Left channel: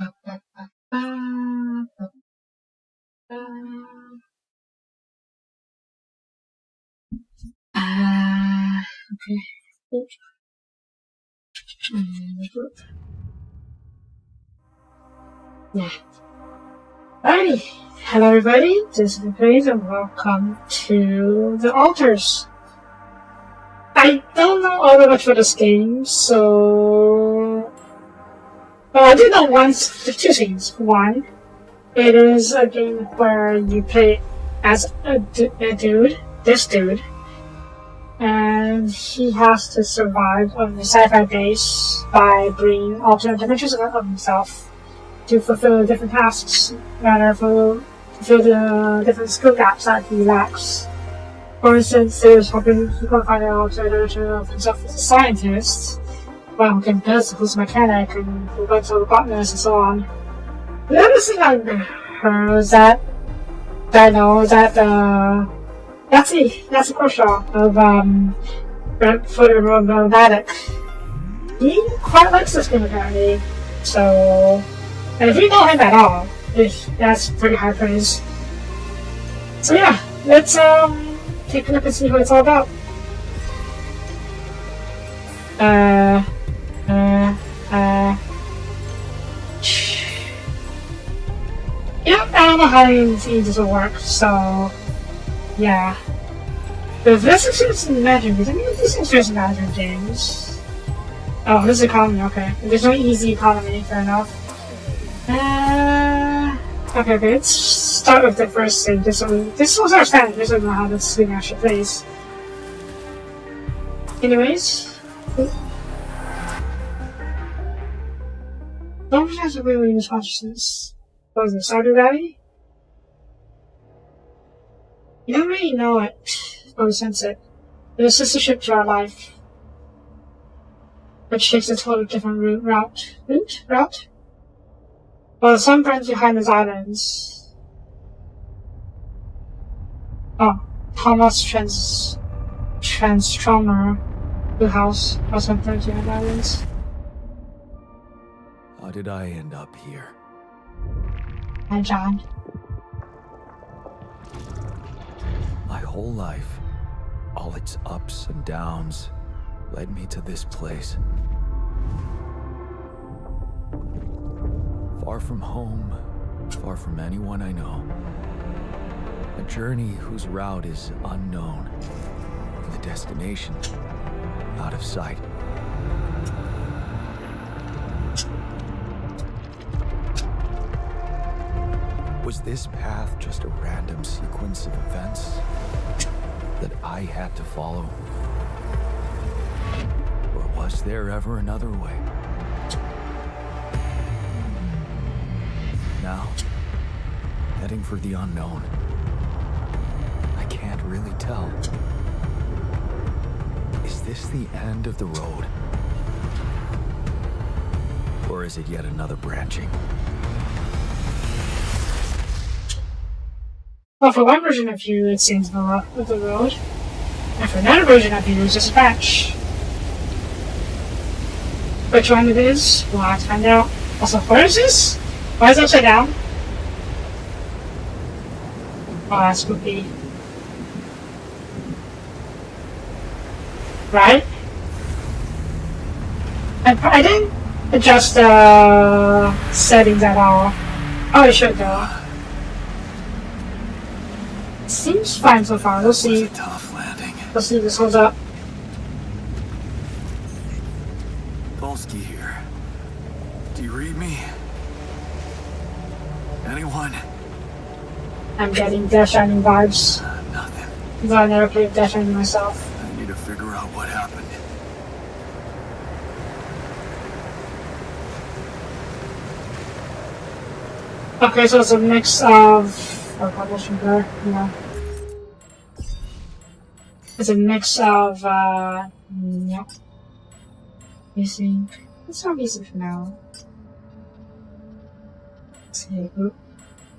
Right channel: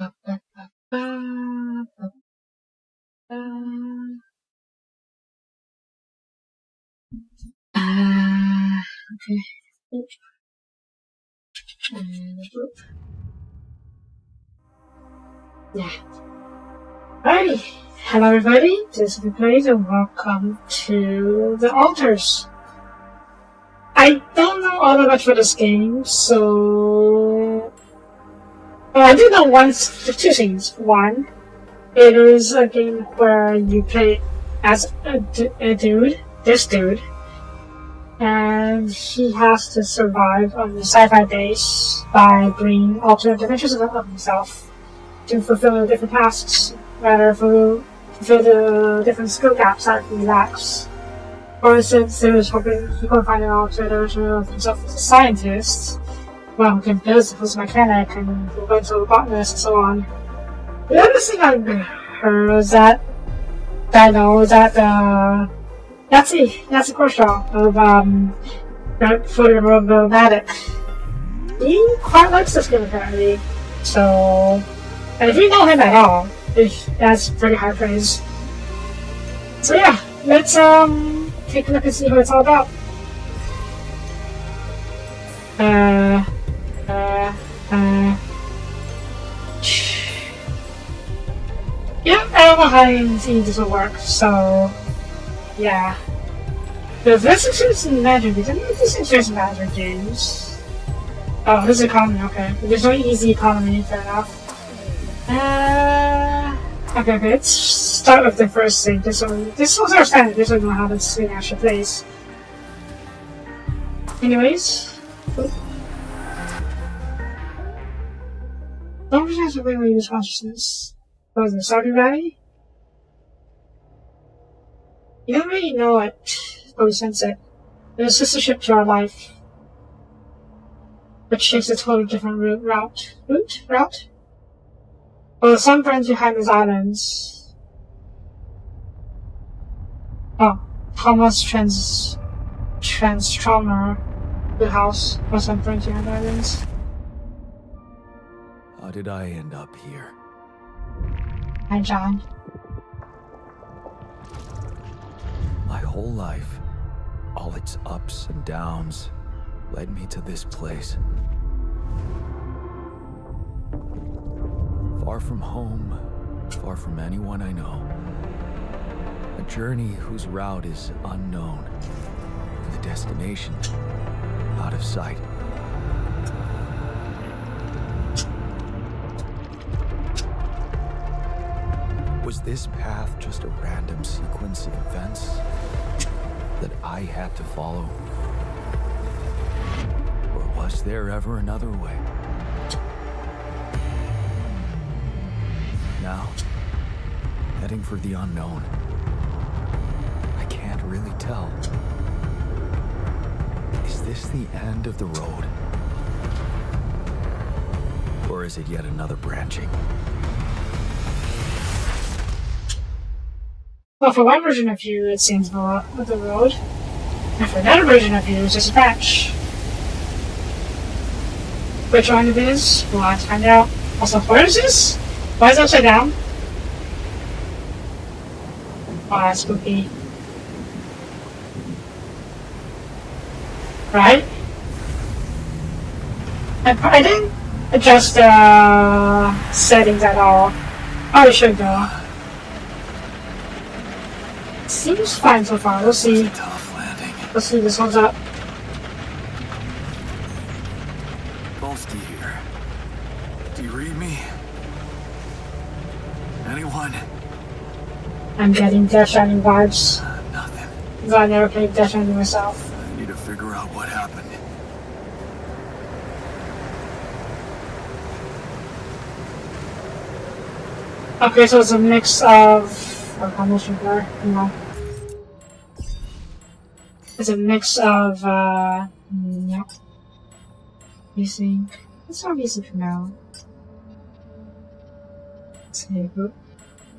Okay. Yeah. Alrighty. Hello everybody, this is Replays and welcome to the altars. I don't know all that much for this game, so I do know two things. One, it is a game where you play as this dude, and he has to survive on the sci-fi base by bringing alternate dimensions of himself to fulfill the different tasks that are fulfill the different skill gaps that he lacks. For instance, there's hoping he can find an alternate dimension of himself as a scientist, well, who can build who's a mechanic and who went to a botanist and so on. The other thing I heard is that I know that that's a Kershaw of Photomatic. He quite likes this game apparently, so. And if you know him at all, that's pretty high praise. So yeah, let's take a look and see what it's all about. Yeah, I don't know how this will work, so yeah. But this is Magic games. I mean, this is just Magic games. Oh, this is economy, okay. There's no easy economy, fair enough. Okay, let's start with the first thing. This was our standard. This is not how this thing actually plays. Anyways, don't have to really use consciousness. What was it, Stardew Valley? You don't really know it, or sense it. It's just a ship to our life, which takes a totally different route. Well, the sun burns behind these islands. Oh, Thomas Transformer, the house was sun burns behind islands. How did I end up here? Hi, John. My whole life, all its ups and downs, led me to this place. Far from home, far from anyone I know. A journey whose route is unknown, and the destination out of sight. Was this path just a random sequence of events that I had to follow? Or was there ever another way? Now, heading for the unknown. I can't really tell. Is this the end of the road? Or is it yet another branching? Well, for one version of you, it seems more with the road. And for another version of you, it's just a patch. Which one it is, we'll have to find out. Also, where is this? Why is it upside down? Oh, that's spooky. Right? I didn't adjust the settings at all. Oh, it should go. Seems fine so far. Let's see. A tough landing. Let's see if this holds up. Polsky here. Do you read me? Anyone? I'm getting Death Stranding vibes. Nothing. Though I never played Death Stranding myself. I need to figure out what happened. Okay, so it's a mix of... blur, you know. It's a mix of, yep. Basic. It's not basic for now. Let's see.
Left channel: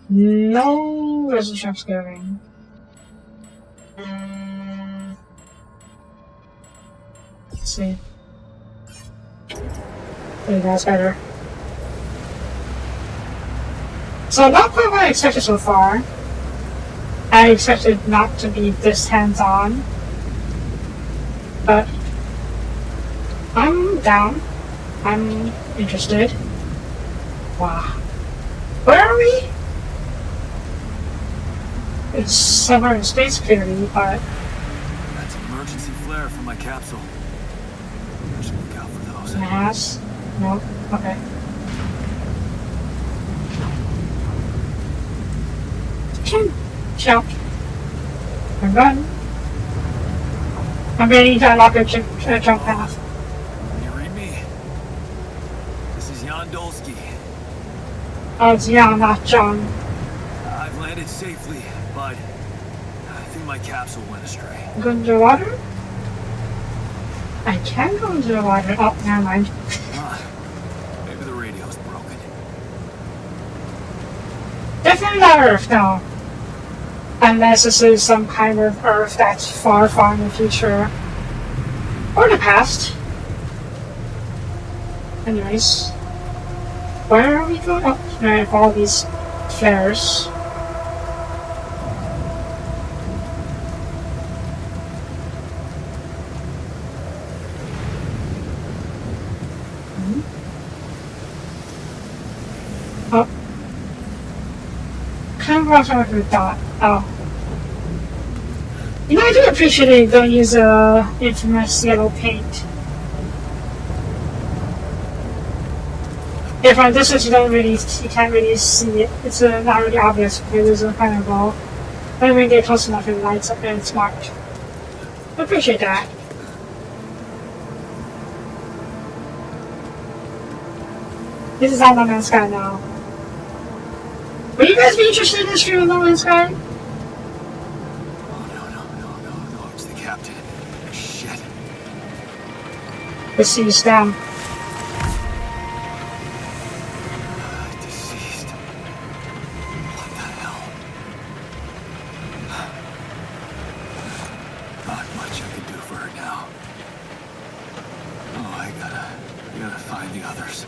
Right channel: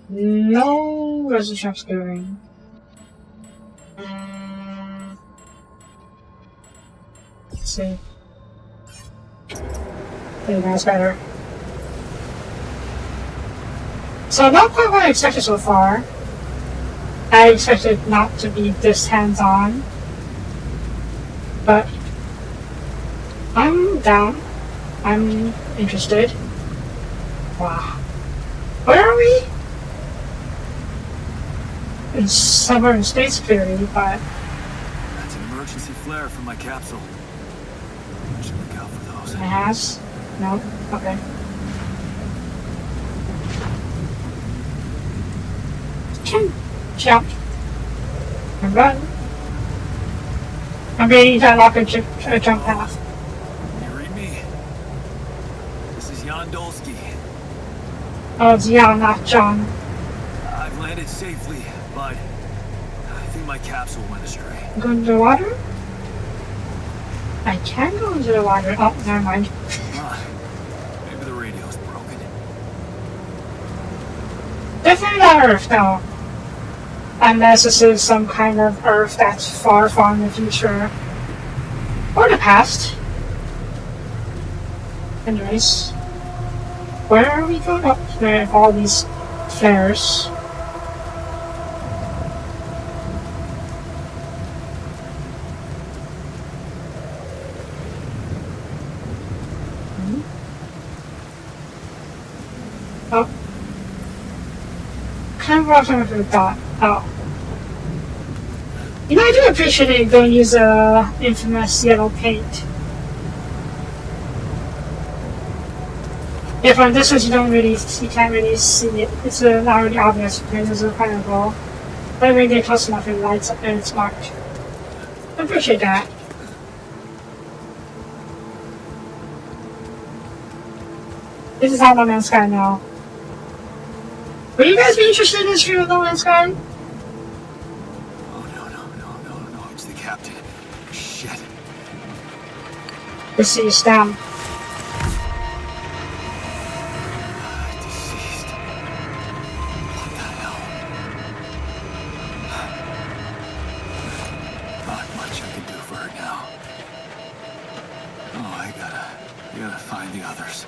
No resolution scaling. Let's see. I think that's better. So not quite what I expected so far. I expected not to be this hands-on. But I'm down. I'm interested. Wow. Where are we? It's somewhere in space clearly, but... That's an emergency flare from my capsule. I should look out for those. Mass? No? Okay. Jump. And run. I'm ready to unlock a jump path. You read me? This is Jan Dolsky. Oh, it's Jan, not John. I've landed safely, but I think my capsule went astray. Go into the water? I can go into the water. Oh, never mind. Maybe the radio's broken. Definitely not Earth, no. Unless this is some kind of Earth that's far, far in the future. Or the past. Anyways. Where are we going? Oh, I have all these flares. Oh. Kind of what I thought. Oh. You know, I do appreciate it going to use infamous yellow paint. If on this one you can't really see it. It's not really obvious because there's no kind of goal. But when you get close enough, it lights up and it's marked. I appreciate that. This is not No Man's Sky now. Would you guys be interested in this stream of No Man's Sky? Oh, no, it's the captain. Shit. Let's see, it's down. Deceased. What the hell? Not much I can do for her now. Oh, I gotta find the others.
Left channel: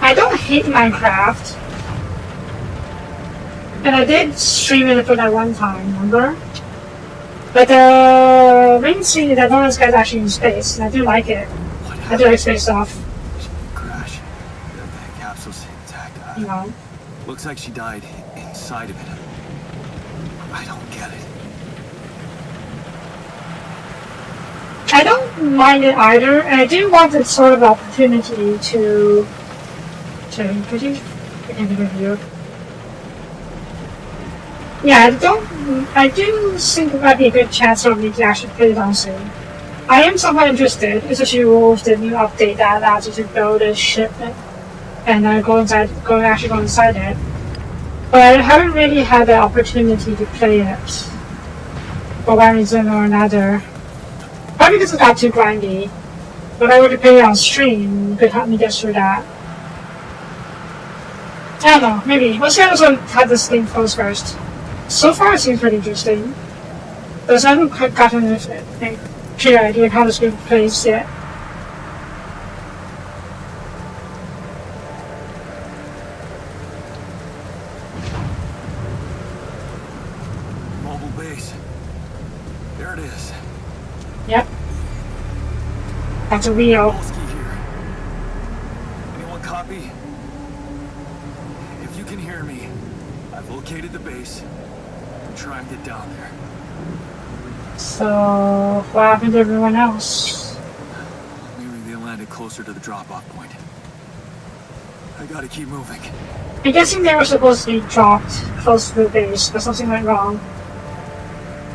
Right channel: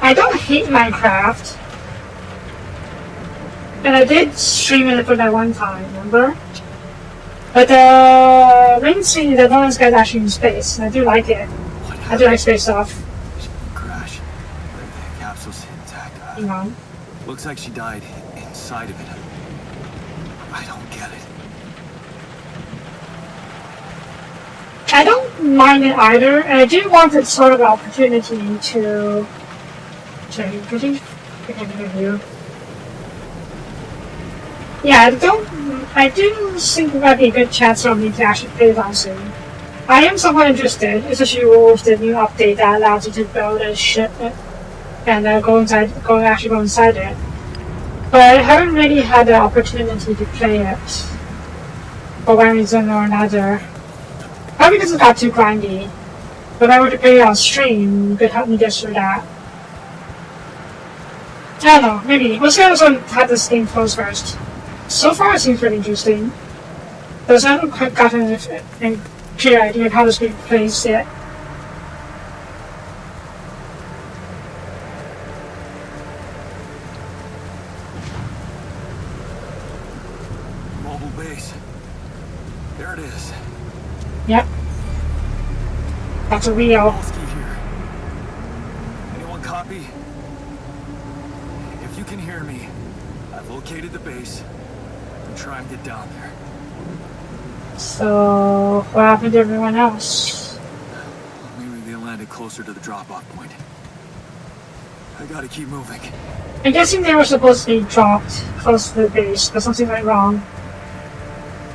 I don't hate Minecraft. And I did stream it for that one time, remember? But the main scene is that No Man's Sky is actually in space, and I do like it. I do like space stuff. Crash. The capsule's intact. You know. Looks like she died inside of it. I don't get it. I don't mind it either, and I do want this sort of opportunity to could you? I can't think of you. Yeah, I do think it might be a good chance for me to actually play it on soon. I am somewhat interested, especially with the new update that allows you to build a ship and actually go inside it. But I haven't really had the opportunity to play it for one reason or another. Probably because it got too grindy. But if I were to play it on stream, you could help me get through that. I don't know, maybe. We'll see how this thing goes first. So far it seems pretty interesting. But I haven't quite gotten a clear idea of how this game plays yet. Mobile base. There it is. Yep. That's a Rio. Dolsky here. Anyone copy? If you can hear me, I've located the base. I'm trying to get down there. So, what happened to everyone else? Maybe they landed closer to the drop-off point. I gotta keep moving. I'm guessing they were supposed to be dropped close to the base, but something went wrong.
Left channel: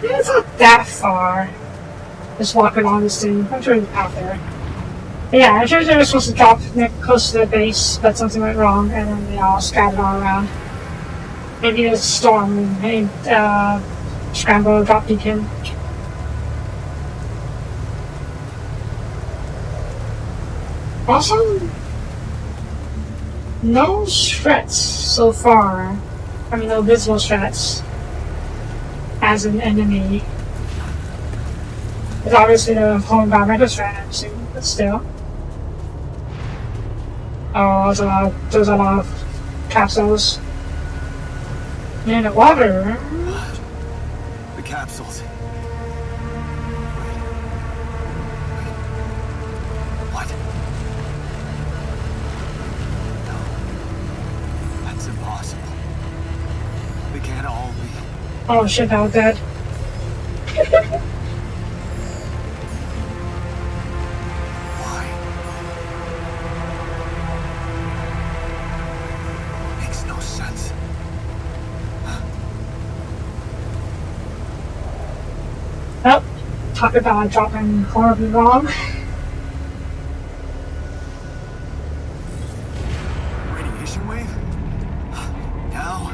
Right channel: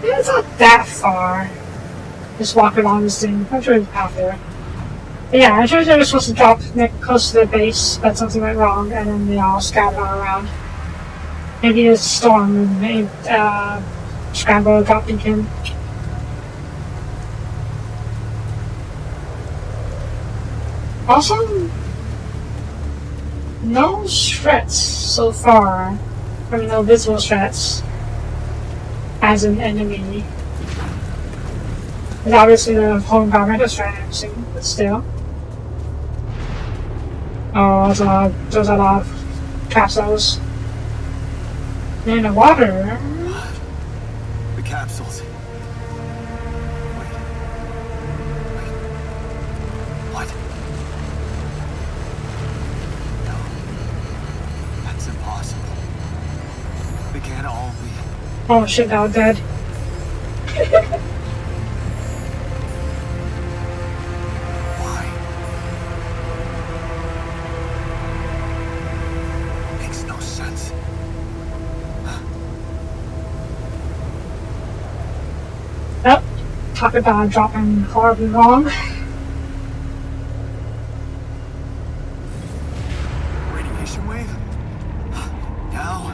Yeah, it's not that far. Just walking along the street. I'm sure it's out there. Yeah, I'm sure they were supposed to drop close to the base, but something went wrong, and then they all scattered all around. Maybe there's a storm and made scramble a drop beacon. Also, no threats so far. I mean, no visible threats as an enemy. There's obviously the whole environment is threat, but still. Oh, there's a lot of capsules. In the water. The capsules. Wait. What? No. That's impossible. They can't all be. Oh shit, now I'm dead. Why? Makes no sense. Nope. Talk about dropping horribly wrong. Radiation wave? Now?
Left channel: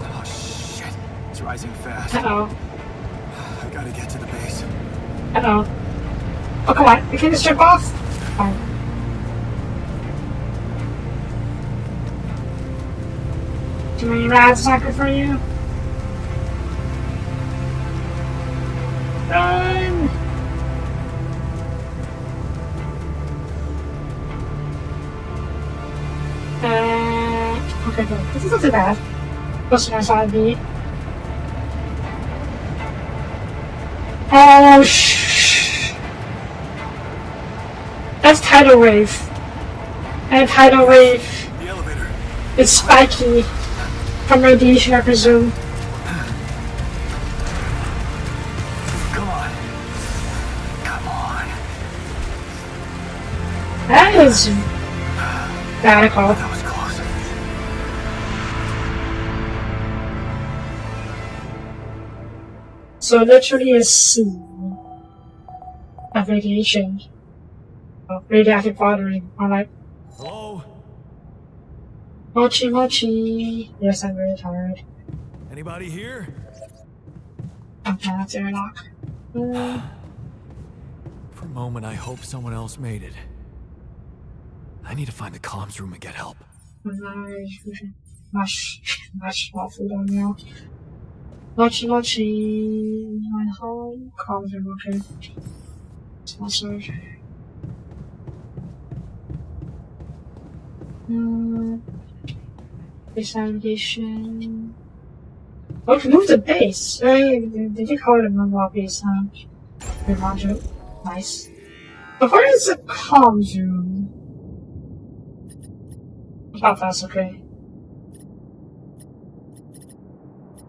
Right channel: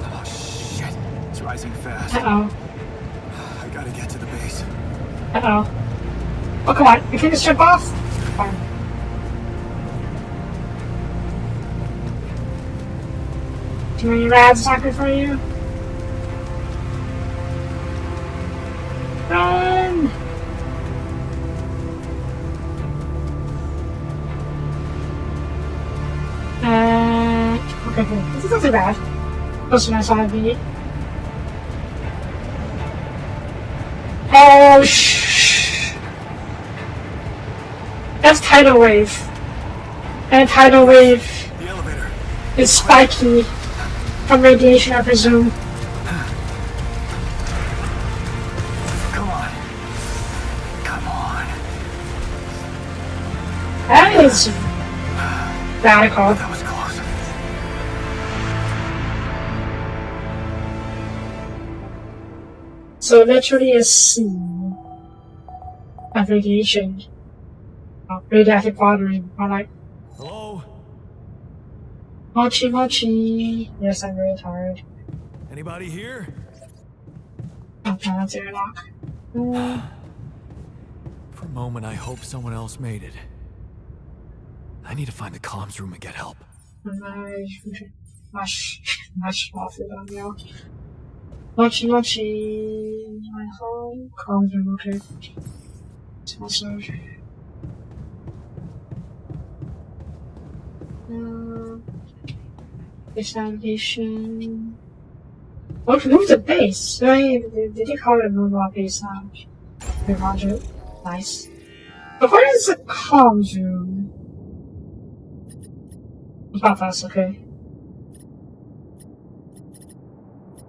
Oh shit. It's rising fast. Uh-oh. I gotta get to the base. Uh-oh. Oh, come on. You can't just jump off? Oh. Too many rads knocking for you? Run! Okay, cool. This is not too bad. Close to my side beat. Oh, that's tidal wave. And tidal wave The elevator. is spiky from radiation, I presume. Come on. Come on. That is radical. That was close. So literally a sea of radiation. Radioactive watering. Alright. Hello? Mochi mochi. Yes, I'm very tired. Anybody here? I'm trying not to knock. For a moment, I hope someone else made it. I need to find the comms room and get help. Much more food on now. Mochi mochi. My whole comms room, okay. It's my surge. Base navigation. Oh, to move the base. Did you call it mobile base? Roger. Nice. But where is the comms room? I thought that's okay.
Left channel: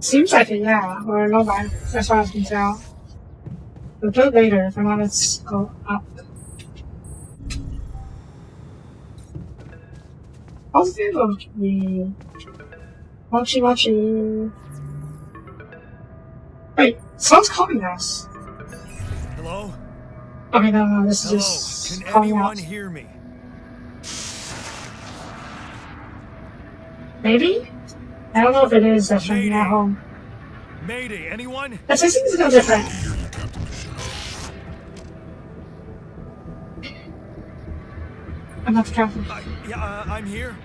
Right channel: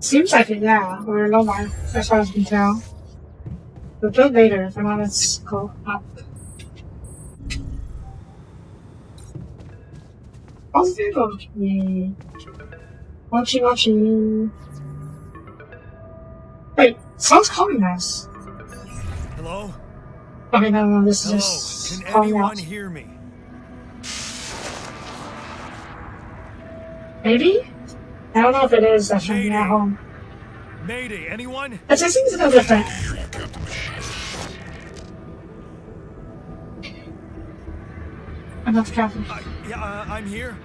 Seems like it, yeah. Or no mind, as far as I can tell. We'll do it later. For now, let's go up. Positive? Okay. Mochi mochi. Wait, someone's calling us. Hello? Okay, no, this Hello? is just Can calling anyone out. hear me? Maybe? I don't know if it is. That's from Mayday. at home. Mayday, anyone? It seems a little different. I'm not careful. Yeah, I'm here.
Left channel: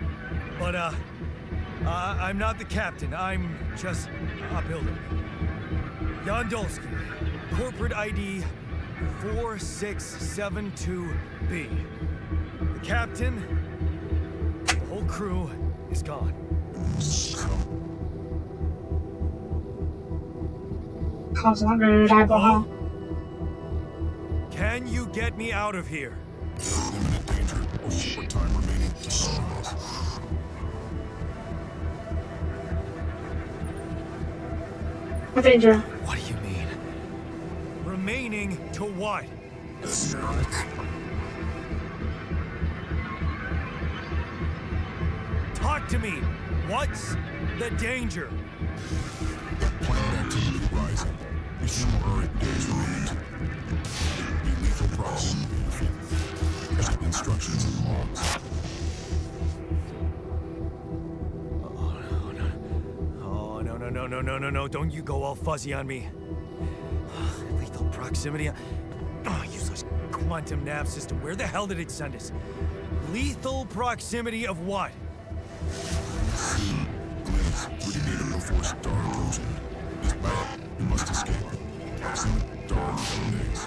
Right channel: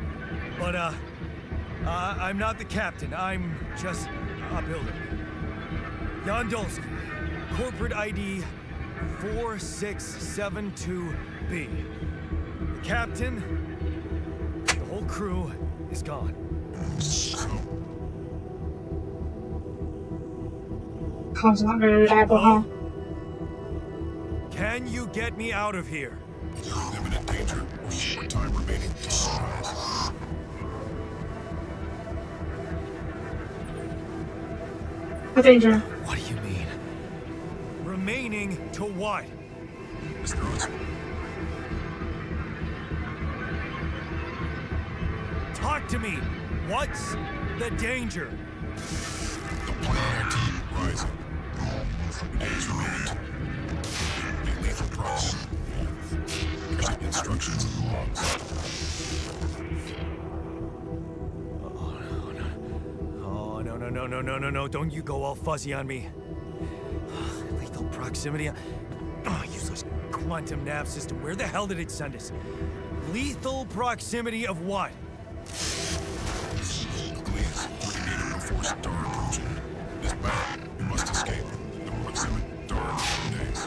But, I'm not the captain. I'm just a builder. Yondolski, corporate ID 4672B. The captain, the whole crew is gone. Comms not very reliable, huh? Can you get me out of here? Imminent danger. Short time remaining. What danger? What do you mean? Remaining to what? Talk to me. What's the danger? Planet activity rising. 4 days remaining. Be lethal proximity. Instructions and logs. Oh, no. Don't you go all fuzzy on me. Lethal proximity. Oh, useless quantum nav system. Where the hell did it send us? Lethal proximity of what? Please, liquidated before star approaching. This battle, you must escape. Approximate star days.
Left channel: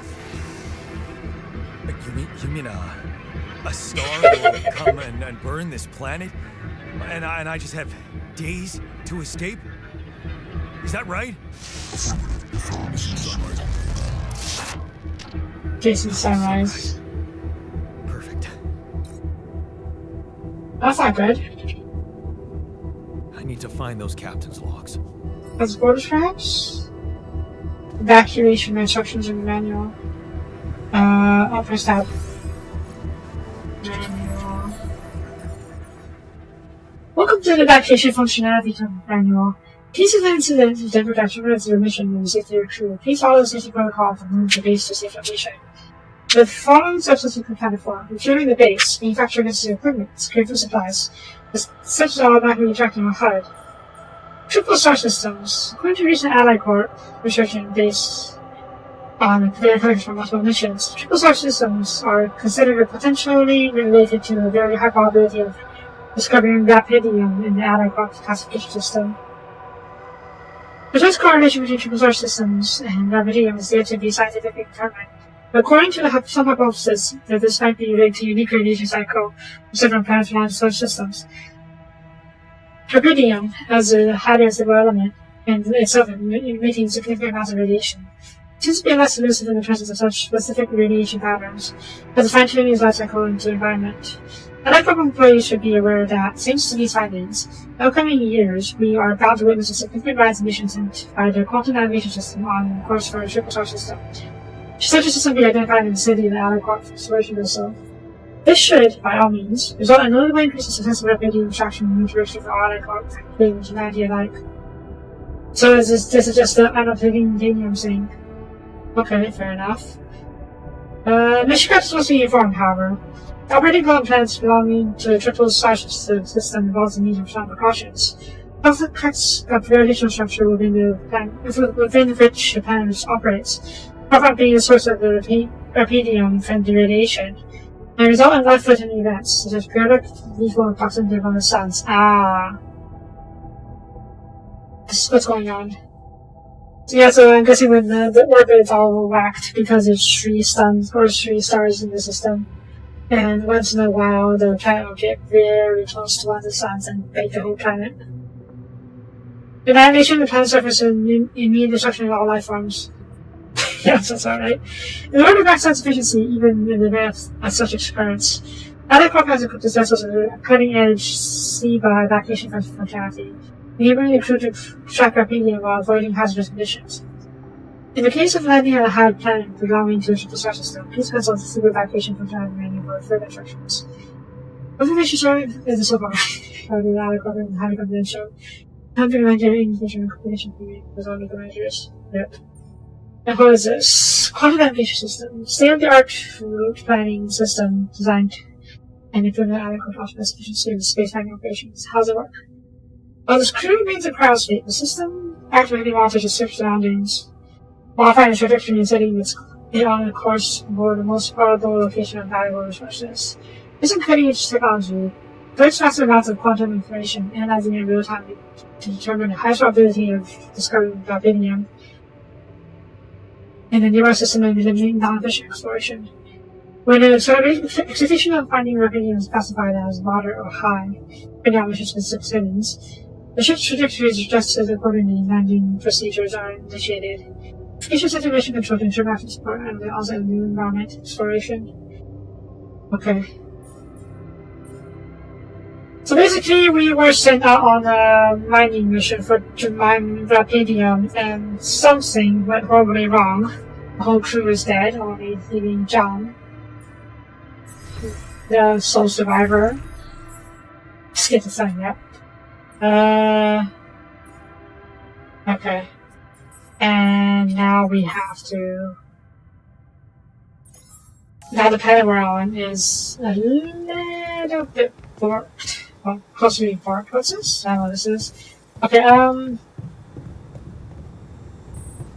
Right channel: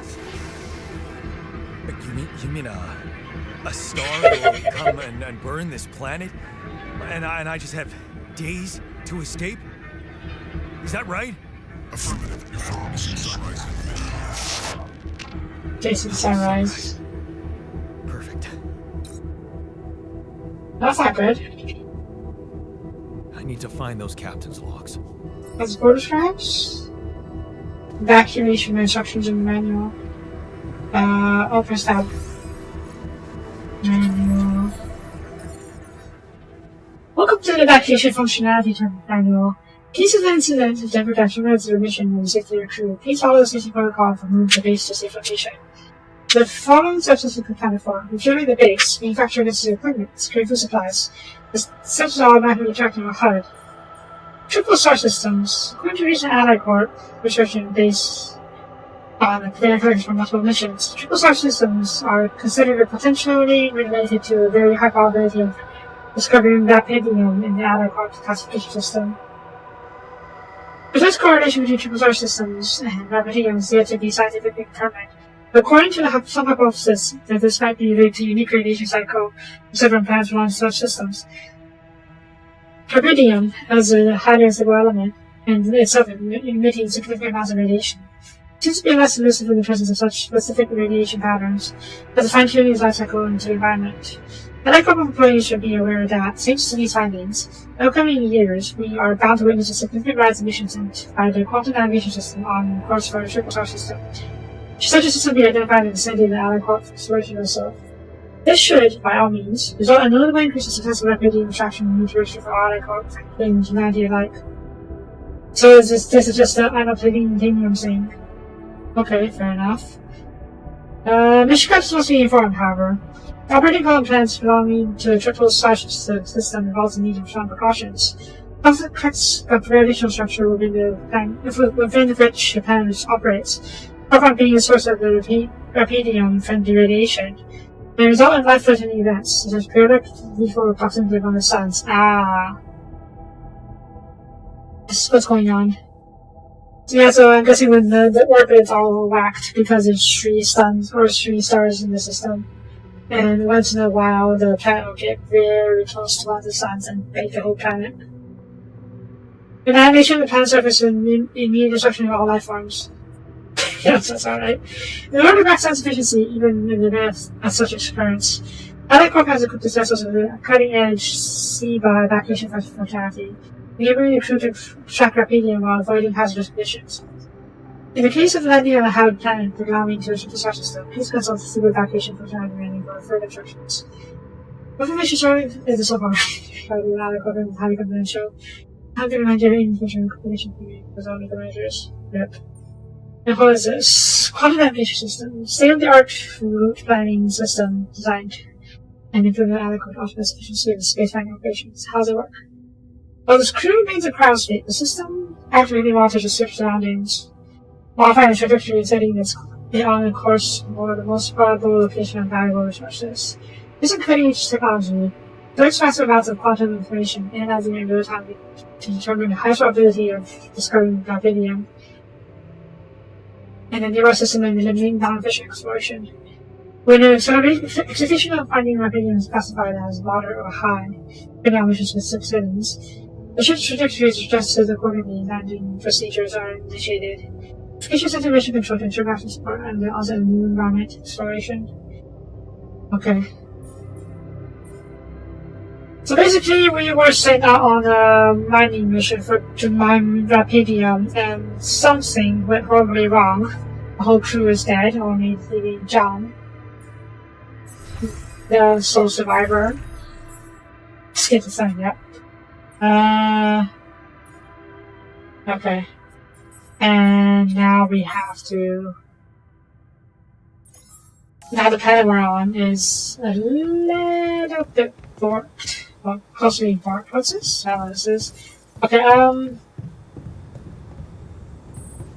You mean a star will come and burn this planet, and I just have days to escape? Is that right? Jason Sunrise. Perfect. That's not good. I need to find those captain's logs. That's border stripes. Evacuation instructions in the manual. I'll press that. Manual. Welcome to the evacuation functionality manual. In case of an incident of the protection of the mission and the safety of your crew, please follow the safety protocol to move the base to safe location. The following steps must be accounted for: securing the base, manufacturing necessary equipment, securing food supplies. The steps are automatically tracked on the HUD. Triple star systems. According to recent Allied Corp research based on the data from multiple missions, triple star systems are considered potentially related to a very high probability of discovering rapidium in the Allied Corp's classification system. The best correlation between triple star systems and rapidium is yet to be scientifically determined. According to some hypothesis that this might be related to unique radiation cycle of several planets around such systems. Rubidium, as a highly unstable element, and itself emitting significant amounts of radiation, seems to be less elusive in the presence of such specific radiation patterns, as a fine-tuning its life cycle into the environment. Electrical employees should be aware that, thanks to these findings, in the upcoming years, we are about to witness a significant rise in emissions by the quantum navigation system on course for a triple star system. Should such a system be identified in the vicinity of the Allied Corp exploration vessel, this should, by all means, result in a notable increase in success of repudium extraction and mutilation for Allied Corp, including humanity alike. So this is just the I'm not taking I'm saying. Okay, fair enough. Mission captains must be informed, however. Operating column plants belonging to a triple star system involves the need of strong precautions. Often corrects the radiation structure within which the planet operates, apart being the source of the rapidium from the radiation. The result in life-threatening events, such as periodic lethal proximity among the suns. This is what's going on. So yeah, so I'm guessing when the orbit's all whacked because there's 3 stars in the system. And once in a while, the planet will get very close to one of the suns and break the whole planet. The annihilation of the planet's surface and immediate destruction of all life forms. Yes, that's alright. In order to maximize efficiency, even in advance of such experiments, Allied Corp has equipped its vessels with a cutting-edge SEBA evacuation functionality, enabling the crew to track rapidium while avoiding hazardous conditions. In the case of landing on a hard planet belonging to a triple star system, please consult the SEBA evacuation functionality manual for further instructions. Information surrounding the so-called regarding Allied Corp and highly confidential. Time to remind every information and completion was on the measures. Yep. And what is this? Quantum navigation system. State-of-the-art route planning system designed and improving Allied Corp optimized efficiency of space mining operations. How does it work? While the crew remains in cryo state, the system actively monitors its surroundings, modifying its trajectory and setting its on a course for the most probable location of valuable resources. Using cutting-edge technology, collects massive amounts of quantum information, analyzing it in real time to determine the highest probability of discovering rapidium in the nearby system and limiting non-efficient exploration. When an execution of finding rapidium is classified as moderate or high, depending on mission-specific settings, the ship's trajectory is adjusted accordingly. Landing procedures are initiated. Features into mission control to ensure maximum support and also new environment exploration. Okay. So basically, we were sent out on a mining mission to mine rapidium, and something went horribly wrong. The whole crew is dead, only leaving John, the sole survivor. Let's get to sign up. Okay. And now we have to. Now the planet we're on is a little bit warped. Well, close to being warped. What's this? I don't know what this is. Okay,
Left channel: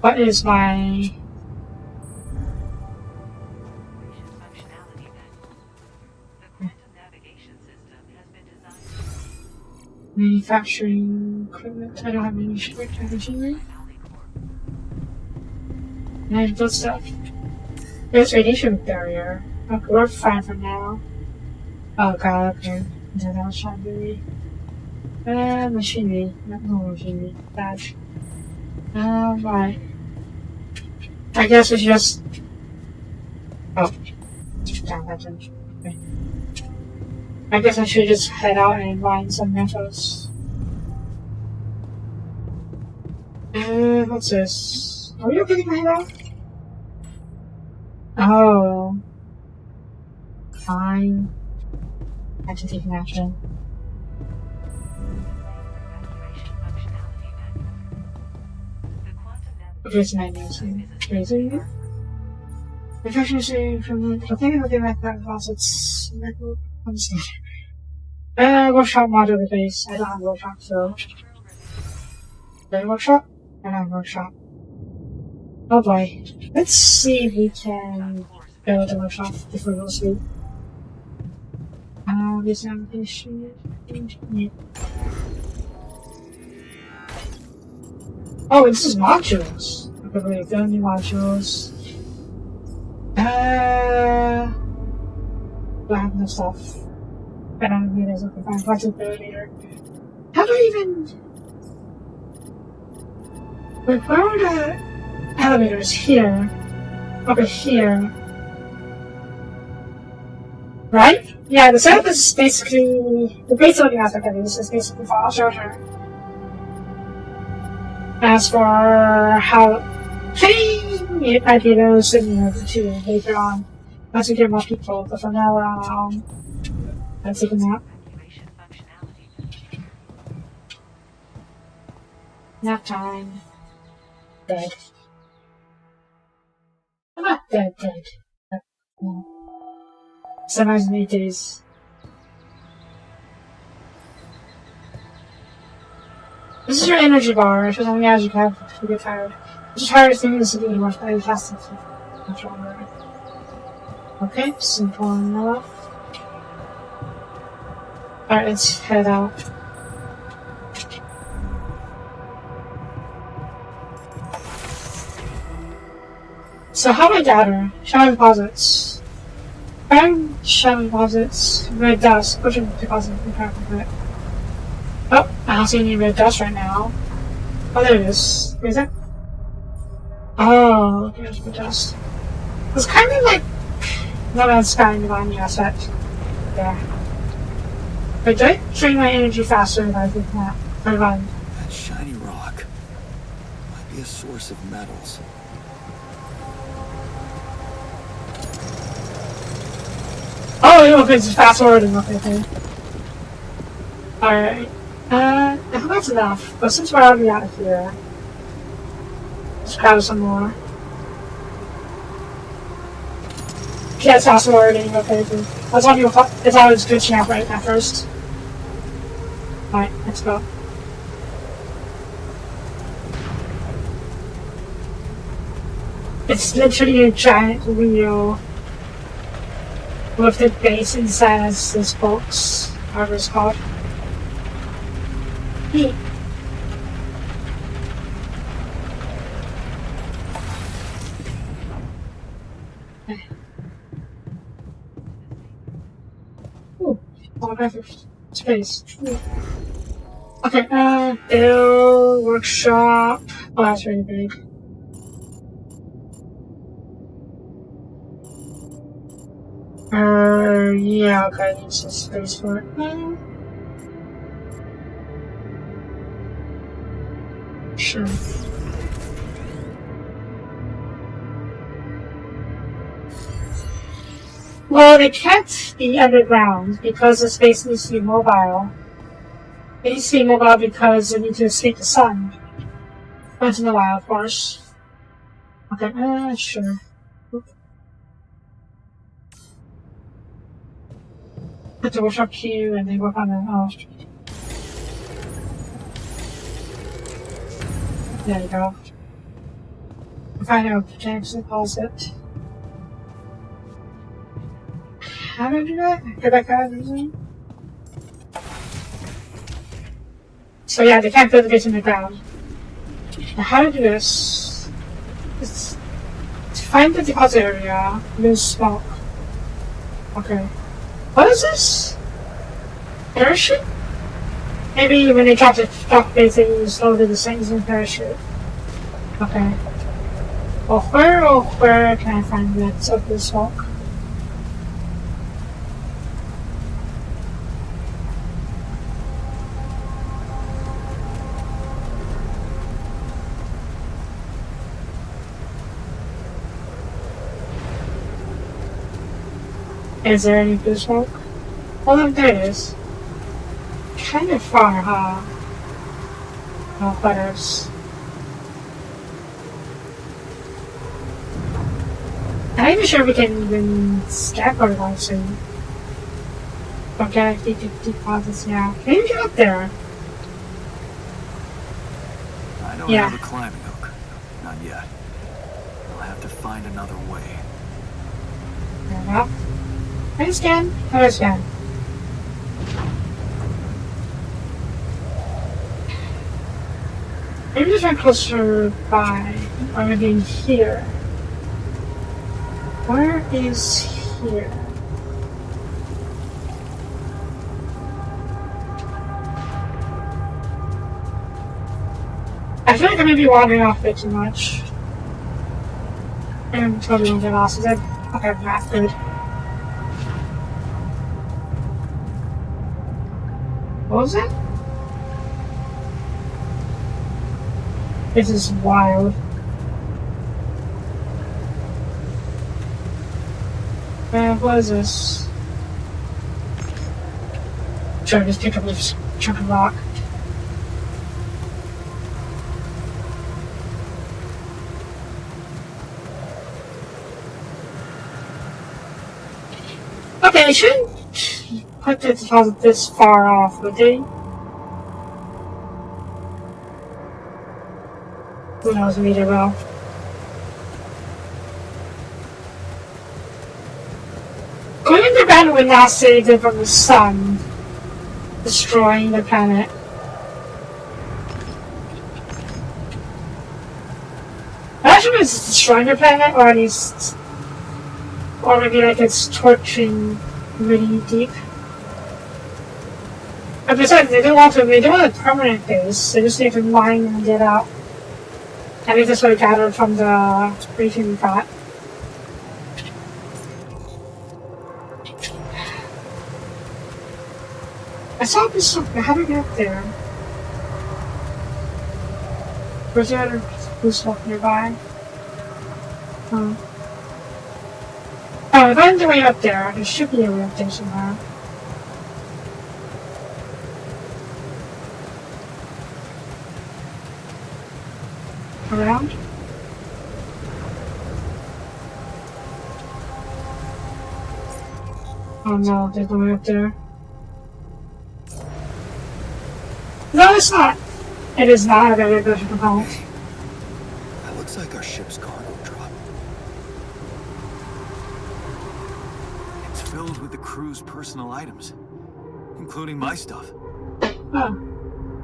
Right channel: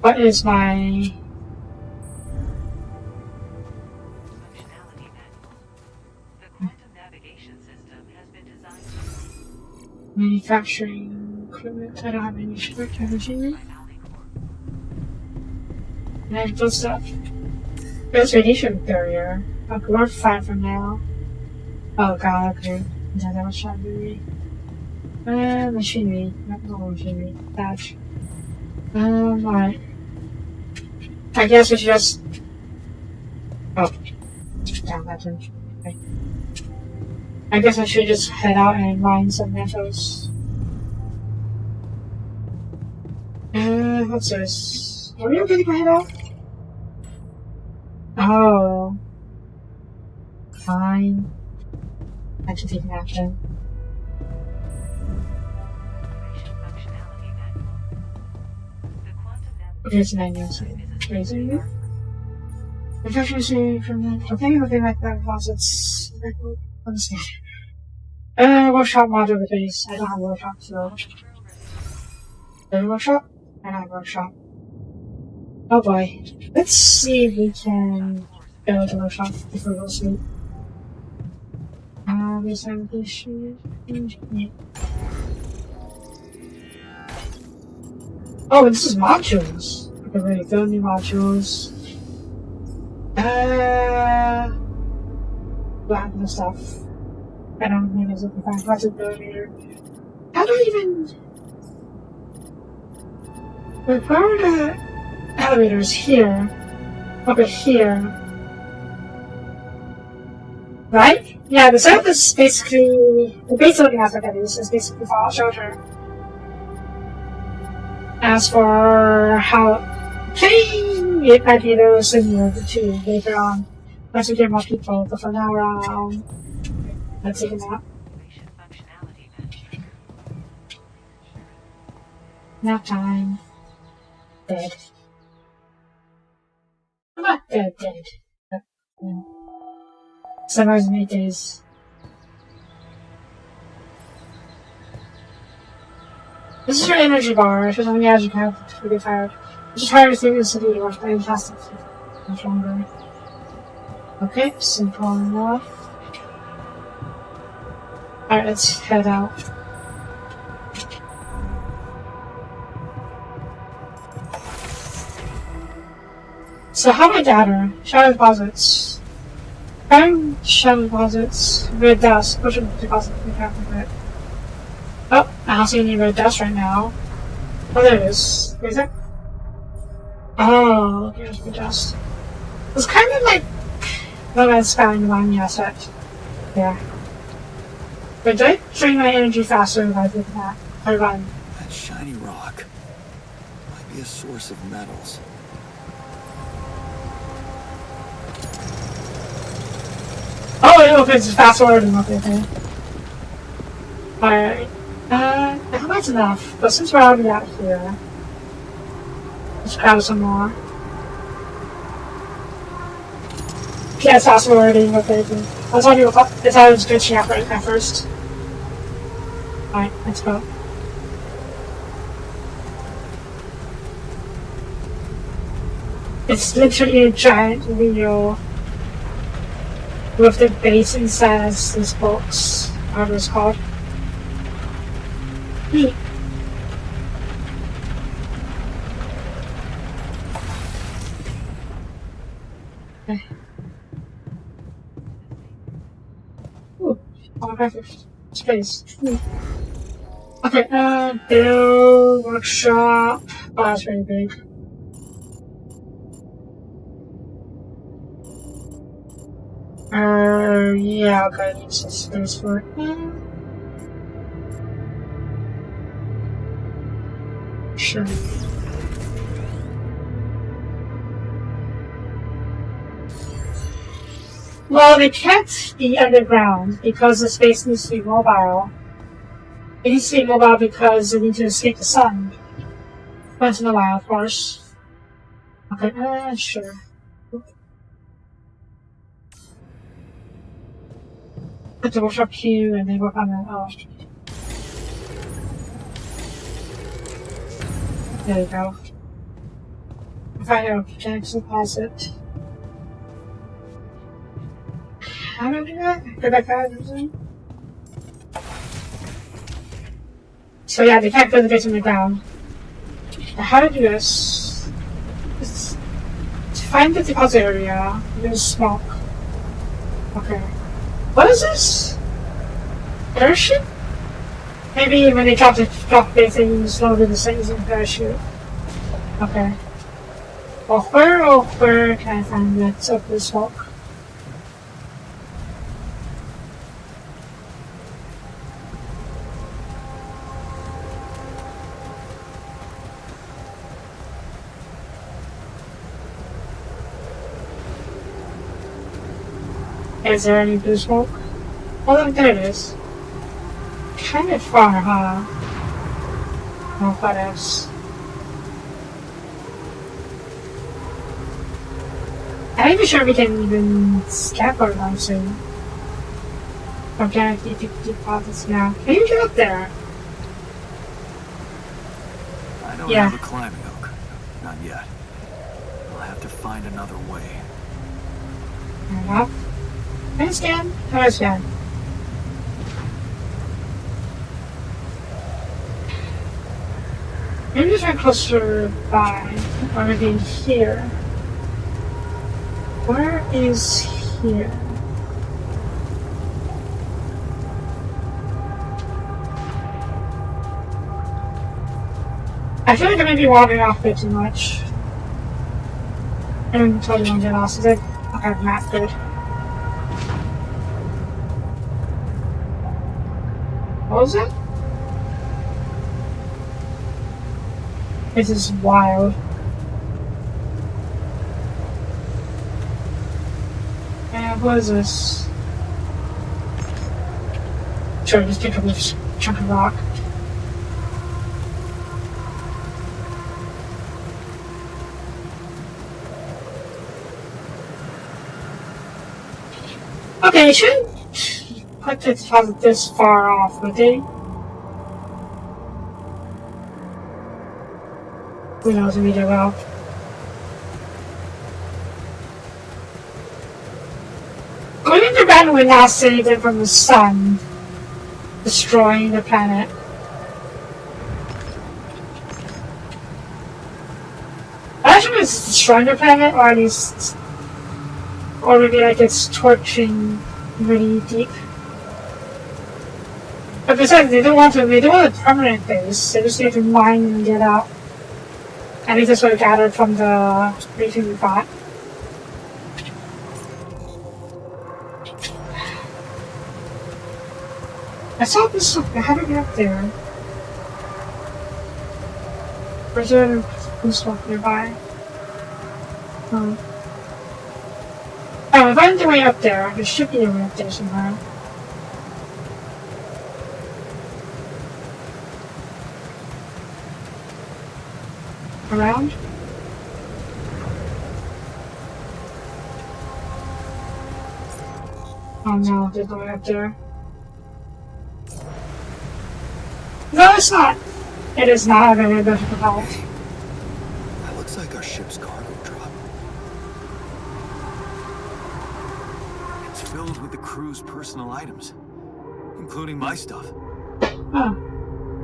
what is my functionality manual? The quantum navigation system has been designed manufacturing equipment? I don't have any strict machinery. by Allied Corp. And those stuff. There's radiation barrier. Okay, we're fine for now. Oh god, okay. No, that was trying to be. Machinery. No machinery. Badge. Right. I guess we should just. Oh. Down that bridge. Okay. I guess I should just head out and mine some metals. What's this? Are we okay to head out? Oh. Fine. I have to take an action. Activation functionality manual. The quantum Here's navigation my system answer. is a Laser. Efficiency from the thing with the magnetic faucets. Understand. Workshop module base. I don't have workshop, so. There's workshop? I don't have workshop. Oh boy. Let's see if we can go to the workshop before we go to sleep. Examination. Yeah. Oh, this is modules. Okay, wait, go new modules. Do I have no stuff? I don't know if there's a fine flexibility here. How do I even. Wait, where are the elevators? Here. Over here. Right? Yeah, the setup is basically. The base loading aspect of this is basically Fallout Shelter. As for how. It might be a little similar to later on. Once we get more people, but for now we're on our own. Let's take a nap. activation functionality manual. Nap time. Dead. I'm not dead. But, yeah. 7 hours and 8 days. This is your energy bar. If there's something else you can have if you get tired. It's just hard to think of the city to watch my fantastic much longer. Okay, simple enough. Alright, let's head out. So how do I data? Shadow deposits. Found shadow deposits. Red dust. Push in deposits. Red. Oh, I don't see any red dust right now. Oh, there it is. Where is it? Oh, there's red dust. It's kind of like. No, that's spouting divine effect. Yeah. But did I drain my energy faster if I did that? Or run? That shiny rock might be a source of metals. Oh, no, it's fast forwarding. Okay. Alright. I hope that's enough. But since we're already out of here, let's grab some more. Yeah, it's fast forwarding. Okay. I thought I was glitching out right at first. Alright, let's go. It's literally a giant wheel with the base inside as this box, whatever it's called. Neat. Okay. Ooh, holographic space. Ooh. Okay, build, workshop. Oh, that's really big. Yeah, okay, it's a space for it. Sure. Well, they can't be underground because the space needs to be mobile. It needs to be mobile because it needs to escape the sun. Once in a while, of course. Okay, sure. Put the workshop queue and then work on the. Oh. There you go. Find out protects the deposit. How do I do that? Go back out and so yeah, the cat doesn't get in the ground. Now how to do this? It's to find the deposit area, use smoke. Okay. What is this? Parachute? Maybe when you drop the base, you slowly the same as a parachute. Okay. Well, where can I find that Soapie smoke? Is there any blue smoke? Oh, look, there it is. Kind of far, huh? Oh, what else? I'm not even sure if we can even skateboard on soon. Okay, deposits now. Can you get up there? I don't have a climbing hook. Not yet. I'll have to find another way. Fair enough. Can I scan? Can I scan? Maybe just run closer by everything here. Where is here? I feel like I may be wandering off a bit too much. I'm totally won't get lost. Is it? Okay, that's good. What was that? This is wild. And what is this? Sure, just pick up this chunk of rock. Okay, they shouldn't put the deposit this far off, would they? Who knows, maybe they will. According to Benwin now saved it from the sun, destroying the planet. Actually, it's destroying the planet, or at least, or maybe like it's torching really deep. But besides, they don't want a permanent base. They just need to mine and get out. I think that's what I gathered from the briefing we got. I saw this something. How did I get there? Was there who's stuff nearby? Oh. Oh, if I find the way up there, there should be a route there somewhere. Around? Oh no, there's no way up there. No, it's not. It is not a very good propel. That looks like our ship's cargo drop. It's filled with the crew's personal items, including my stuff. Oh.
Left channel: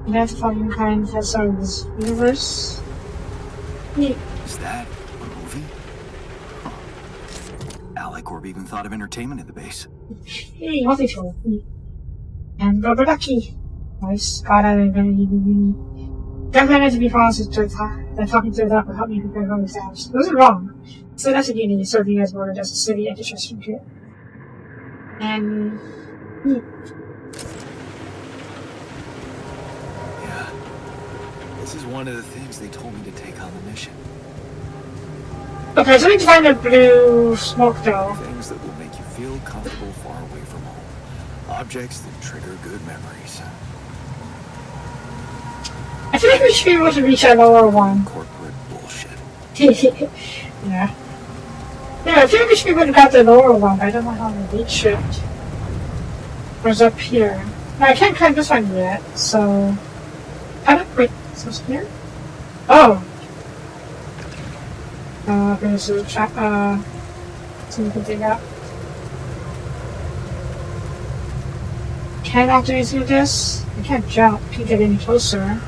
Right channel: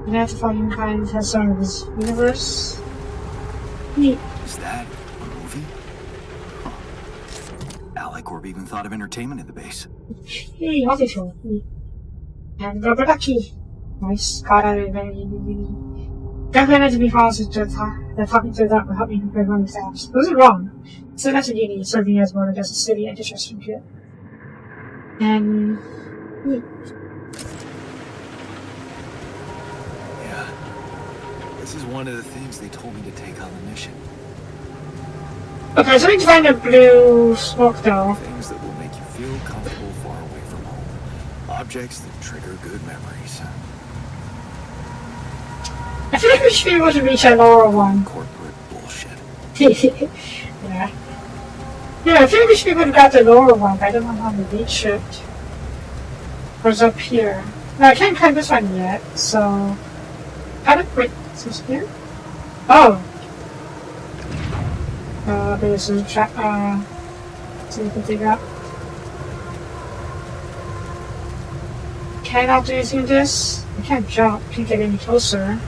And that's fucking kind has started this universe. Neat. Is that a movie? Huh. Alicorp even thought of entertainment in the base. Hey, healthy show. And rubber ducky. Nice. God, I really definitely to be honest with the talking to that will help me prepare for exams. It wasn't wrong. So that's a uni serving as board as a city and distressing kit. And Yeah. This is one of the things they told me to take on the mission. okay, so I need to find a blue smoke though. Things that will make you feel comfortable far away from home. Objects that trigger good memories. I feel like we should be able to reach that lower one. Corporate bullshit. Yeah. Yeah, I feel like we should be able to get the lower one, but I don't know how to reach it. Or is it up here? No, I can't climb this one yet, so... wait, is this here? Oh! There's a trap, so we can dig up. Can I do anything with this? I can't jump, can't get any closer.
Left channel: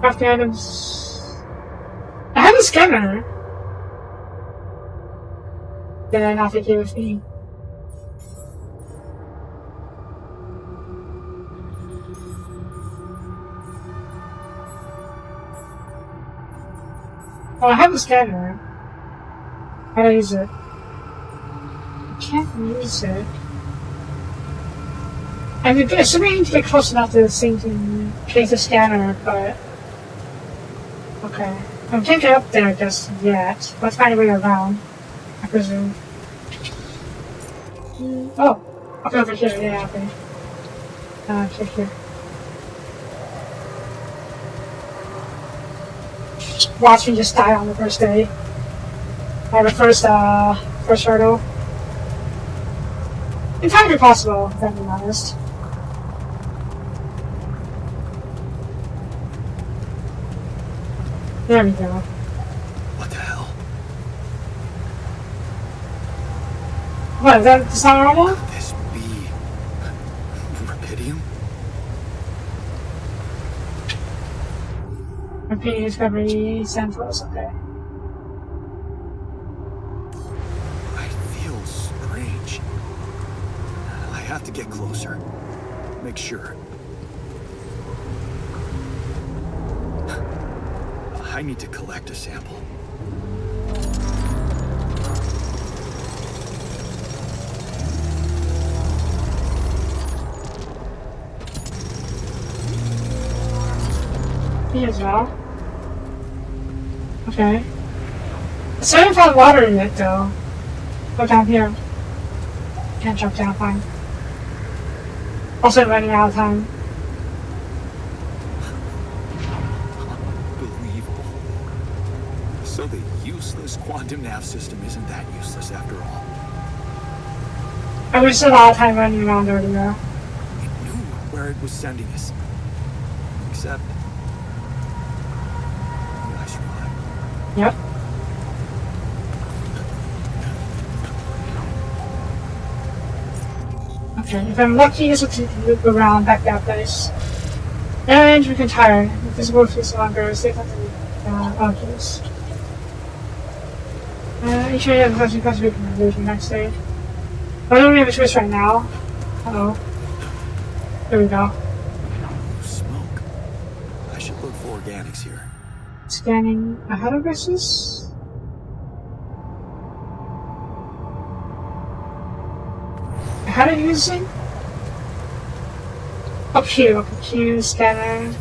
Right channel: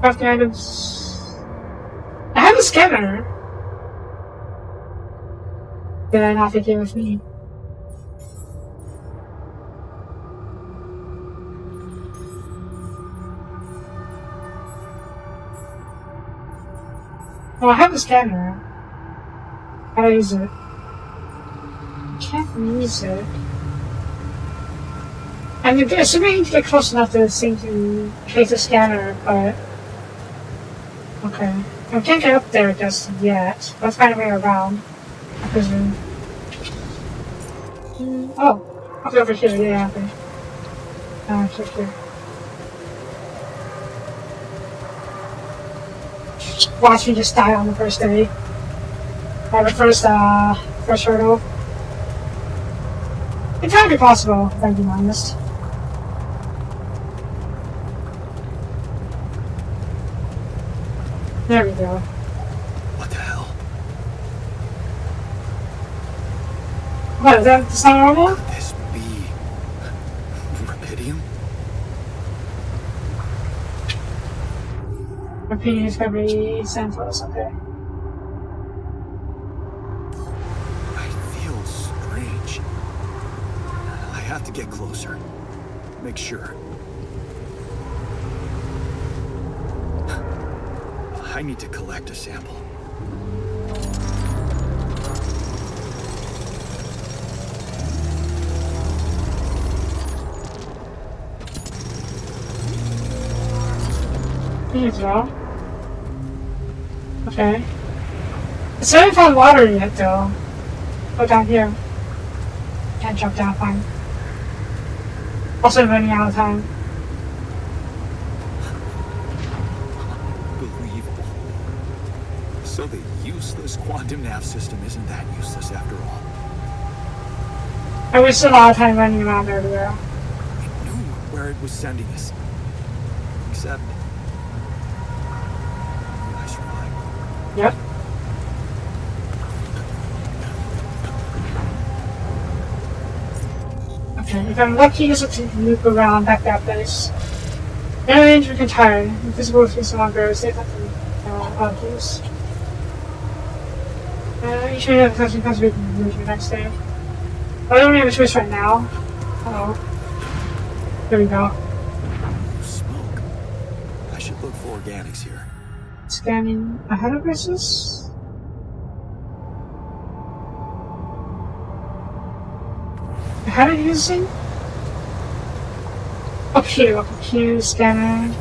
Crafting items. a scanner. Did I not take it with me? Oh, I have a scanner. How do I use it? I can't use it. I'm assuming I need to get close enough to this thing to place the scanner, but... Okay. I can't get up there just yet. Let's find a way around. I presume. Oh. Okay, over here, yeah, okay. Okay, here. Watch me just die on the first day. The first hurdle. Entirely possible, if I'm being honest. There we go. What the hell? What, that's not normal? Could this be Rapidium? Repeating discovery samples, okay. I feel strange. I have to get closer. Make sure. I need to collect a sample. Here you go. Okay. So I haven't found water yet, though. Go down here. Can't jump down, fine. Also running out of time. Unbelievable. So the useless quantum nav system isn't that useless after all. I wasted a lot of time running around earlier. It knew where it was sending us. Except... I survived. Yep. Okay, if I'm lucky, this will loop around back that place. Aliens we can tire. Invisible face longer. Safe bunkers. Each one of the first week conversion next day. Why don't we have a choice right now? Uh-oh. There we go. Smoke. I should look for organics here. Scanning ahead of us. How do you use this thing? Up here, scanner.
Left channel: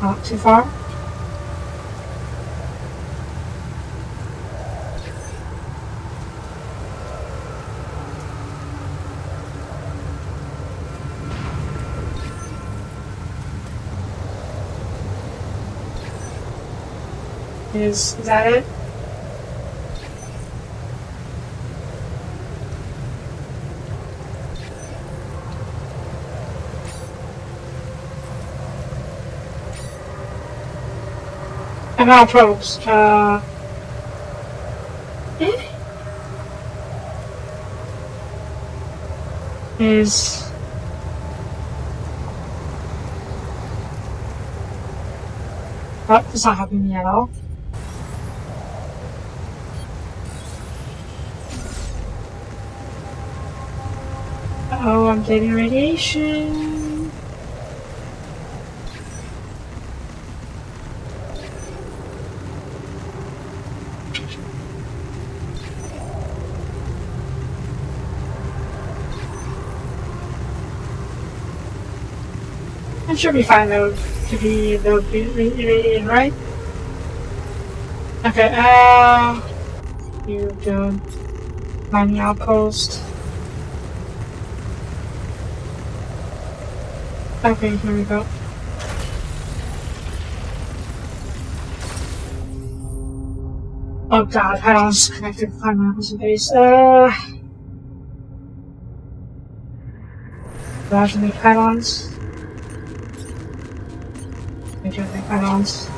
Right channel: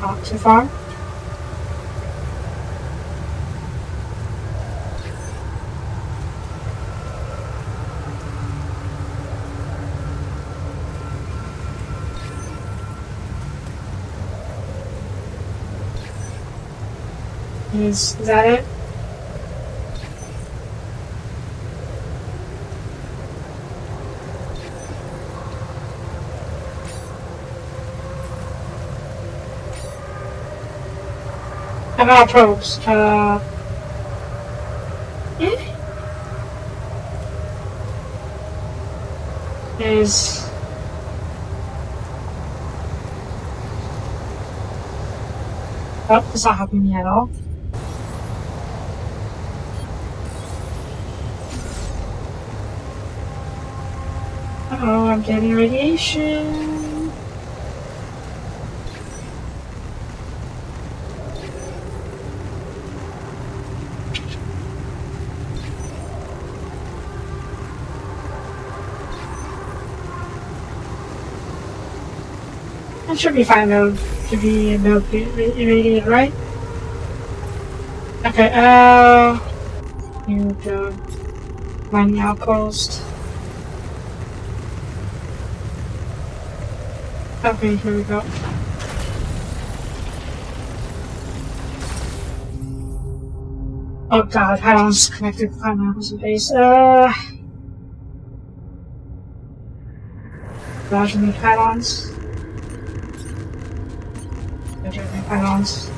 Not too far. Is that it? And all probes. Is oh, it's not happening at all. Oh, I'm getting radiation. That should be fine though, to be about irradiated, right? Okay, here we go. Find the outpost. Okay, here we go. Oh god, how long is connected to find the opposite base? Dodge the pylons. Dodge the pylons.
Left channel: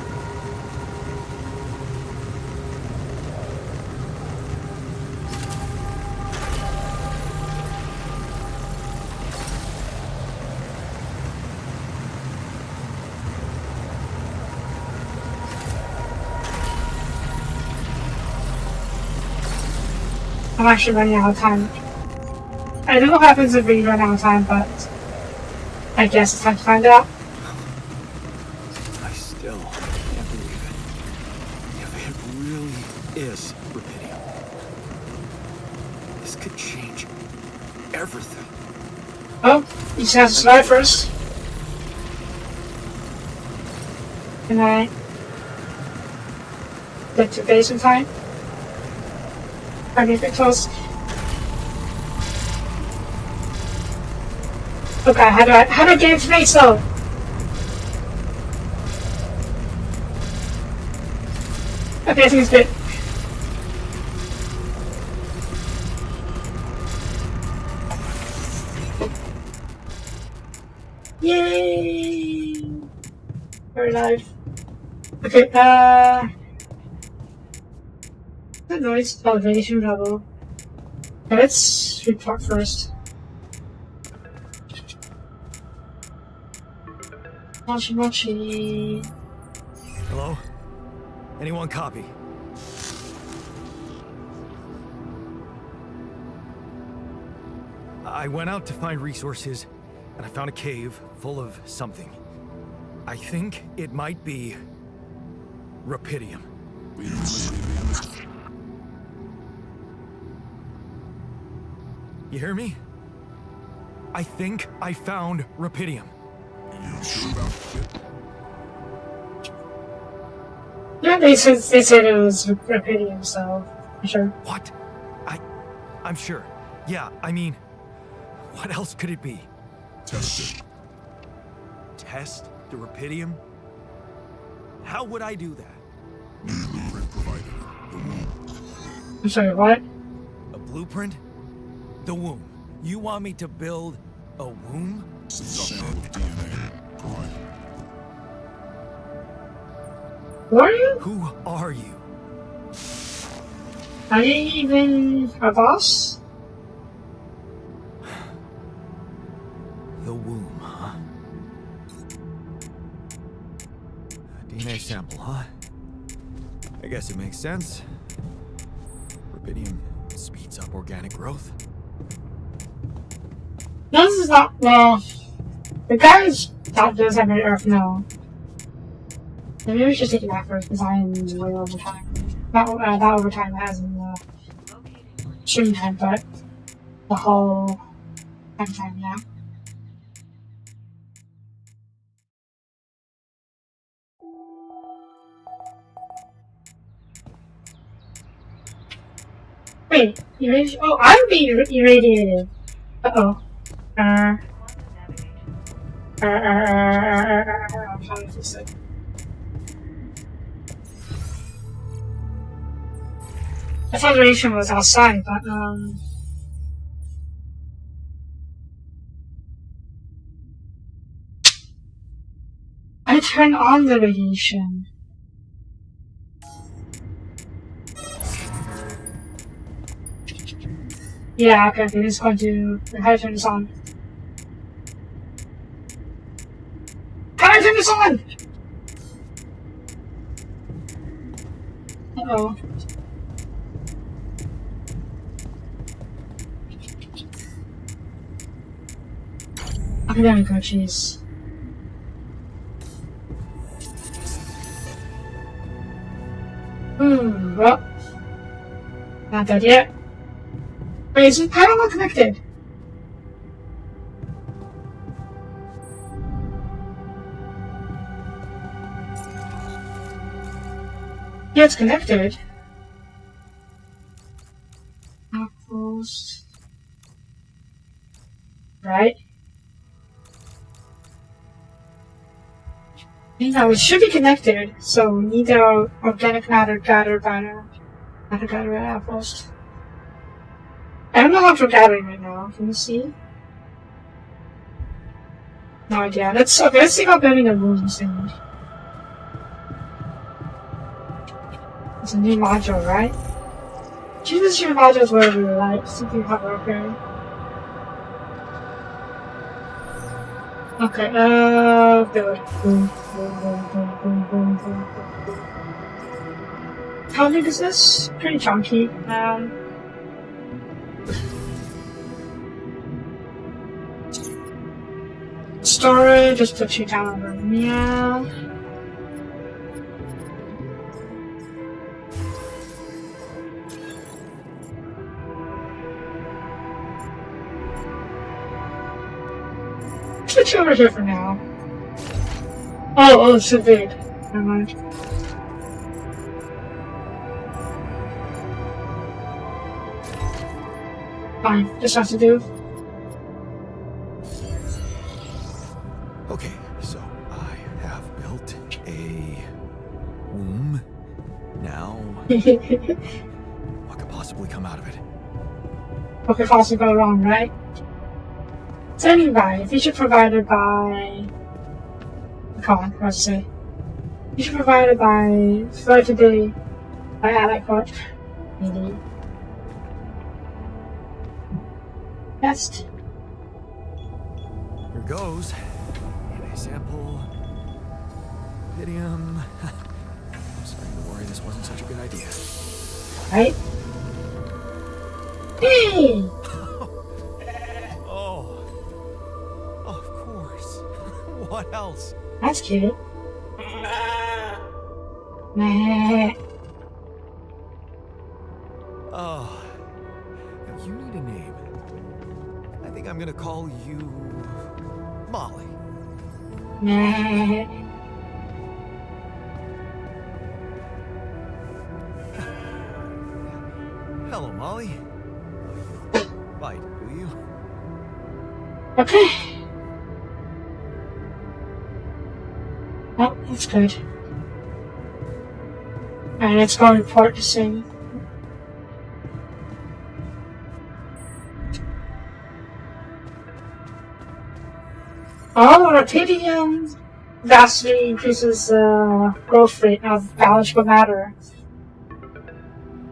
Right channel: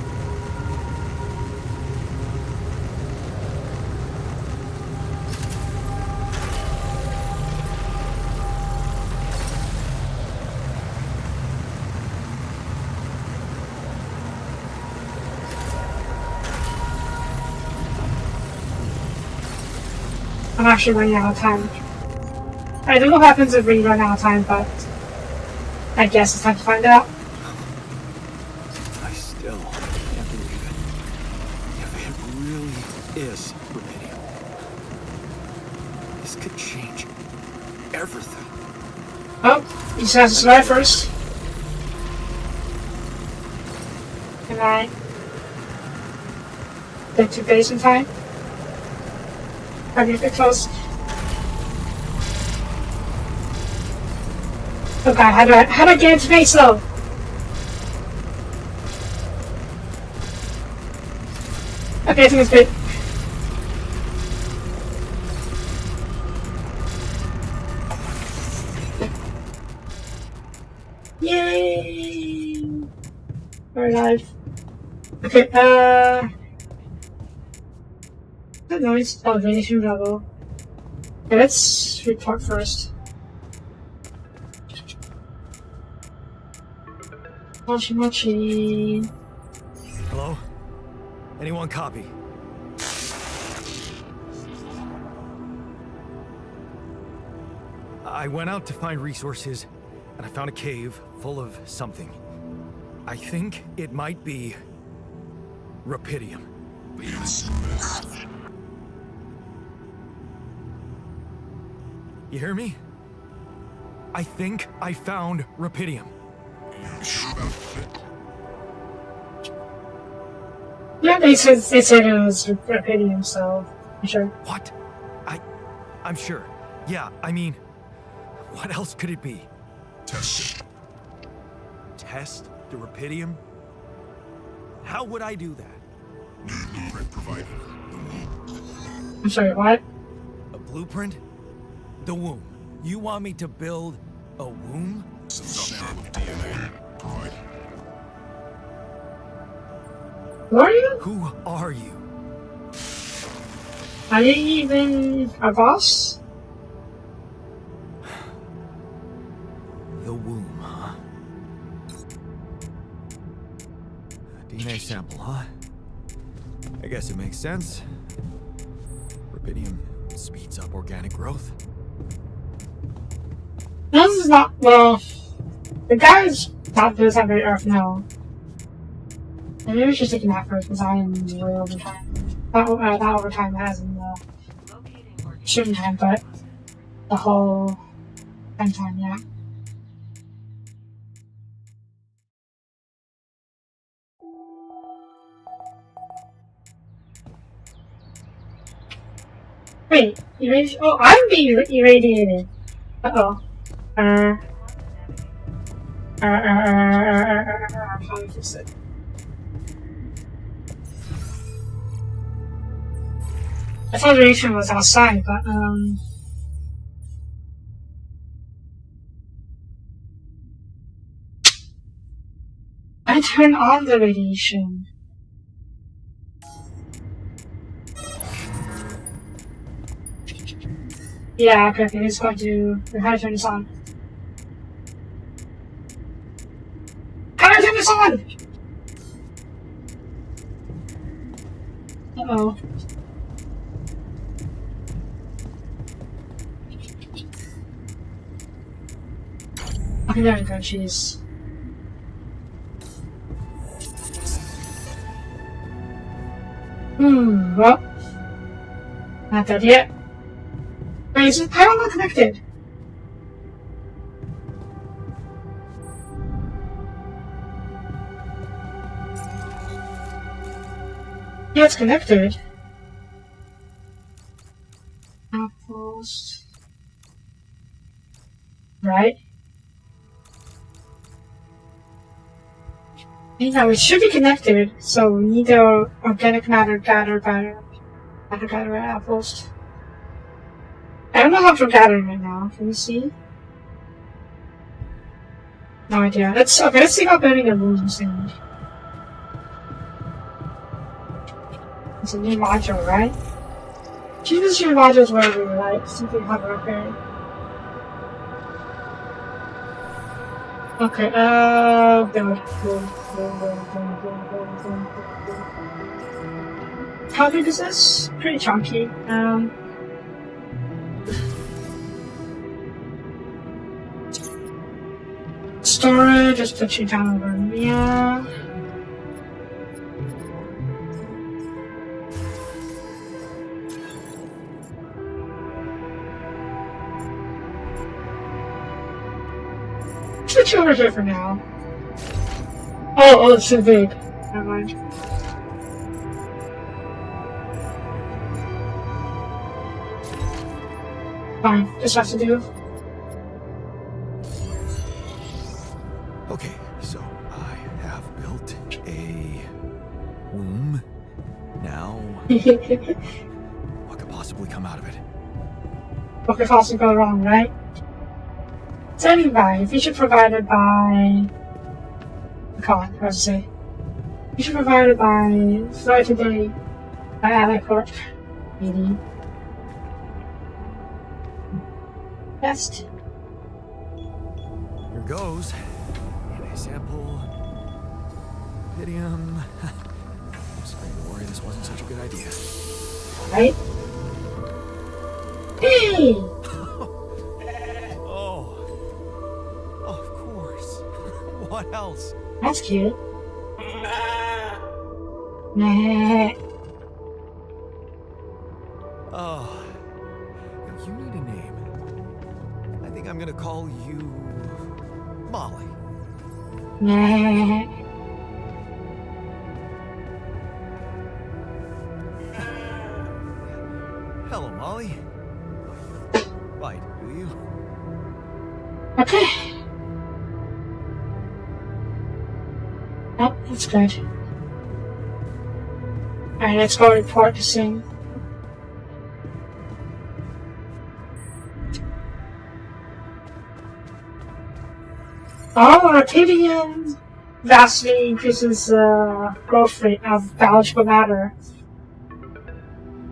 I'm actually running out of time. I don't know what happens if we run out of time, but I guess it's time to find out. I still can't believe it. If it really is rubidium, this could change everything. Oh, he just has to slide first. Can I get to base in time? I get close. Okay, how do I get into base though? Okay, I think it's good. Yay! We're alive. Okay, the noise elevation level. Okay, let's report first. Mochi mochi. Hello? Anyone copy? I went out to find resources, and I found a cave full of something. I think it might be rubidium. You hear me? I think I found rubidium. Yeah, they said it was rubidium, so I'm sure. What? I'm sure. Yeah, I mean, what else could it be? Test it. Test the rubidium? How would I do that? New blueprint provided. I'm sorry, what? A blueprint? The womb. You want me to build a womb? Sample of DNA provided. Who are you? Who are you? Are you even a boss? The womb, huh? A DNA sample, huh? I guess it makes sense. Rubidium speeds up organic growth. This is not, well, the guy's not does have an Earth now. Maybe we should take a nap first because I'm way over time. Not over time as in the Locating organic stream time, but the whole time, yeah. Wait, irradiation? Oh, I'm being irradiated. Uh-oh. quantum navigation. How do I fix it? I thought radiation was outside, but, I turned on the radiation. Yeah, okay, it's going to... How do I turn this on? How do I turn this on? Uh-oh. Okay, there we go, jeez. Well. Not dead yet. Wait, is it parallel connected? Yeah, it's connected. Outpost. Right? You know, it should be connected, so we need the organic matter gathered by outpost. I don't know how to gather right now. Can you see? No idea. Let's see about building the rooms thing. It's a new module, right? Choose your modules wherever you like, so you can have it okay. Okay, build. How big is this? Pretty chunky. just put you down over there. Put you over here for now. Oh, it's so big. Never mind. Fine, just have to do. Okay, so I have built a womb. Now, what could possibly come out of it? What could possibly go wrong, right? Standing by, feature provided by... Come on, what to say? Feature provided by For Today by Ally Corp. Maybe. Best. Here goes. DNA sample. Idiom. I'm starting to worry this wasn't such a good idea. Right? Hey! Oh. Oh, of course. What else? That's cute. Nah. Oh. Now you need a name. I think I'm gonna call you Molly. Nah. Hello, Molly. Oh, you don't bite, do you? Okay. Oh, that's good. Alright, let's go report this thing. Oh, Rapidium vastly increases growth rate of biological matter.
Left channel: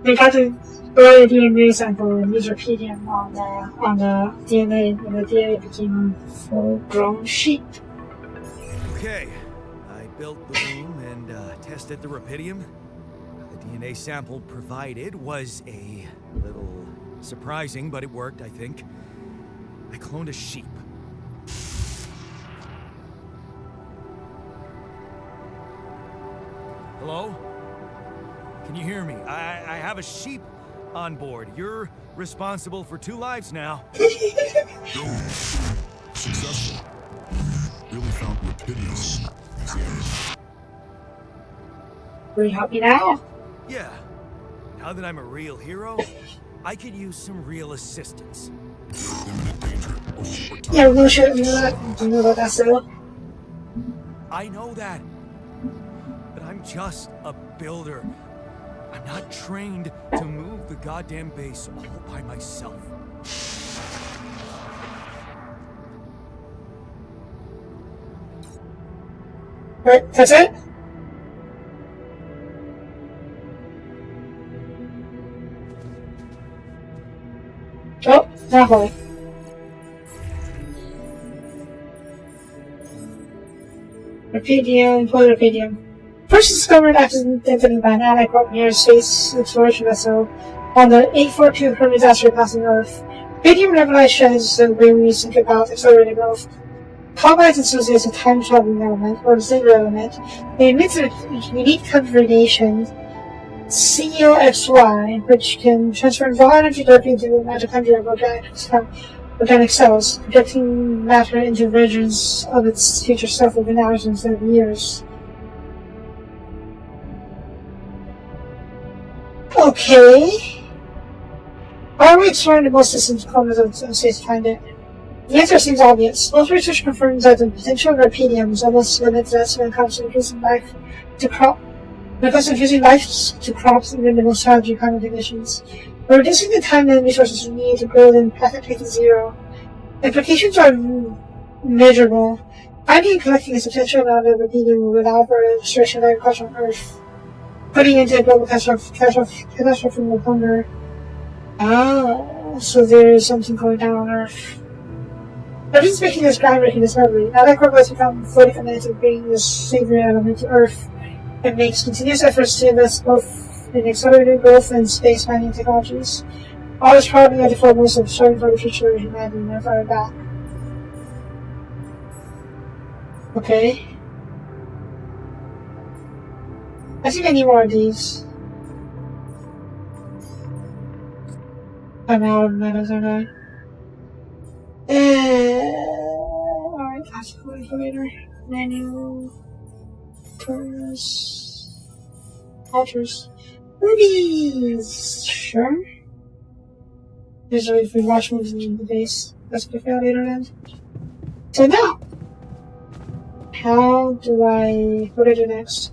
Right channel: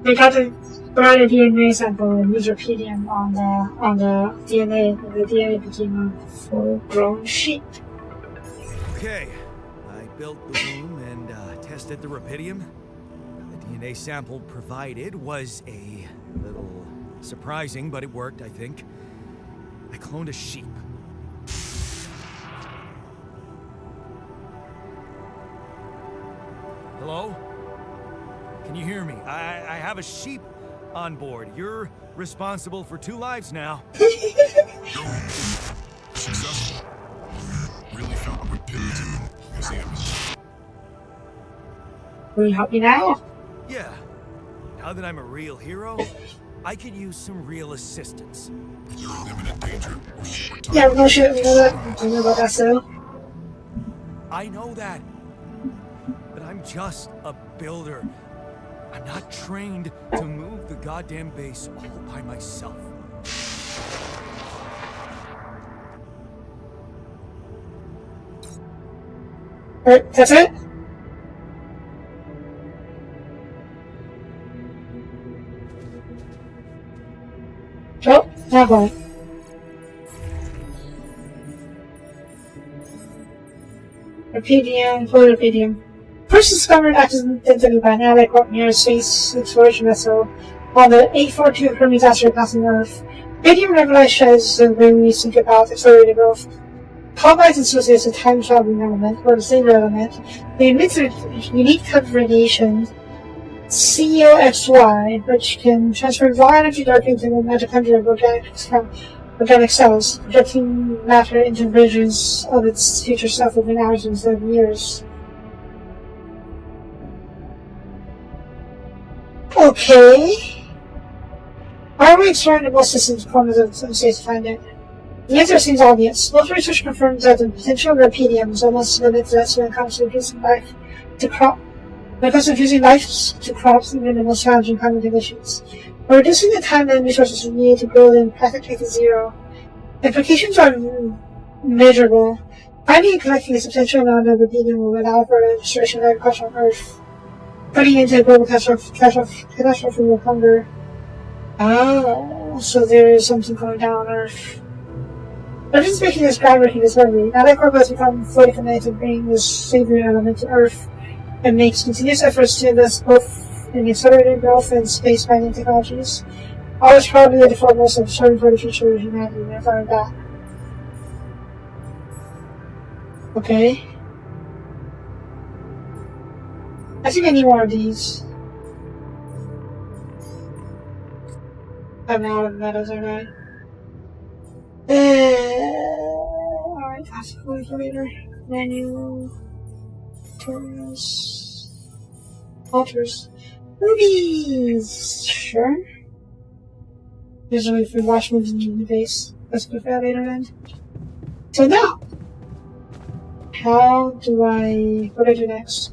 They got to provide a DNA sample and use Rapidium on the DNA, and the DNA became a full-grown sheep. Okay. I built the womb and tested the rapidium. The DNA sample provided was a little surprising, but it worked, I think. I cloned a sheep. Hello? Can you hear me? I have a sheep on board. You're responsible for 2 lives now. Successful. Really help with business. Will you help me now? Yeah. Now that I'm a real hero, I could use some real assistance. Imminent danger. Over time. Yeah, no shit, we know that. Do you know about that still? I know that. But I'm just a builder. I'm not trained to move the goddamn base all by myself. Wait, that's it? Oh, that one. Rapidium, Rapidium. First discovered accidentally by an Ally Corp near a space exploration vessel on the 842 Hermes asteroid passing Earth. Rapidium revolutionizes the way we think about accelerated growth. Carbide associates a time-traveling element, or the same element. It emits a unique type of radiation, COXY, which can transfer raw energy directly into the mitochondria of organic cells, projecting matter into regions of its future self within hours instead of years. Okay. Why are we exploring the most distant corners of space to find it? The answer seems obvious. Most research confirms that the potential of Rapidium is almost limitless when it comes to reducing life to crops under the most challenging climate conditions. We're reducing the time and resources we need to grow them practically to zero. The implications are measurable. Finding and collecting a substantial amount of Rapidium will allow for the destruction of agriculture on Earth, putting into a global catastrophe of hunger. Oh, so there is something going down on Earth. Earth is making this groundbreaking discovery. Now that Corp has become fully committed to bringing this savory element to Earth and makes continuous efforts to invest both in accelerated growth and space mining technologies. All is probably at the foremost of striving for the future of humanity and never that. Okay. I think I need more of these. I'm out of metals, aren't I? Alright, that's going for later. Menu. Altars. Altars. Movies! Sure. Usually if we watch movies in the base, that's good for that later then. So now! What do I do next?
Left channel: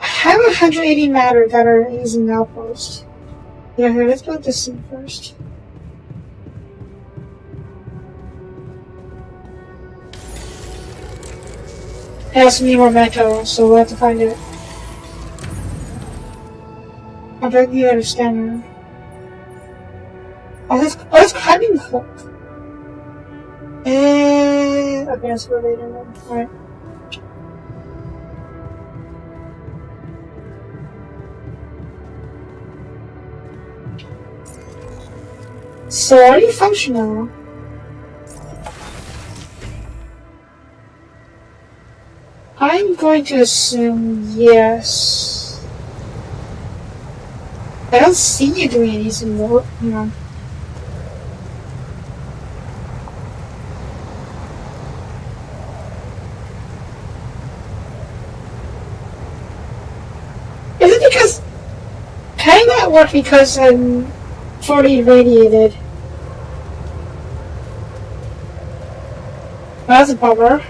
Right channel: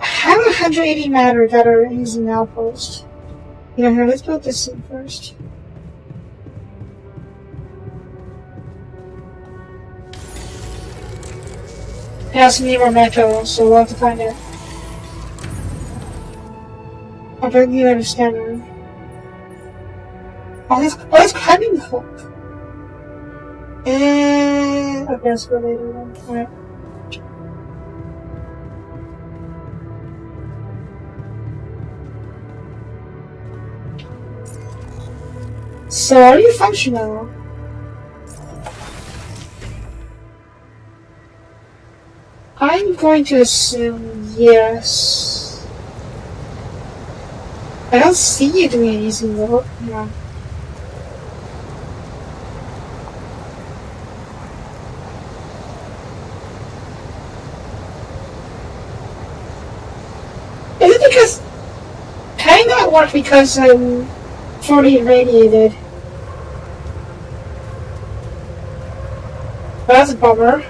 I have 180 matter that are using outpost. Yeah, here, let's build this thing first. It has to be more metal, so we'll have to find it. I don't even understand. Oh, it's cutting hook. Okay, let's go later then. Alright. So, are you functional? I'm going to assume yes. I don't see you doing anything wrong, you know. Is it because can I not work because I'm fully irradiated? Well, that's a bummer.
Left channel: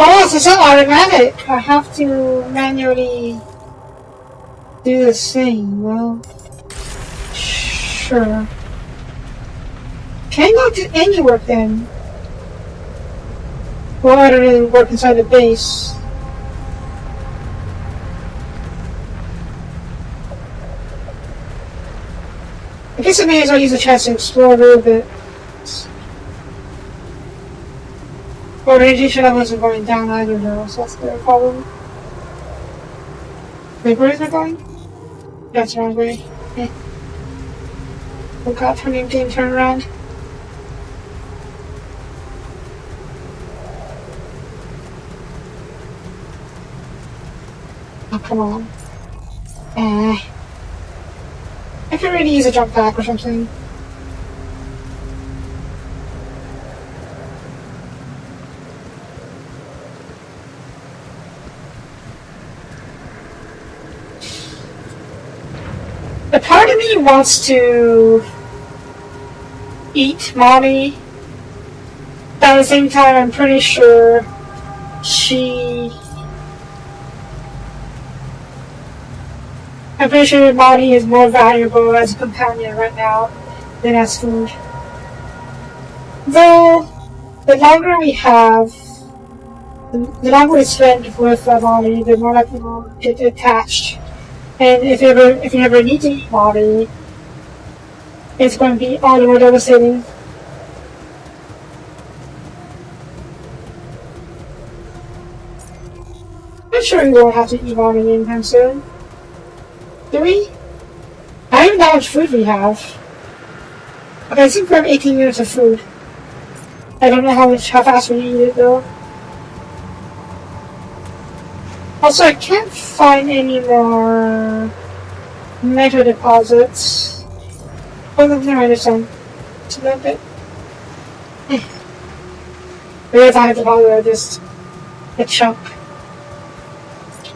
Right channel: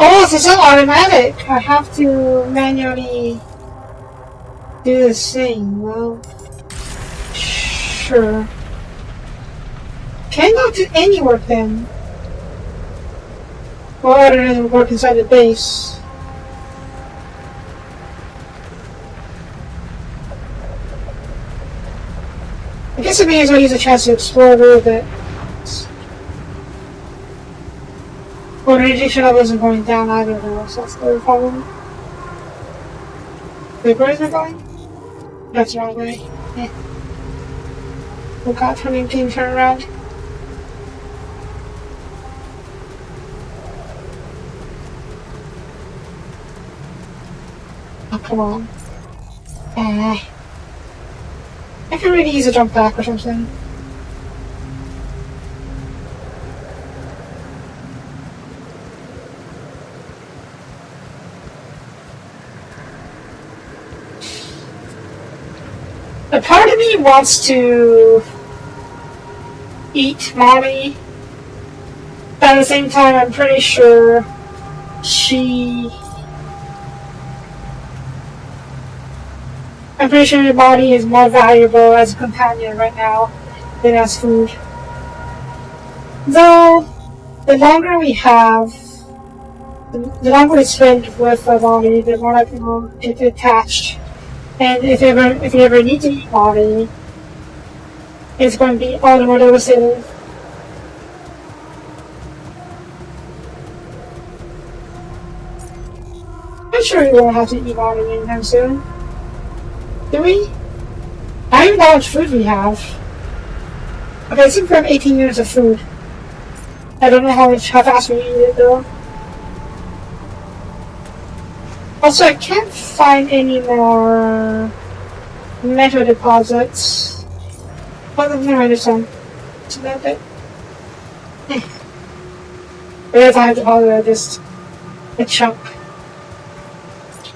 Oh, it's not automatic. I have to manually do this thing. Well, sure. Can I not do any work then? Well, other than work inside the base. I guess I may as well use a chance to explore a little bit. Well, radiation levels are going down either though, so that's the problem. Wait, where is it going? That's the wrong way. Yeah. Look out, turn around. Oh, come on. I can really use a jump back or something. A part of me wants to eat Molly. At the same time, I'm pretty sure Molly is more valuable as a companion right now than as food. Though, the longer we have, the longer we spend with Molly, the more likely we'll get attached. And if you ever need to eat Molly, it's going to be all the more devastating. I'm sure we won't have to eat Molly anytime soon. Do we? I don't know how much food we have. Okay, I think we have 18 units of food. I don't know how fast we eat it though. Also, I can't find any more metal deposits. Oh, no, there's some. Is that it? There's a deposit, just a chunk.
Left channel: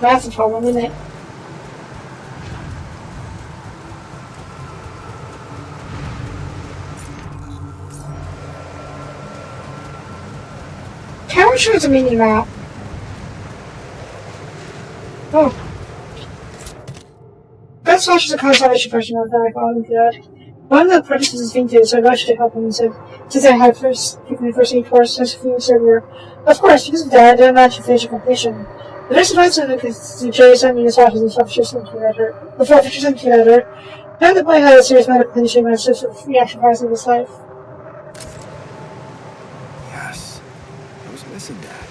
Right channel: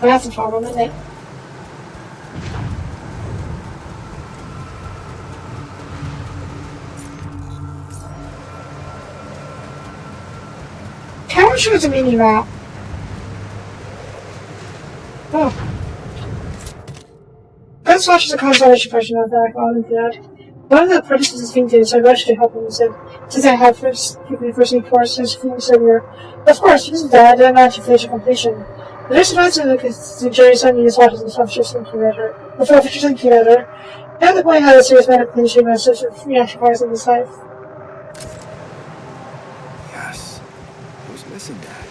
Well, that's a problem, isn't it? Camera shows a mini map. Oh. Best watches a consolation question of that Olympiad. One of the participants is fainted, so I rushed to help him and said, since I had given the first aid course as Phoenix earlier. Of course, because of that, I didn't manage to finish a completion. The next advance in the jury sent me his watches and Officer's incubator. Now the boy had a serious medical condition and was reactionizing his life. Yes. I was missing that.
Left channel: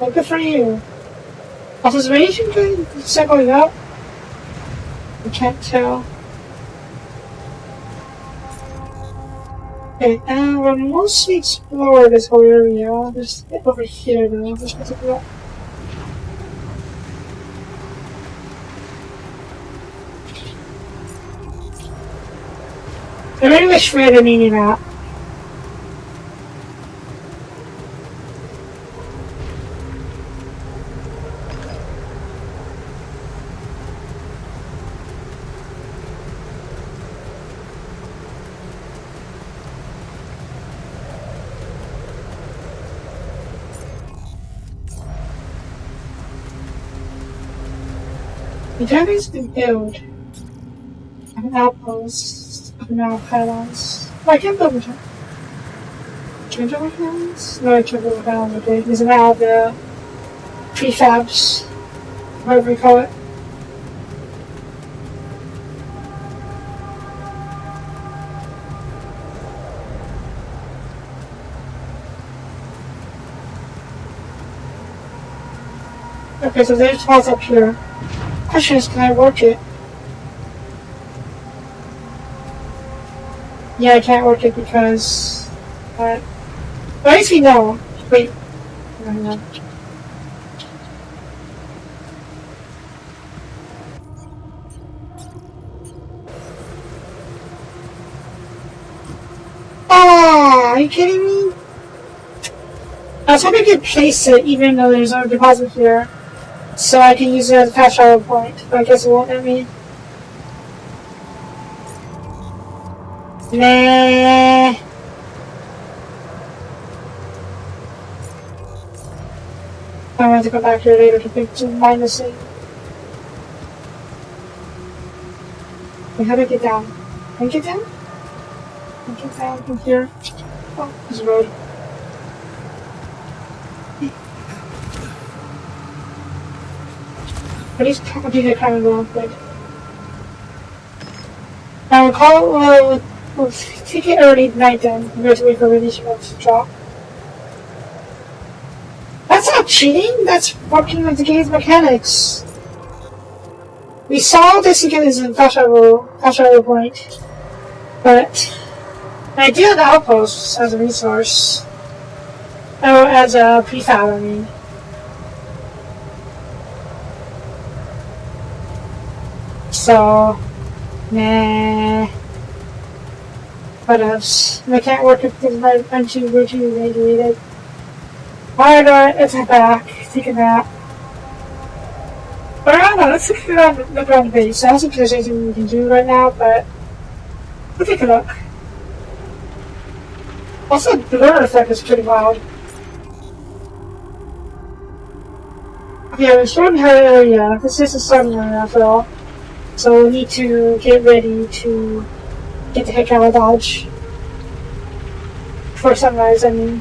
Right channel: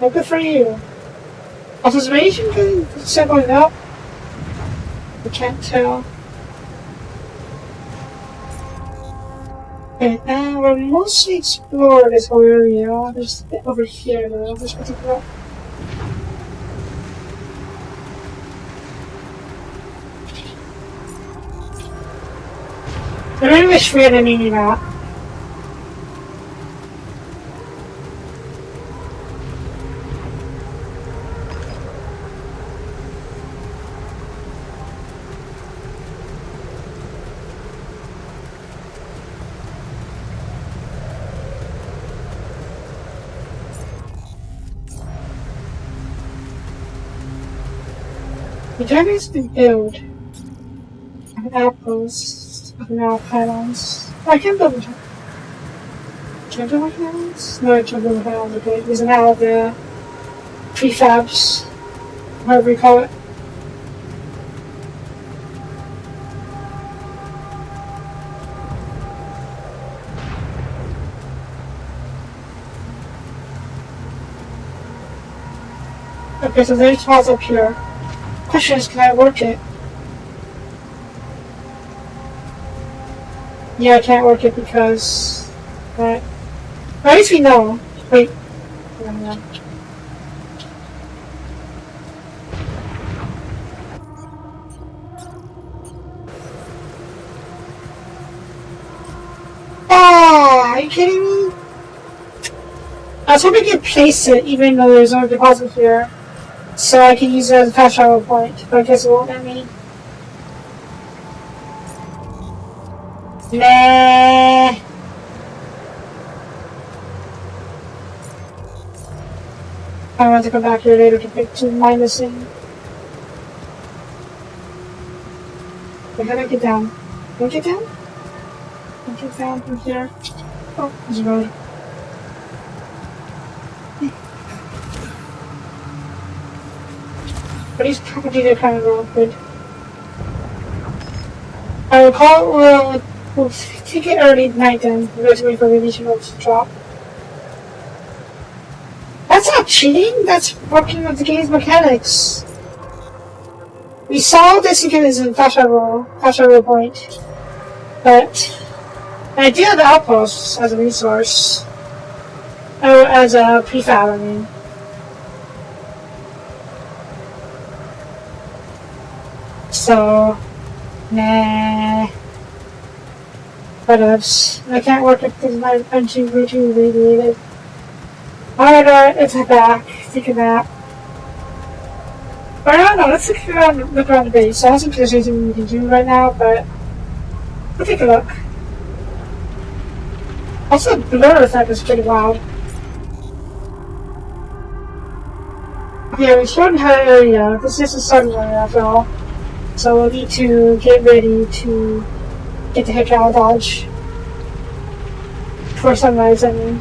Well, good for you. Also, is radiation good? Is that going up? I can't tell. Okay, we're mostly explored this whole area. Just over here now, this particular. I really wish we had a mini map. The journey is to build an outpost of now panels. Oh, I can build them. Can I build my panels? No, I can't build my panels, okay. These are now the prefabs, whatever we call it. Okay, so there's house up here. Question is, can I work it? Yeah, I can't work it because... But at least we know. Wait. Ah, are you kidding me? I was hoping I could place it even though there's no deposit here. So I can use it as a fast travel point, but I guess it won't let me. Nah. I'm going to go back here later to mine this thing. Wait, how do I get down? Can I get down? Can I get down from here? Oh, there's a road. But he's complicated kind of real quick. I will call we'll take it early night then. We have to wait for radiation to drop. That's not cheating, that's fucking with the game's mechanics. We saw this again as a fast travel point. But I do have the outposts as a resource. Oh, as a prefab, I mean. So, nah. What else? I can't work it because I'm too radiated. Alright, let's head back. Take a nap. Or I don't know, let's look around the base. I don't think there's anything we can do right now, but we'll take a look. Also, the blur effect is pretty wild. Okay, we're short in her area. This is a sunny one after all. So we need to get ready to get the heck out of Dodge. For sunrise, I mean.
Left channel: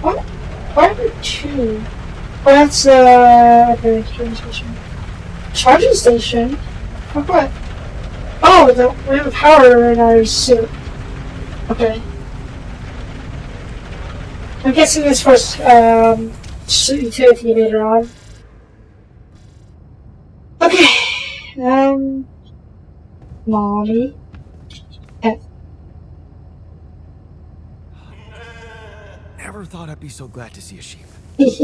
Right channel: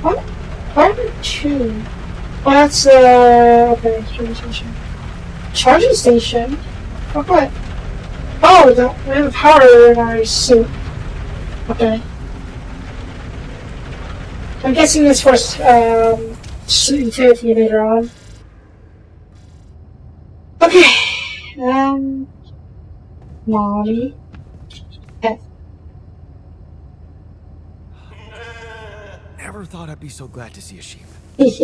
What? 1 2. Oh, that's, okay, charging station? For what? Oh, we have power in our suit. Okay. I'm guessing this for, utility later on. Okay, Molly. Never thought I'd be so glad to see a sheep. Thank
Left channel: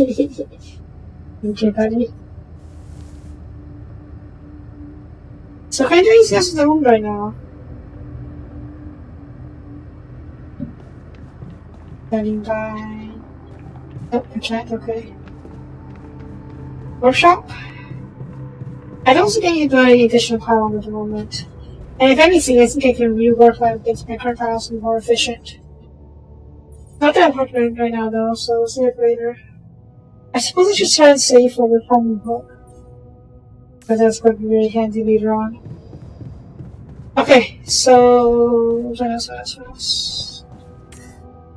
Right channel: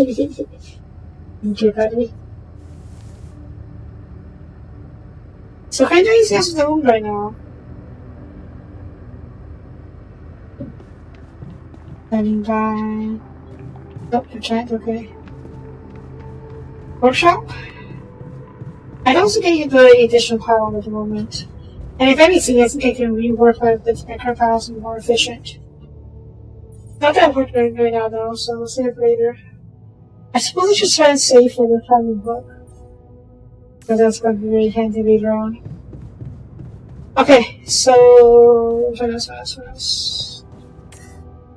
you, buddy. So can I do anything else in the room right now? Standing by. Nope, I can't, okay. Workshop? I don't think I can do any additional power at the moment. And if anything, I think I can rework my current house and be more efficient. Not that important right now though, so we'll save it later. I suppose I should try and save for the comic book. But that's going to be very handy later on. Okay, so... what else?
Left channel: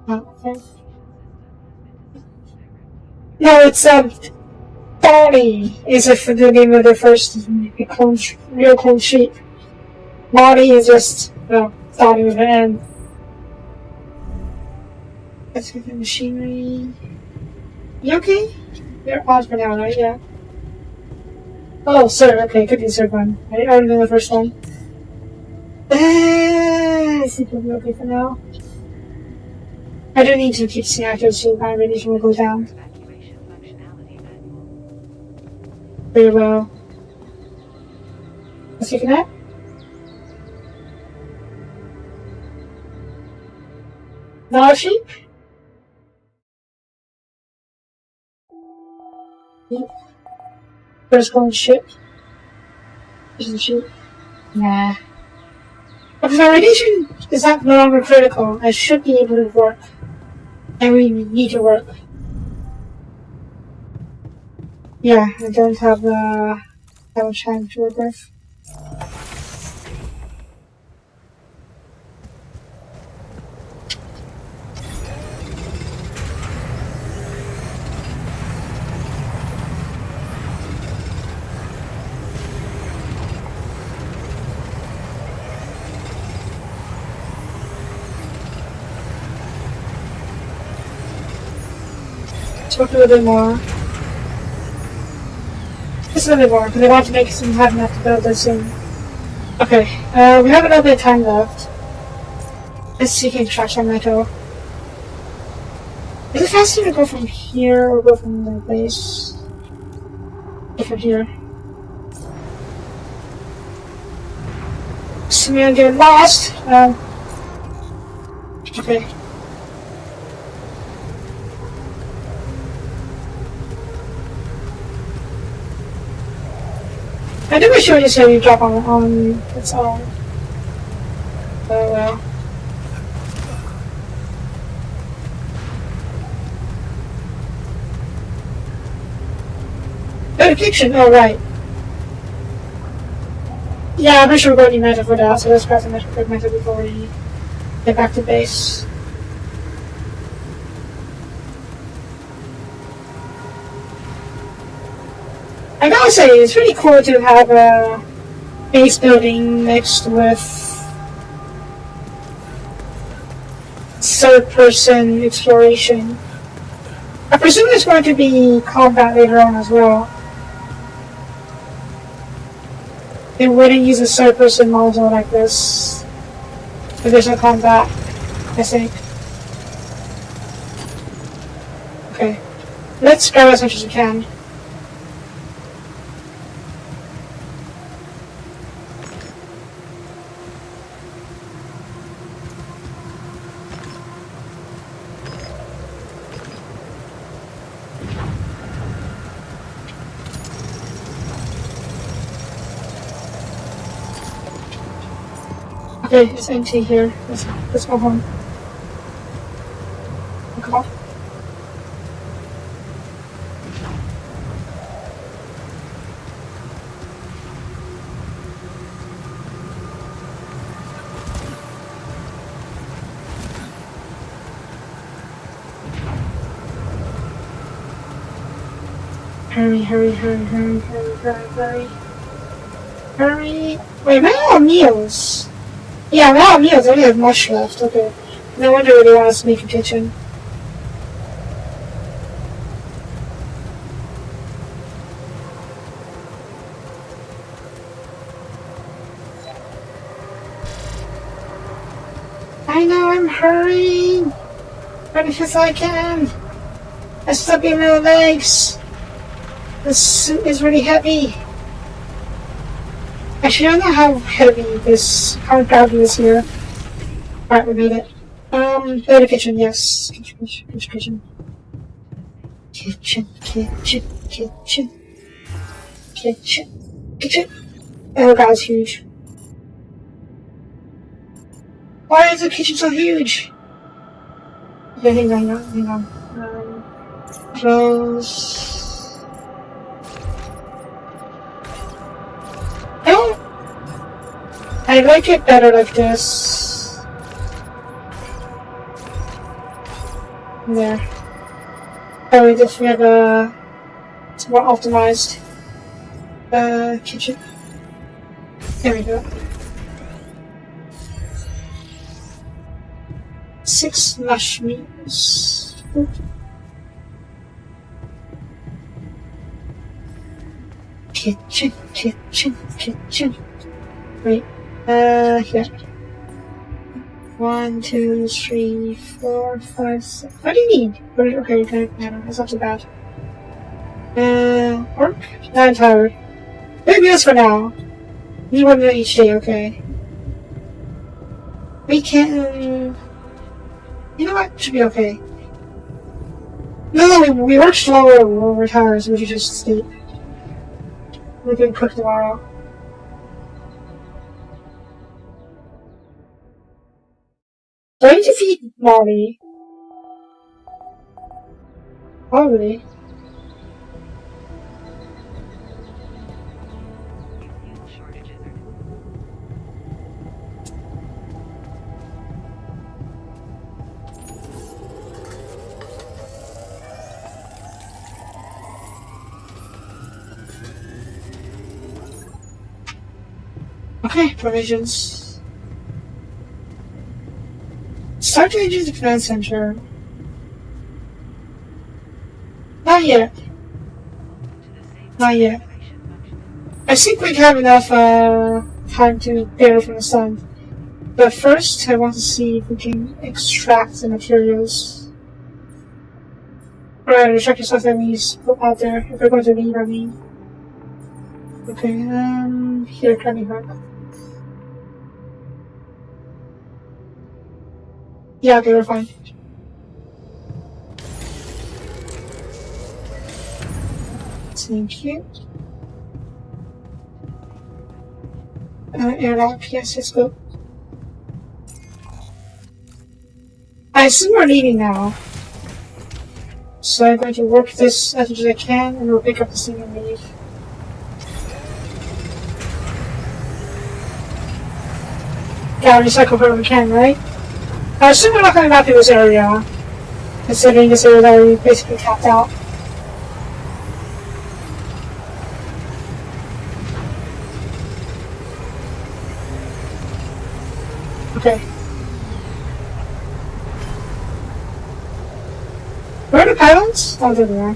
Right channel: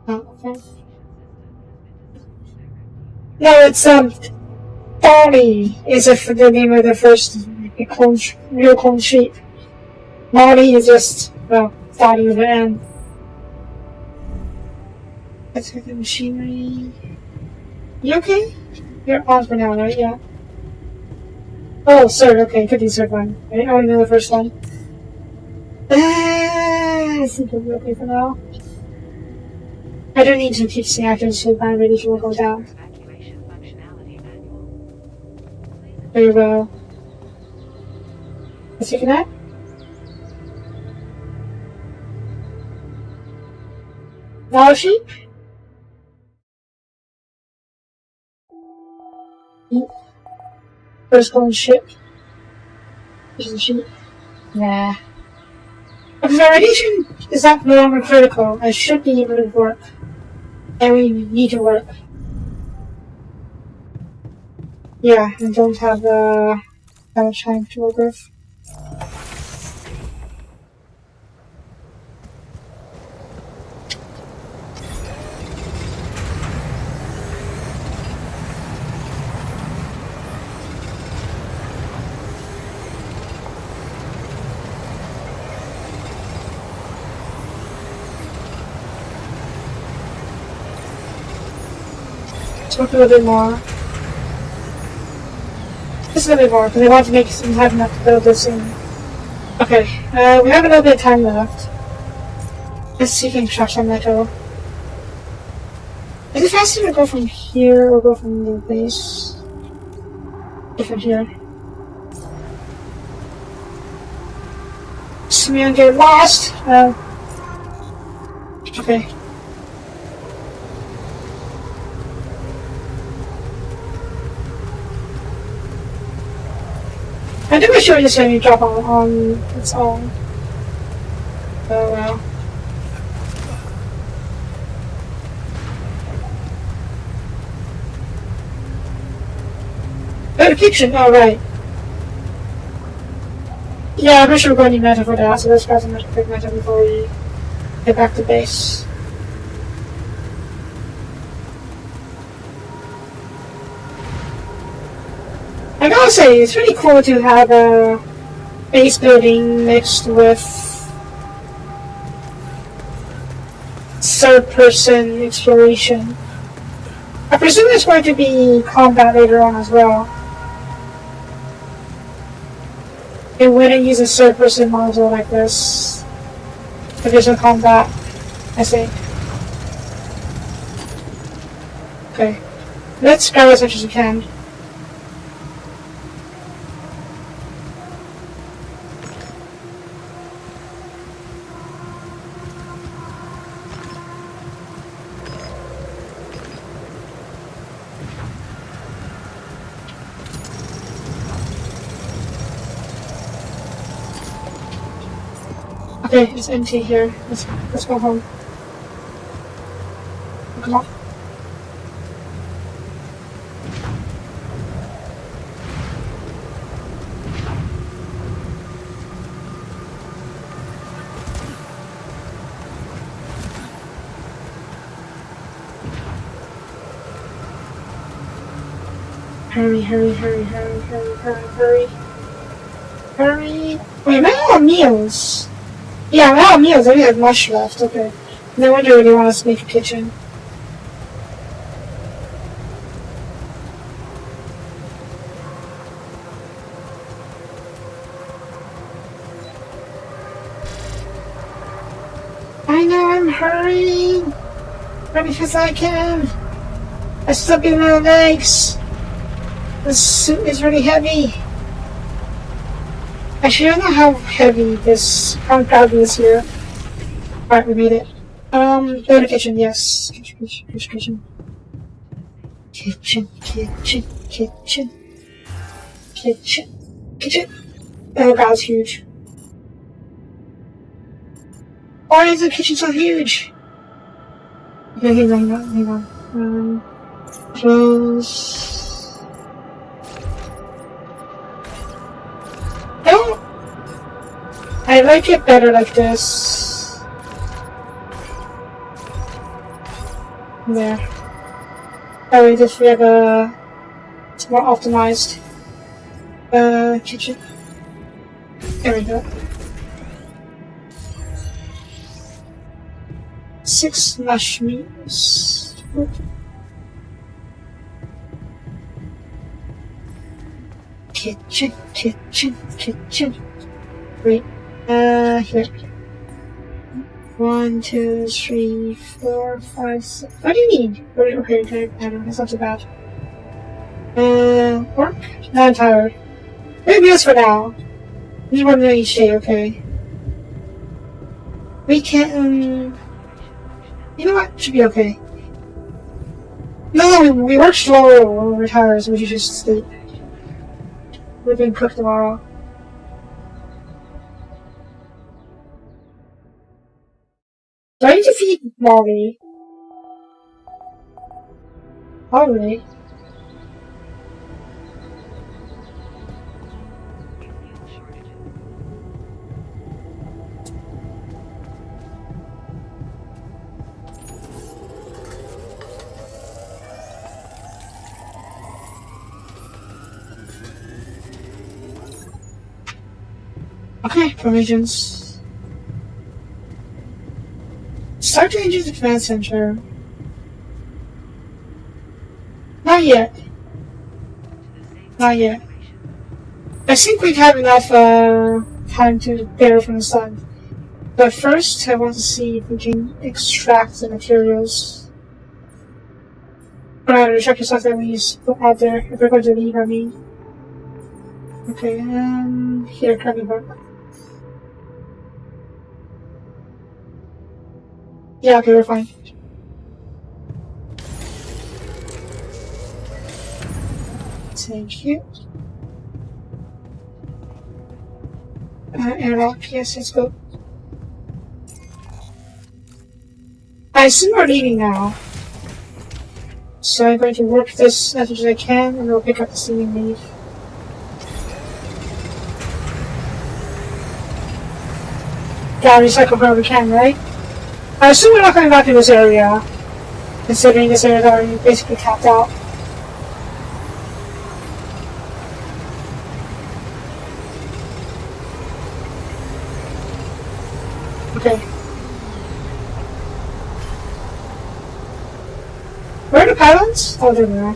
Oh, okay. No, it's, Barney is the name of the first real clone sheep. Marty is just, Starting with an N. Let's get the machinery. You okay? You're on for now, right? Yeah. Oh, sir. Okay, could be third one. I already know the first one. I think we'll be okay for now. I do need to keep seeing actors so my radiation will go down. Evacuation functionality manual. Very well. Let's take a nap. Now a sheep? Yep. First going ship. This is a sheep. Nah. Because my radiation is not no longer critical. I should be able to work. And we need to work. Yeah, I don't have that much time to work with. Let's work a little bit more. Just a little bit more, because I want to make some have enough to build this in. Okay, we have another bit of time left. Let's see if we can extract some metal. Is it faster to go from here or go from the base? Go from here. So we're gonna get lost. Okay. I think we should just have you drop on its own. Very well. Kitchen, oh right. Yeah, I'm pretty sure we're going to need metal for that, so let's grab some metal before we get back to base. I gotta say, it's really cool to have a base building mixed with third-person exploration. I presume there's going to be combat later on as well. It wouldn't use a third-person model like this if there's no combat, I think. Okay, let's grab as much as we can. Okay, it's empty here. Let's go home. Come on. Hurry, hurry, hurry, hurry, hurry, hurry, hurry. Hurry. Wait, am I out of meals? Yeah, I'm out of meals. I only have mush left. Okay. No wonder they want us to make a kitchen. I know I'm hurrying. But because I can. I stuck in my legs. The suit is really heavy. Actually, I don't know how heavy how bad it is here. Alright, we made it. Better kitchen, yes. Kitchen. Oh, that was huge. Why is the kitchen so huge? Okay, hang on. Close. I like it better like this. There. Oh, wait, if we have it's more optimized kitchen. There we go. 6 mush meals. Kitchen, kitchen, kitchen. Wait, here. 1, 2, 3, 4, 5, 6. What do you need? Okay, good. That's not too bad. Work? No, I'm tired. Maybe this for now. Use 1 meal each day, okay. We can. You know what? Should be okay. No, we work slower when we're tired, so we should just sleep. We can cook tomorrow. Do I need to feed Molly? Probably. Fuel shortages are Okay, provisions. Start to enter the command center. Not yet. to the safe Not yet. evacuation function. I think we'd have enough time to bear from the sun. But first, I want to see if we can extract the materials. Alright, check yourself that we put out there. If we're going to leave, I mean. Okay, here, grab it back. Yeah, okay, we're fine. Thank you. Airlock, yes, let's go. I assume we're leaving now. So I'm going to work this as much as I can, and we'll pick up the thing and leave. Gotta recycle wherever we can, right? I assume we're not coming back to this area, considering this area is already basically tapped out. Okay. Where are the paddles? Oh, there we are.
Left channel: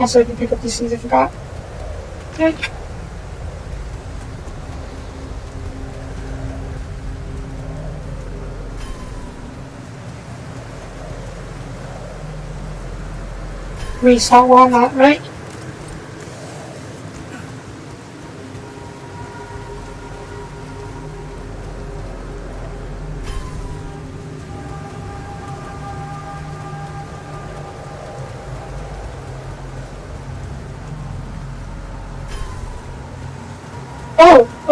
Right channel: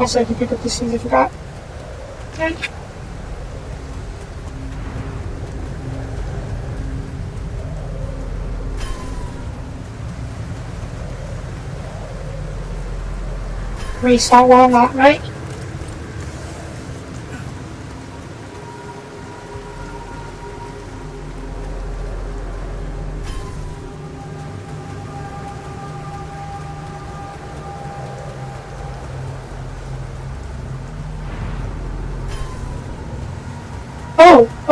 Also, I can pick up these things I forgot. Okay. Restart while I'm not, right?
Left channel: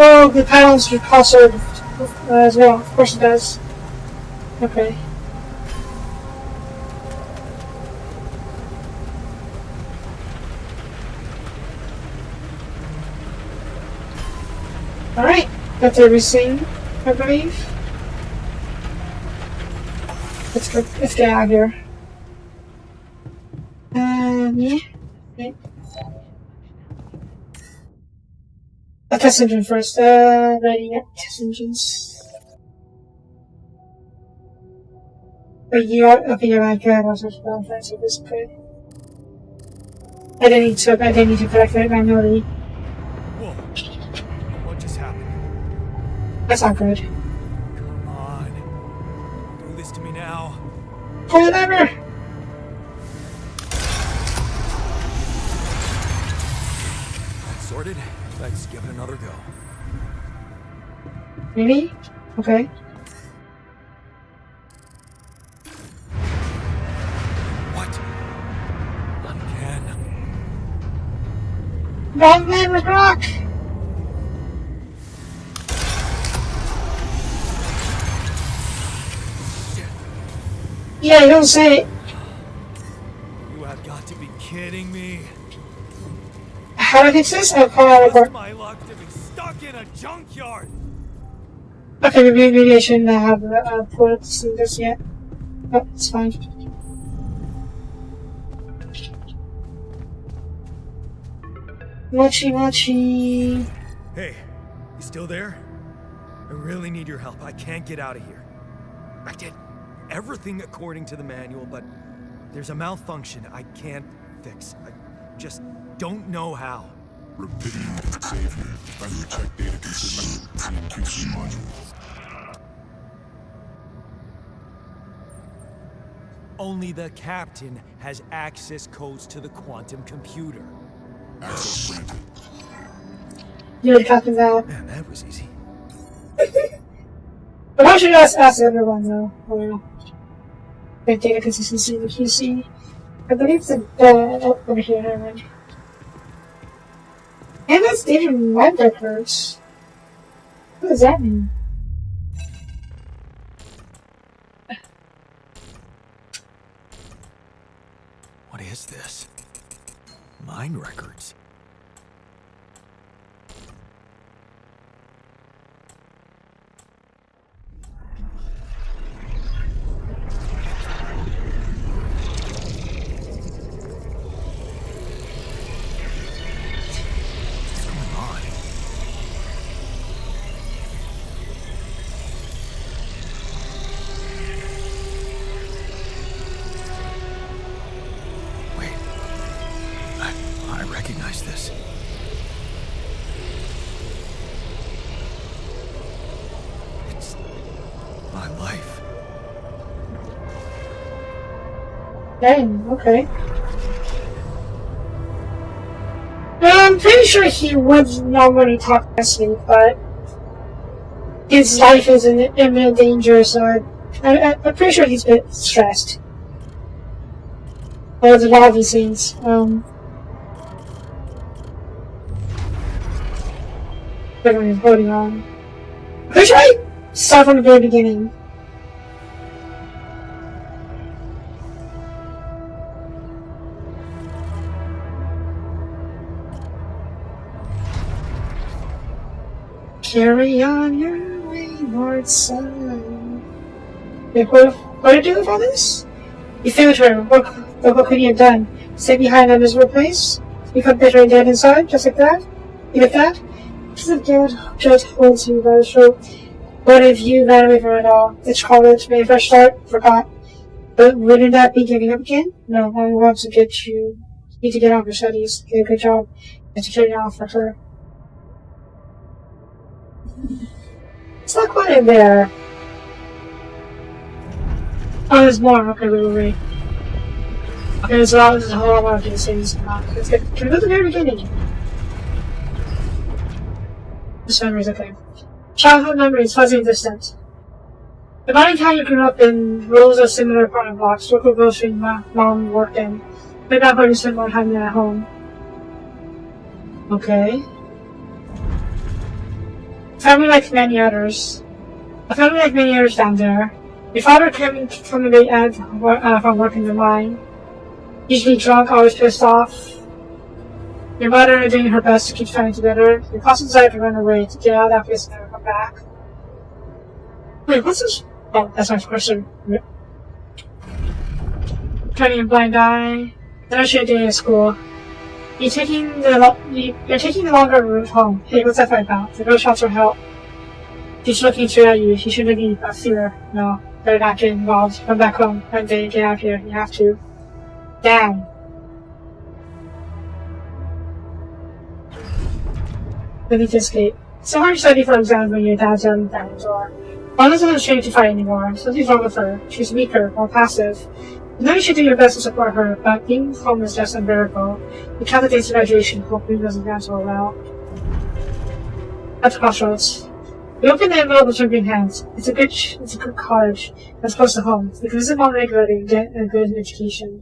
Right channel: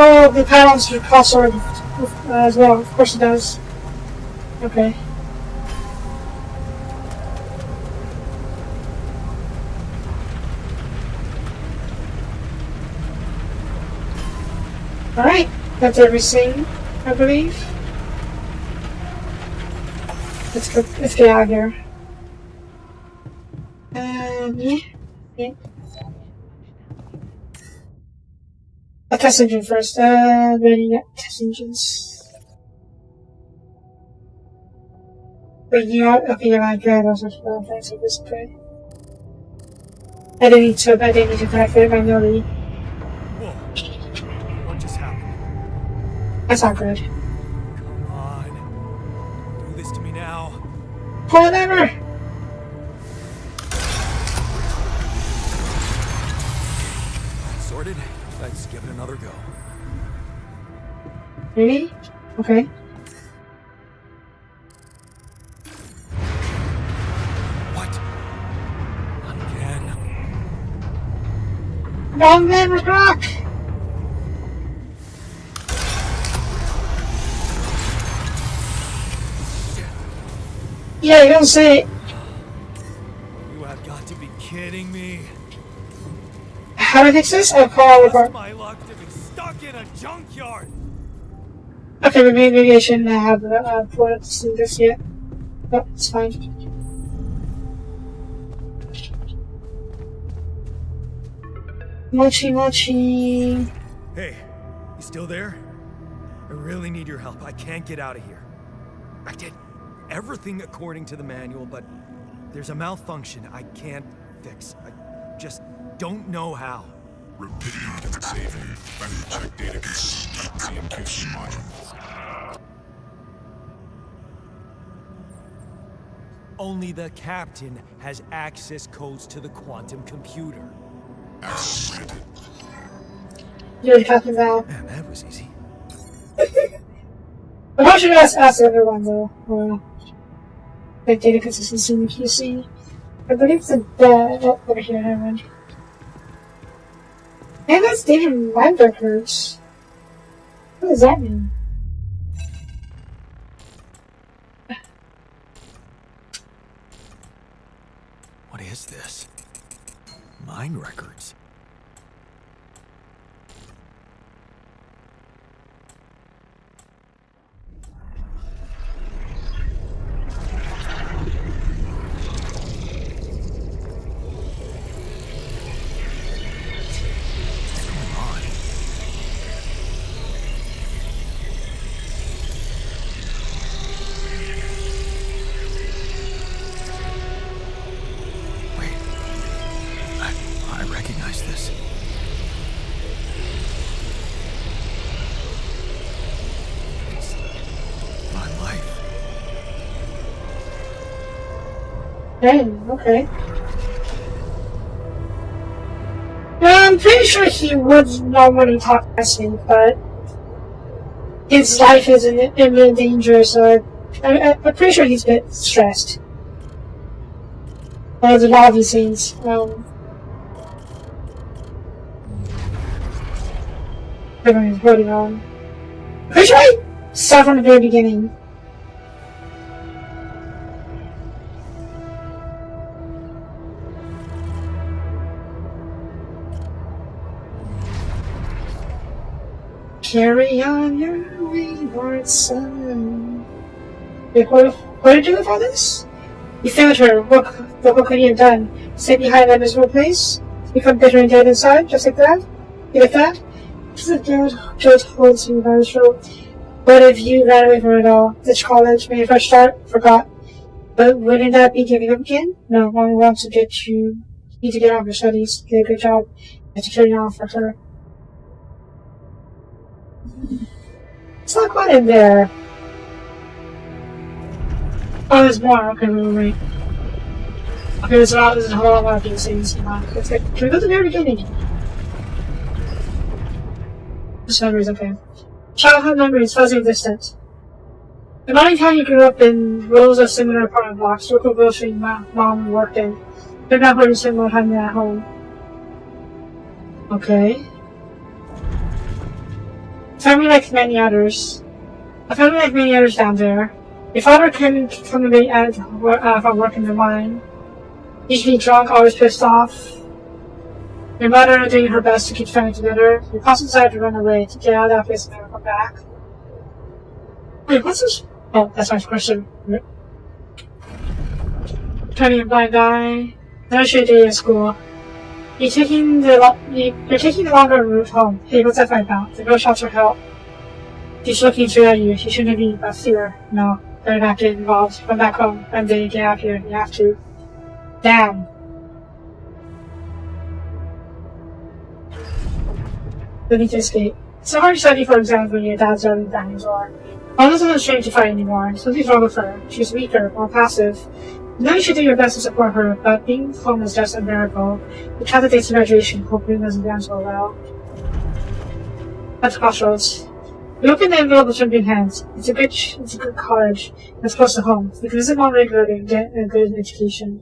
Oh, the panels cost as well. Of course it does. Okay. Alright, that's everything, I believe. Let's get out of here. Yeah. A test engine first. Ready, yeah, test engines. Wait, you are, okay, you're not good. I was just about to say this, okay. I didn't need to correct it manually. Whoa. What just happened? That's not good. Come on. Don't do this to me now. Pull it over! Sorted? Let's give it another go. Really? Okay. What? Not again. Oh man, we're rock! Shit. Yeah, you don't say it. You have got to be kidding me. How do I fix this? I'll call out Just report. my luck to be stuck in a junkyard. Okay, maybe I shouldn't have put up to this yet. But it's fine. Mochi. Hey, you still there? I really need your help. I can't get out of here. I did everything according to the manual, but there's a malfunction I can't fix. I just don't know how. Rapidity detect savior. Manual check data consistent with CMQC module. Only the captain has access codes to the quantum computer. Access granted. You're talking about. Man, that was easy. But I should ask everyone though. Well, the data consistency in the QC. I believe the over here, never mind. And that's data from live records. What does that mean? What is this? Mine records. What's going on? Wait. I recognize this. It's my life. Dang, okay. Yeah, I'm pretty sure he would know when he talked to me, but his life is in imminent danger, so I'm pretty sure he's a bit stressed. There's a lot of these things. But on his body on. Pretty sure I saw from the very beginning. Carry on your wayward son. Wait, what did you do with all this? You failed her. What could you have done? Stay behind that miserable place? Become bitter and dead inside, just like that? You like that? This is good. Just holds him by the throat. What if you ran away from it all? This college, made a fresh start? Forgot. But wouldn't that be giving up again? No, Mom wants to get you. You need to get off your studies. Get a good job. And to turn you off for her. It's not quite in there. Oh, there's more. Okay, wait. Okay, so that was a whole lot of things. Let's get. Can we go to the very beginning? Just memories, okay. Childhood memories, fuzzy and distant. The morning time you grew up in rows of similar apartment blocks, local grocery mom worked in. Way back when you spent more time at home. Okay. Family like many others. A family like many others down there. Your father came from the night end from work in the mine. Usually drunk, always pissed off. Your mother doing her best to keep family together. Your cousin decided to run away to get out of that place and never come back. Wait, what's this? Oh, that's my question. Turning a blind eye. Another shit day at school. You're taking the longer route home. Hey, what's that fight about? The girl shouts for help. She's looking straight at you. She shouldn't be, but fear. No, better not get involved. Come back home. One day, get out here. You have to. Damn. I need to escape. It's so hard to study for exams when your dad's out and families are. Mom doesn't train to fight anymore. Something's wrong with her. She's weaker, more passive. You know you should do your best to support her, but being home is just unbearable. The candidate's to graduation, hoping it doesn't go so well. At the crossroads. We open the envelope with trembling hands. It's a good college. That's close to home. You can visit Mom regularly and get a good education.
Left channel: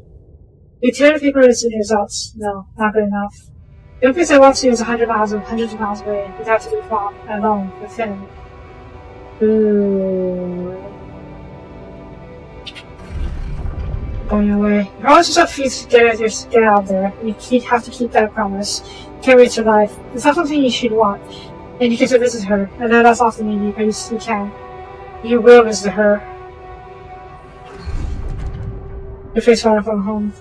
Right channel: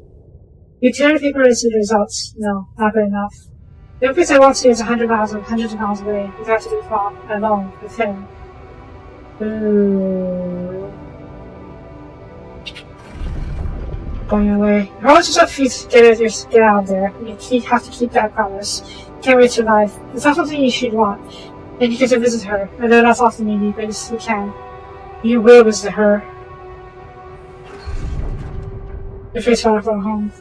You tear the paper to see the results. No, not good enough. The only place I want to is hundreds of miles away. You have to be Mom, alone, with him. Ooh. Going away. You're always just up for you to get out of there. You have to keep that promise. You can't waste your life. It's not something you should want. And you get to visit her. I know that's often maybe, but you can. You will visit her. Your face falling from home.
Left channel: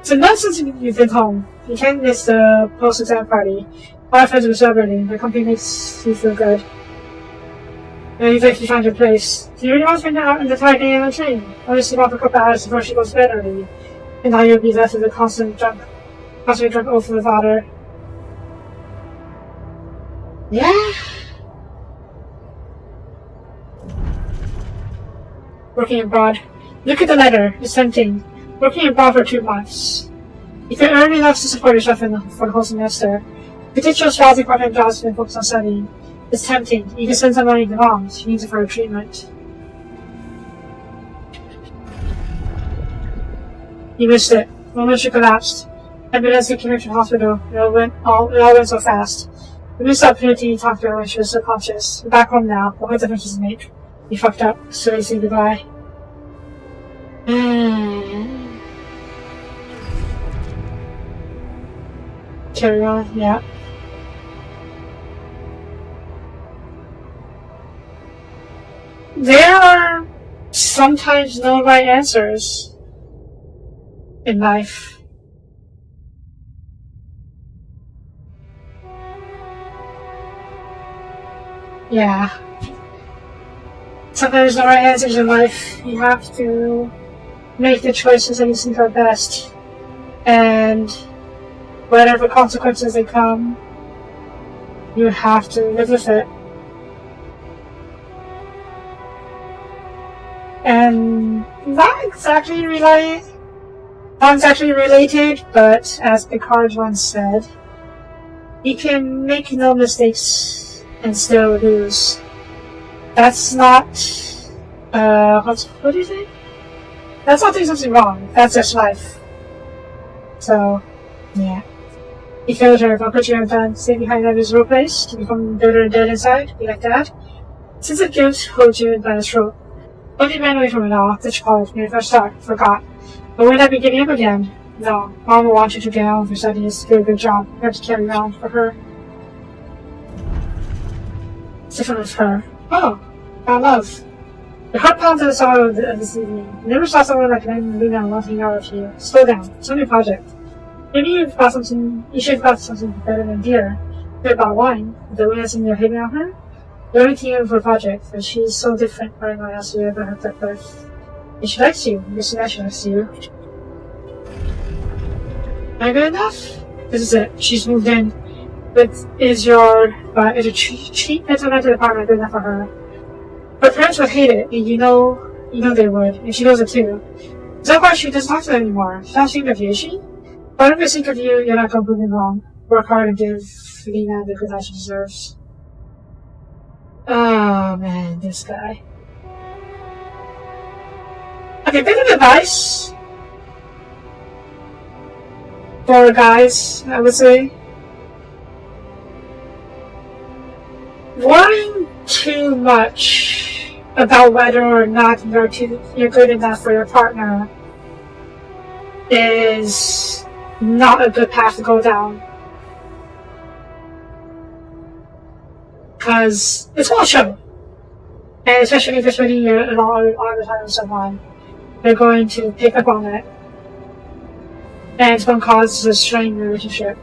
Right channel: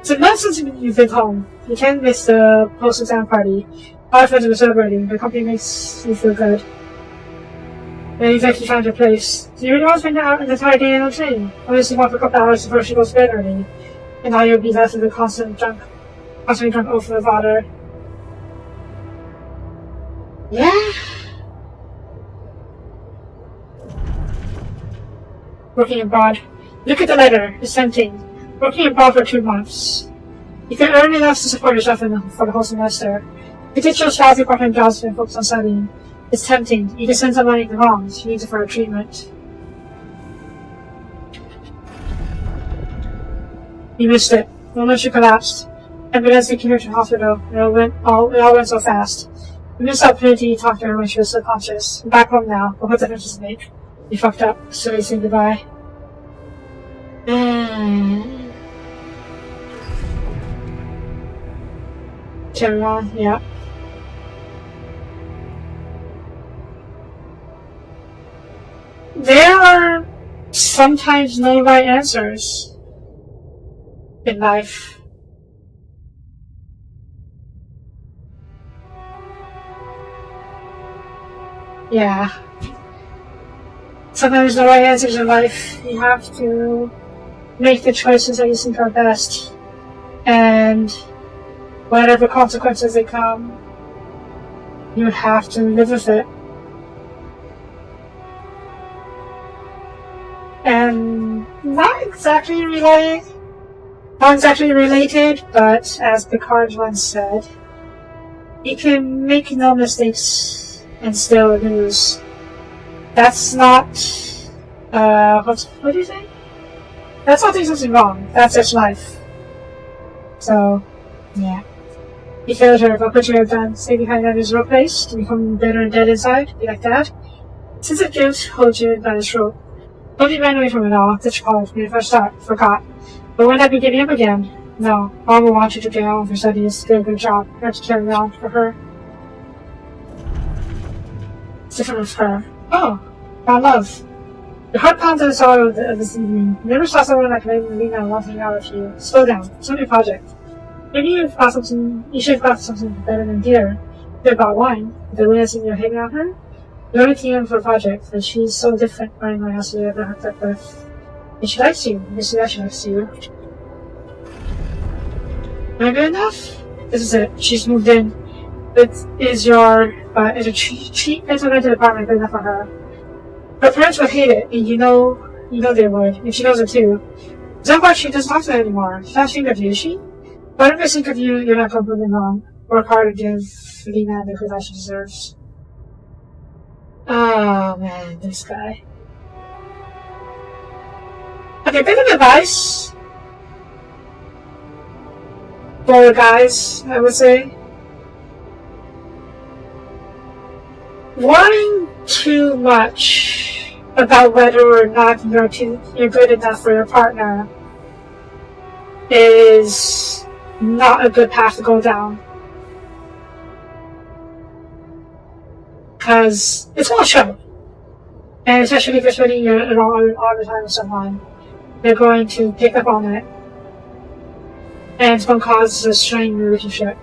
It's a month since you've been home. You can't miss the post-exam party. All our friends will be celebrating. Your company makes you feel good. And you think you find your place. Do you really want to spend out an entire day in a train? Only sleep off a couple hours before she goes to bed early. And now you'll be left with a constantly drunk oath from the father. Yeah. Working abroad. Look at the letter. It's tempting. Working abroad for 2 months. You can earn enough to support yourself for the whole semester. You take your lousy part-time jobs and focus on studying. It's tempting. You can send some money to mom. She needs it for her treatment. You missed it. The moment she collapsed. Ambulance took her to the hospital. It all went so fast. We missed the opportunity to talk to her when she was subconscious. We're back home now, but what difference does it make? You fucked up, so you say goodbye. Carry on, yeah. There are sometimes no right answers in life. Yeah. Sometimes no right answers in life. You have to make the choices that you think are best. And whatever consequences they come, you have to live with it. And not exactly related, but as Picard once said, you can make no mistakes and still lose. That's not, what do you say? That's not doing something wrong. That's just life. So, yeah. You feel terrible, but you have done stay behind that miserable place, to become bitter and dead inside, be like that. Since of guilt holds you by this rope. Don't be ran away from it all, that's called when you first forgot. But won't that be giving up again? No. Mom will want you to get on with her studies, do a good job. You have to carry around for her. It's different with her. Oh, about love. Your heart pounds at the summer of this evening. You never saw someone like Lena wanting out with you. Slow down. It's a new project. Maybe you should have got something better than beer. They're about wine. The way you're hitting on her? You're only team for a project, but she's so different from anyone else you ever hooked up with. And she likes you. You see that she likes you. Am I good enough? This is it. She's moved in. Is a cheap internet apartment good enough for her? Her parents would hate it, and you know they would, and she knows it too. So far, she doesn't talk to them anymore. She's not ashamed of you, is she? But if I think of you, you're not completely wrong. Work hard and give Lena the good life she deserves. Oh man, this guy. Okay, bit of advice for guys, I would say. Worrying too much about whether or not you're good enough for your partner is not a good path to go down. Because it's all show. And especially if you're spending all the time with someone, they're going to pick up on it. And it's going to cause a strained relationship.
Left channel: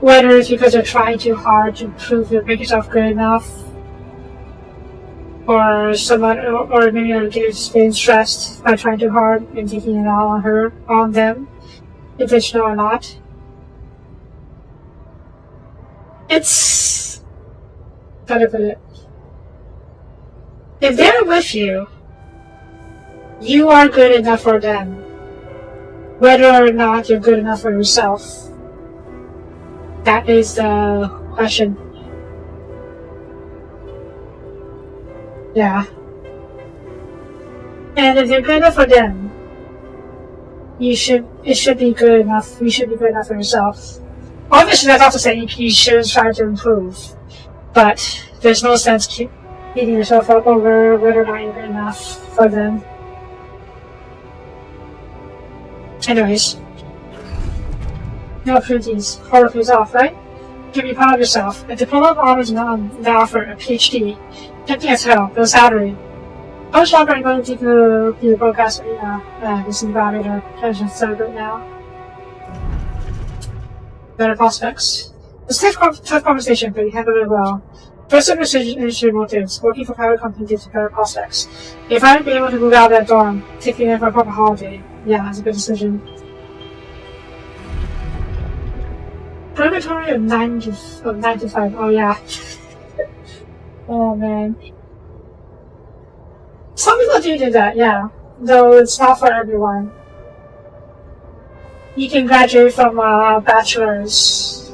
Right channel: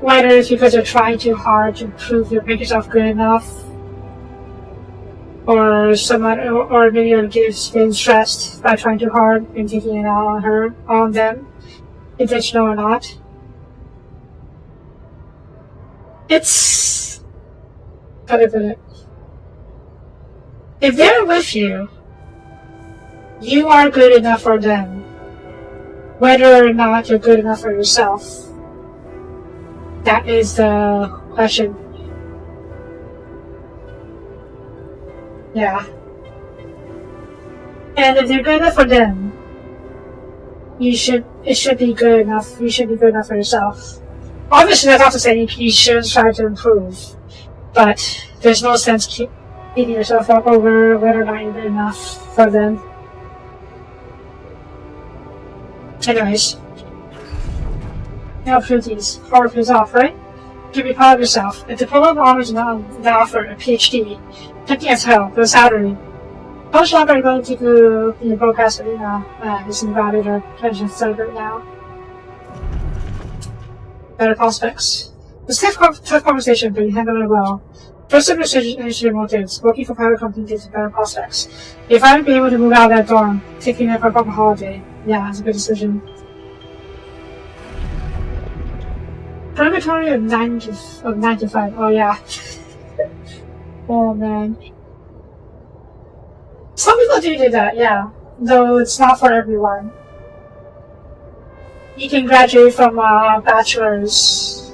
Whether it's because you're trying too hard to prove you make yourself good enough, or maybe you're just being stressed by trying too hard and taking it out on them, intentional or not. It's how to put it. If they're with you, you are good enough for them, whether or not you're good enough for yourself. That is the question. Yeah. And if you're good enough for them, it should be good enough. You should be good enough for yourself. Obviously, that's not to say you shouldn't try to improve, but there's no sense beating yourself up over whether or not you're good enough for them. Anyways. No opportunities. Horror pays off, right? You can be proud of yourself. A diploma of honors now offer a PhD. Tempting as hell, the salary. How much longer are you going to be a broadcast arena? This is about it, trying to celebrate now. Better prospects. It was a tough conversation, but you handled it well. First of initiative motives, working for private company gives you better prospects. If I would be able to move out of that dorm, taking it for a proper holiday, yeah, it's a good decision. Purgatory of 9 to 5, oh yeah. Oh man. Some people do that, yeah. Though it's not for everyone. You can graduate from a bachelor's.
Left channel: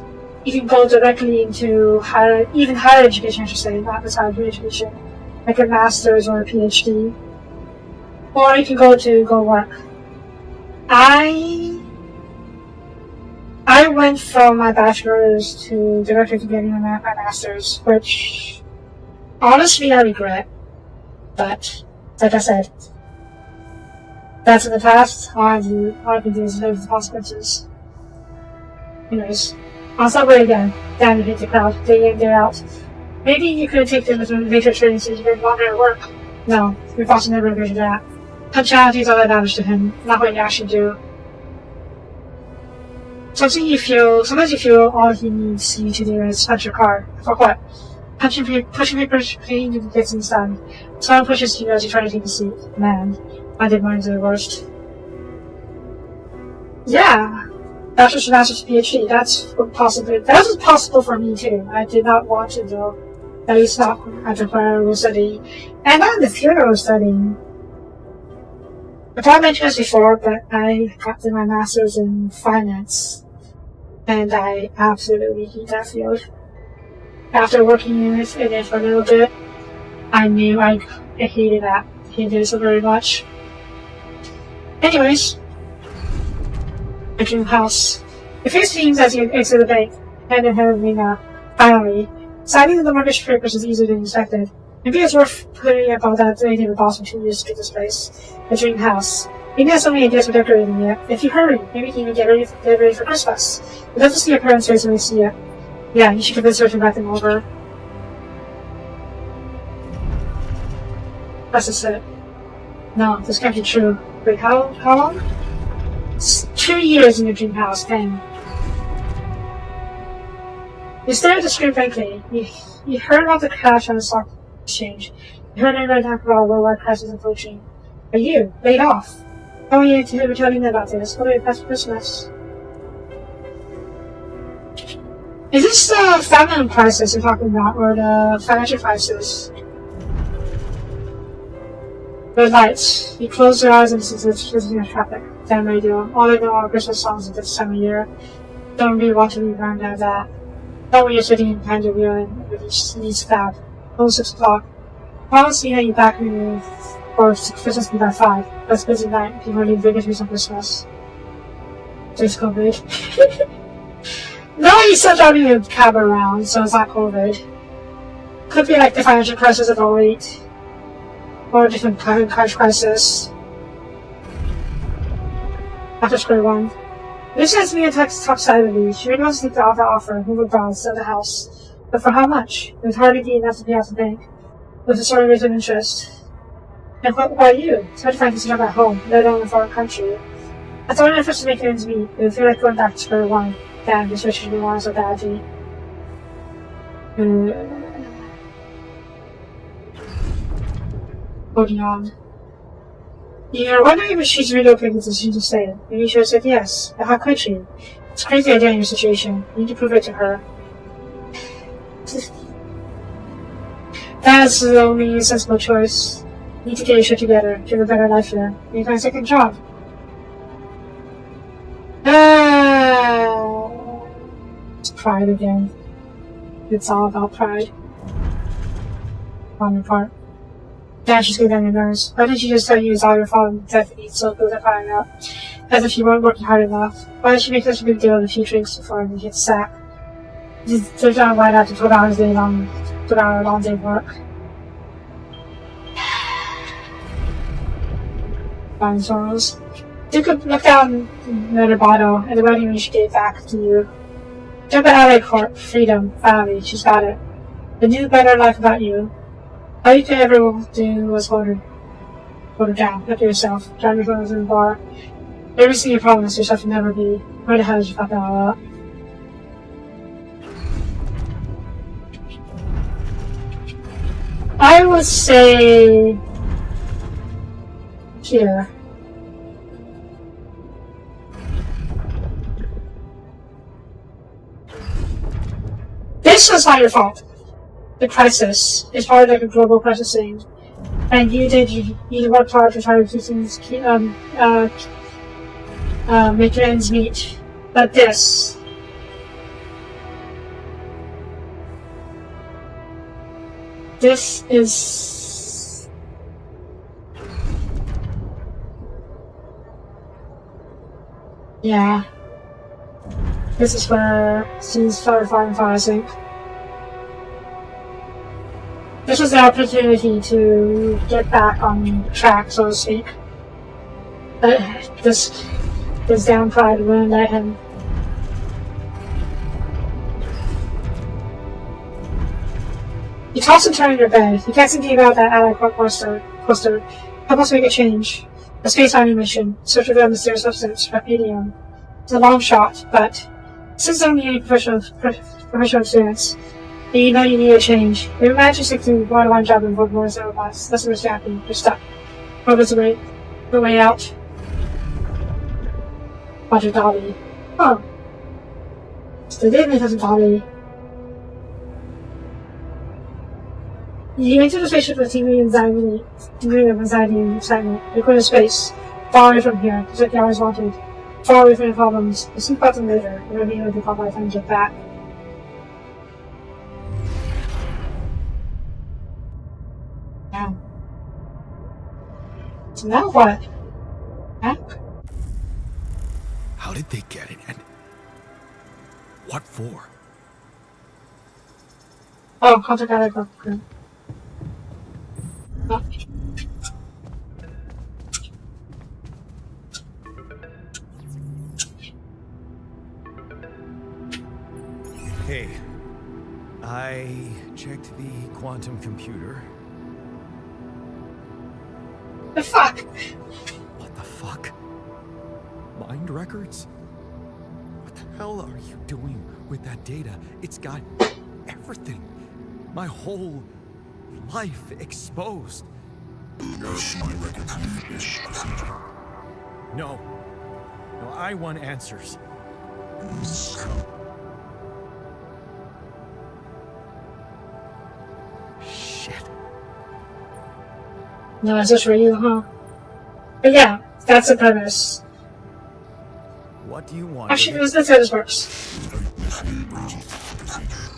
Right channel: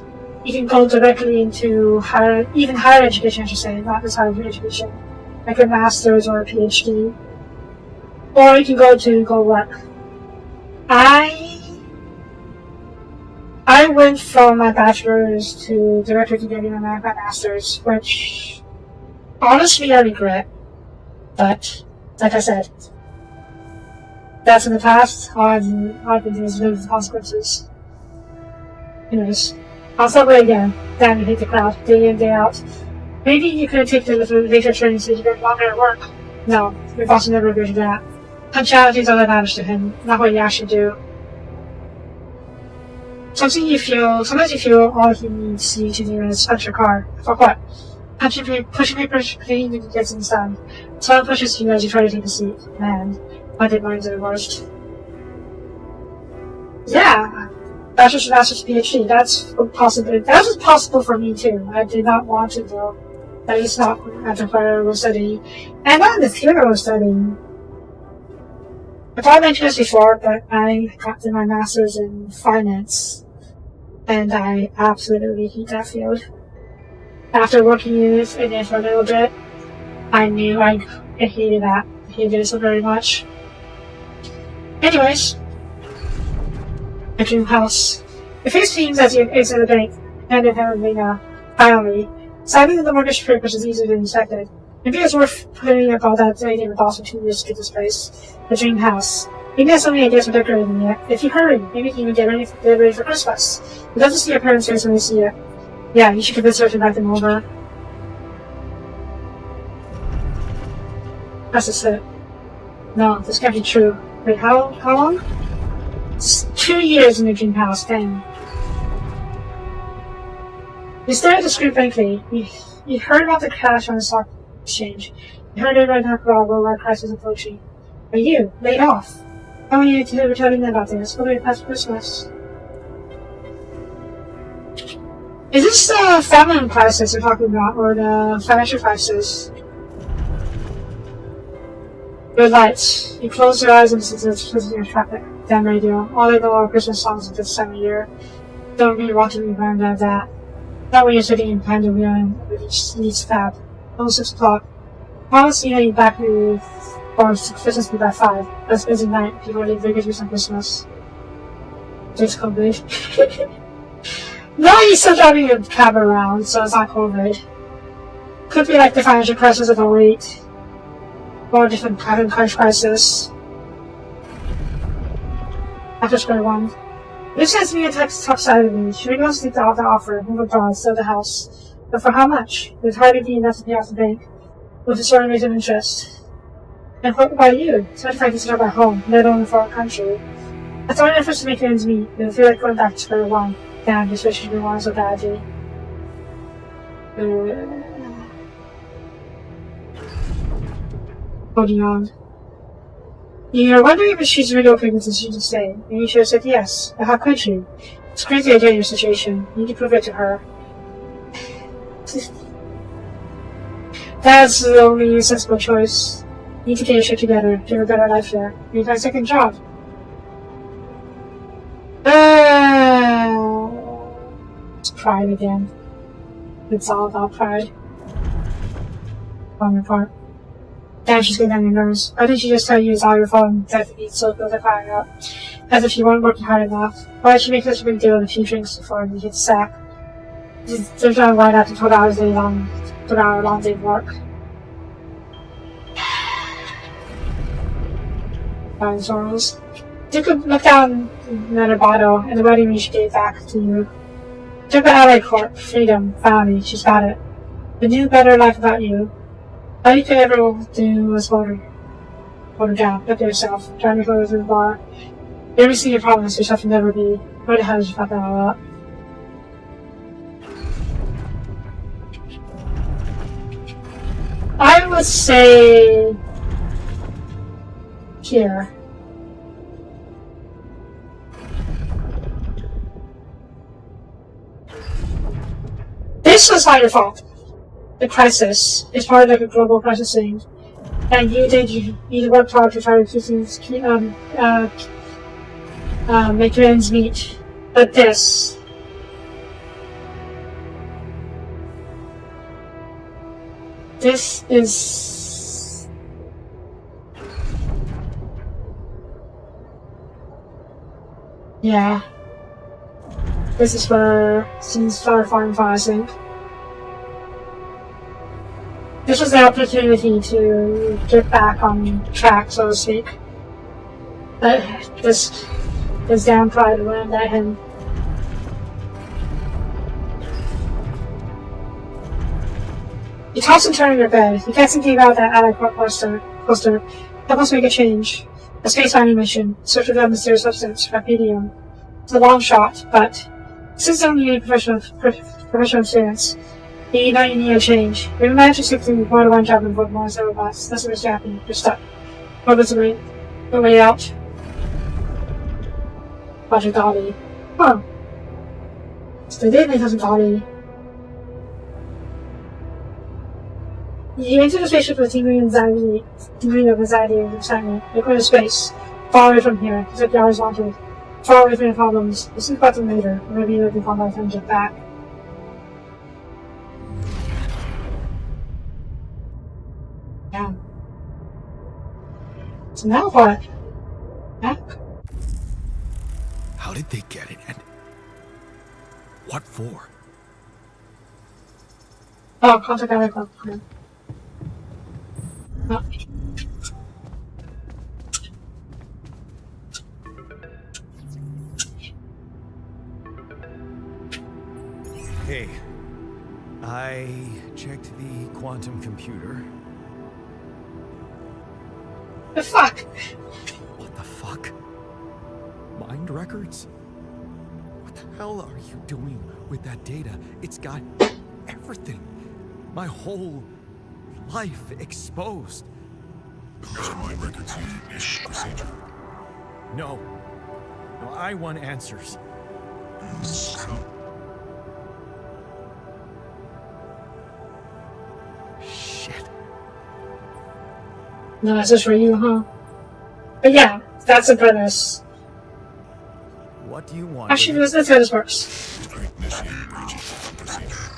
You can go directly into even higher education, I should say, not just higher education, like a master's or a PhD. Or you can go work. I went from my bachelor's to directly to getting my master's, which honestly I regret. But like I said, that's in the past. All I can do is live with the consequences. Anyways. I'll subway again. Damn, you hate the crowd. Day in, day out. Maybe you could take the later training so you could longer at work. No, we've also never agreed to that. Punctuality is all that matters to him, not what you actually do. Sometimes you feel all he needs you to do is punch your car. For what? Pushing paper clean and get things done. Someone pushes you as you try to take a seat. Man, I did mine to the worst. Yeah. Bachelor's, master's, PhD. That was possible for me too. I did not want to though. At least not after where I was studying. And not in the theater I was studying. I thought I mentioned this before, but I got my master's in finance. And I absolutely hate that field. After working in it for a little bit, I knew I hated that. I hated it so very much. Anyways. A dream house. It first seems as you exit the bank, and inherently finally, signing the mortgage papers is easier than expected. Maybe it's worth putting up all that anything with boss for 2 years to get this place. A dream house. Maybe have so many ideas for decorating it. If you hurry, maybe you can even get ready for Christmas. You'd love to see your parents' face when they see it. Yeah, you should convince her to invite them over. That's just it. No, this can't be true. Wait, how long? It's 2 years in your dream house, dang. You stare at the screen blankly. You heard about the crash on the stock exchange. You heard everybody talk about a worldwide crisis approaching. Are you laid off? Oh yeah, today we're telling them about this. What are you past for Christmas? Is this the famine crisis you're talking about, or the financial crisis? Red lights. You close your eyes and listen to the traffic. Damn radio. All they know are Christmas songs at this time of year. Don't really want to be burned out of that. Not when you're sitting behind the wheel and it needs fab. Almost 6 o'clock. I don't see how you back with or Christmas by 5. That's busy night. People leave Vegas for some Christmas. Just COVID. No, you're still driving your cab around, so it's not COVID. Could be like the financial crisis of 08. Or a different kind of crisis. After square one. This sends me a text top side of me. She really wants to take the offer, move abroad, sell the house. But for how much? It would hardly be enough to pay off the bank. With a sort of rate of interest. And what about you? It's hard to find a job at home, let alone in a foreign country. I thought it first to make ends meet. It would feel like going back to square one. Damn, this wish didn't want so badly. Holding on. You're wondering if she's really okay with the decision to stay. Maybe she would have said yes, but how could she? It's a crazy idea in your situation. You need to prove it to her. That's the only sensible choice. You need to get your shit together, to have a better life here. You need to find a second job. It's pride again. It's all about pride. On your part. Damn, she's getting on your nerves. Why didn't she just tell you it's all your fault and that you eat so good at crying out? As if you weren't working hard enough. Why did she make such a big deal of a few drinks before you get the sack? There's no line after 12 hours a long, 12-hour long day of work. Fine sorrows. You could look down at her bottle and the wedding ring she gave back to you. Took her out of court, freedom, family, she's got it. The new, better life about you. All you could ever do was hold her down, look at yourself, trying to close in the bar. Every single problem is yourself will never be. Where the hell did you fuck that all up? I would say here. This was not your fault. The crisis is part of a global crisis thing. And you worked hard to try to make your ends meet. But this is yeah. This is where she's farm, I think. This was the opportunity to get back on track, so to speak. This damn pride wouldn't let him. You toss and turn in your bed. You kept thinking about that Alec poster. Help us make a change. A space mining mission. Search for the mysterious substance, Rapedium. It's a long shot, but since you don't need professional experience, you know you need a change. You managed to stick to more than one job and vote more than robots. That's what's happening. You're stuck. Robots are the way out. Roger Dolly. Huh. So they did make us a Dolly. You enter the spaceship with a degree of anxiety and excitement. You're going to space. Far away from here. Just like you always wanted. Far away from your problems. We'll think about them later. Maybe you'll become my friend get back. Yeah. So now what? Back? How did they get it, and what for? Oh, contact Alec. Oh. Hey, I checked the quantum computer. The fuck? What the fuck? Mind records? What the hell are you doing with that data? It's got everything. My whole life exposed. Mind records need ish procedure. No. No, I want answers. Shit. No, it's just for you, huh? But yeah, that's the premise. What do you want? Actually, let's go this works. Initiate breaching procedure.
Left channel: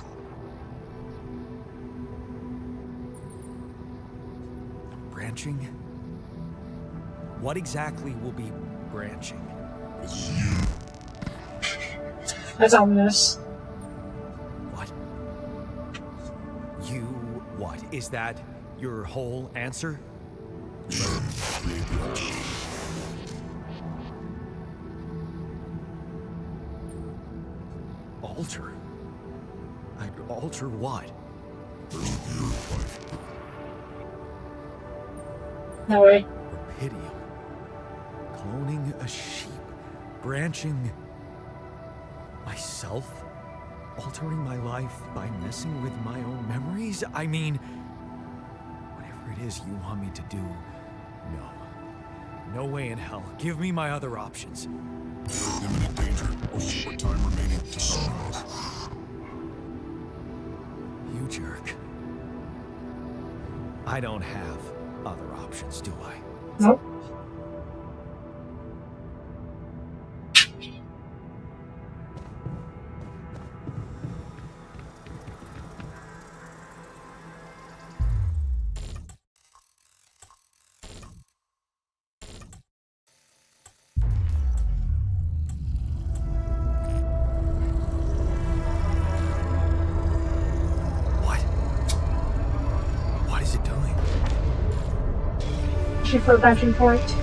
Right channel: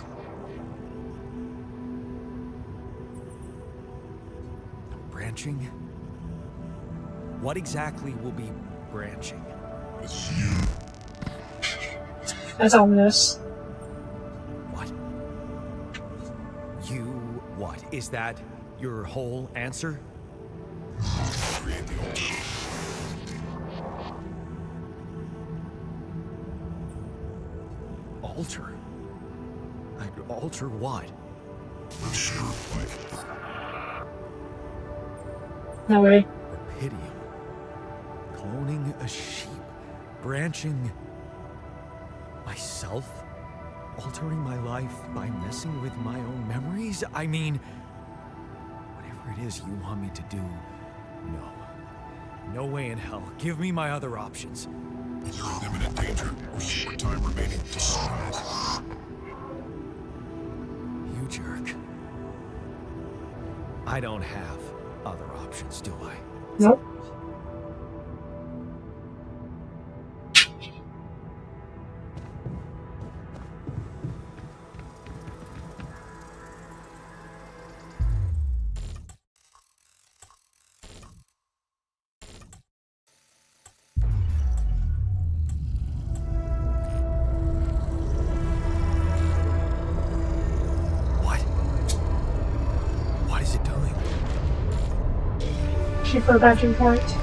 Branching? What exactly will be branching? It's you. That's ominous. What? You what? Is that your whole answer? You create the altar. Alter? I'd alter what? Release your life. No way. Rapidium. Cloning a sheep. Branching myself? Altering my life by messing with my own memories? I mean, whatever it is you want me to do, no. No way in hell. Give me my other options. You're in imminent danger. Short time remaining to survive. You jerk. I don't have other options, do I? Nope. What is it doing? Shoot for a branching point.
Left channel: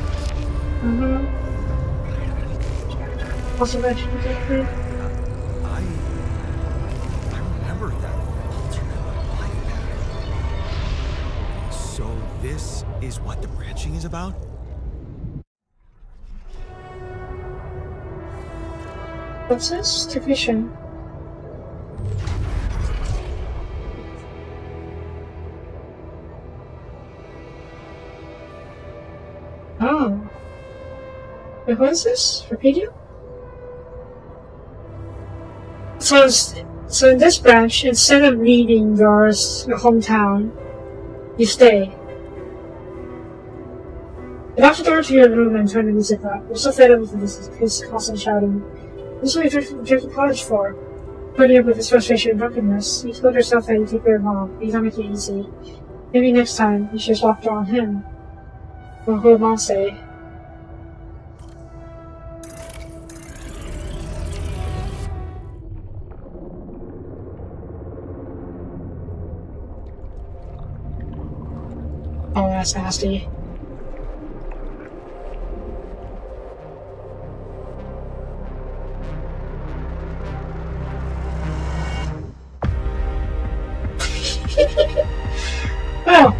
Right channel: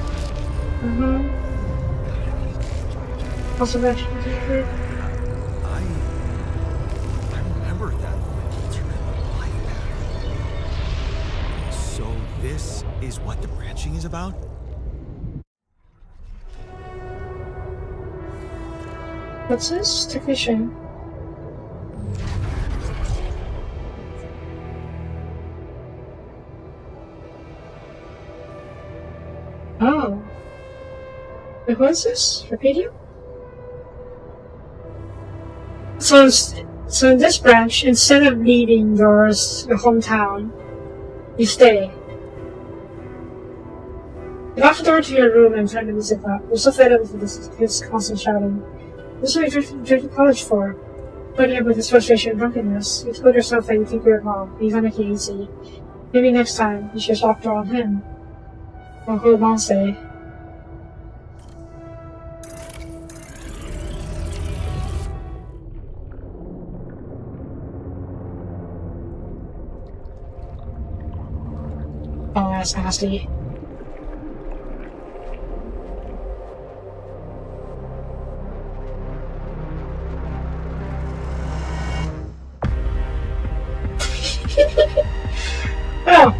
Also mentioned I remember that alternate life pattern. So this is what the branching is about? What's this? Technician. Oh. Wait, who is this? Repeat you? So in this branch, instead of leaving your hometown, you stay. You lock the door to your room and turn the music up. You're so fed up with his constant shouting. This is what you're drinking college for. Putting up with his frustration and drunkenness. You told yourself that you take care of mom. He's not making it easy. Maybe next time you should lock the door on him. What will mom say? Oh, that's nasty. Oh,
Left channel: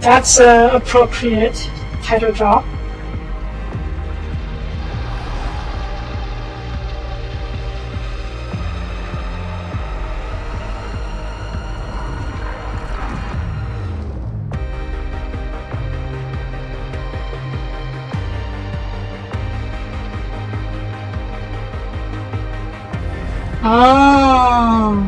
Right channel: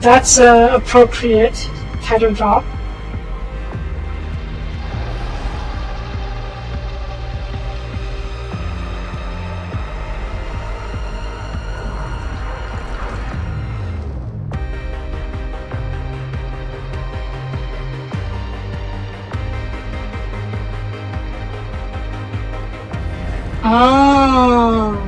that's an appropriate title drop. Oh.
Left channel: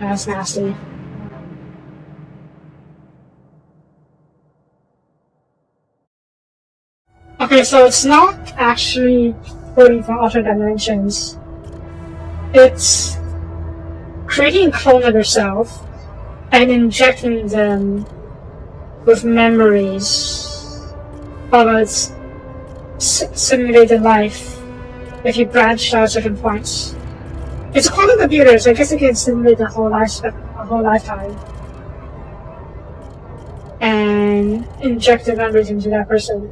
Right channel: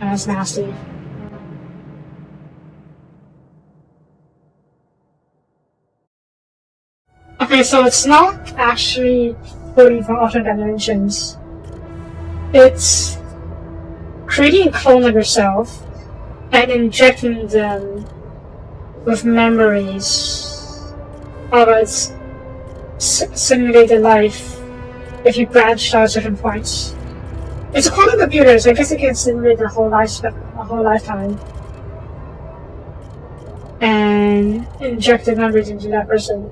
That's nasty. Okay, so it's not actually pulling from alternate dimensions. It's creating a clone of yourself and injecting them with memories of its simulated life if you branched out certain points. It's a quantum computer, so I guess it can simulate a whole lifetime and inject the memories into that person.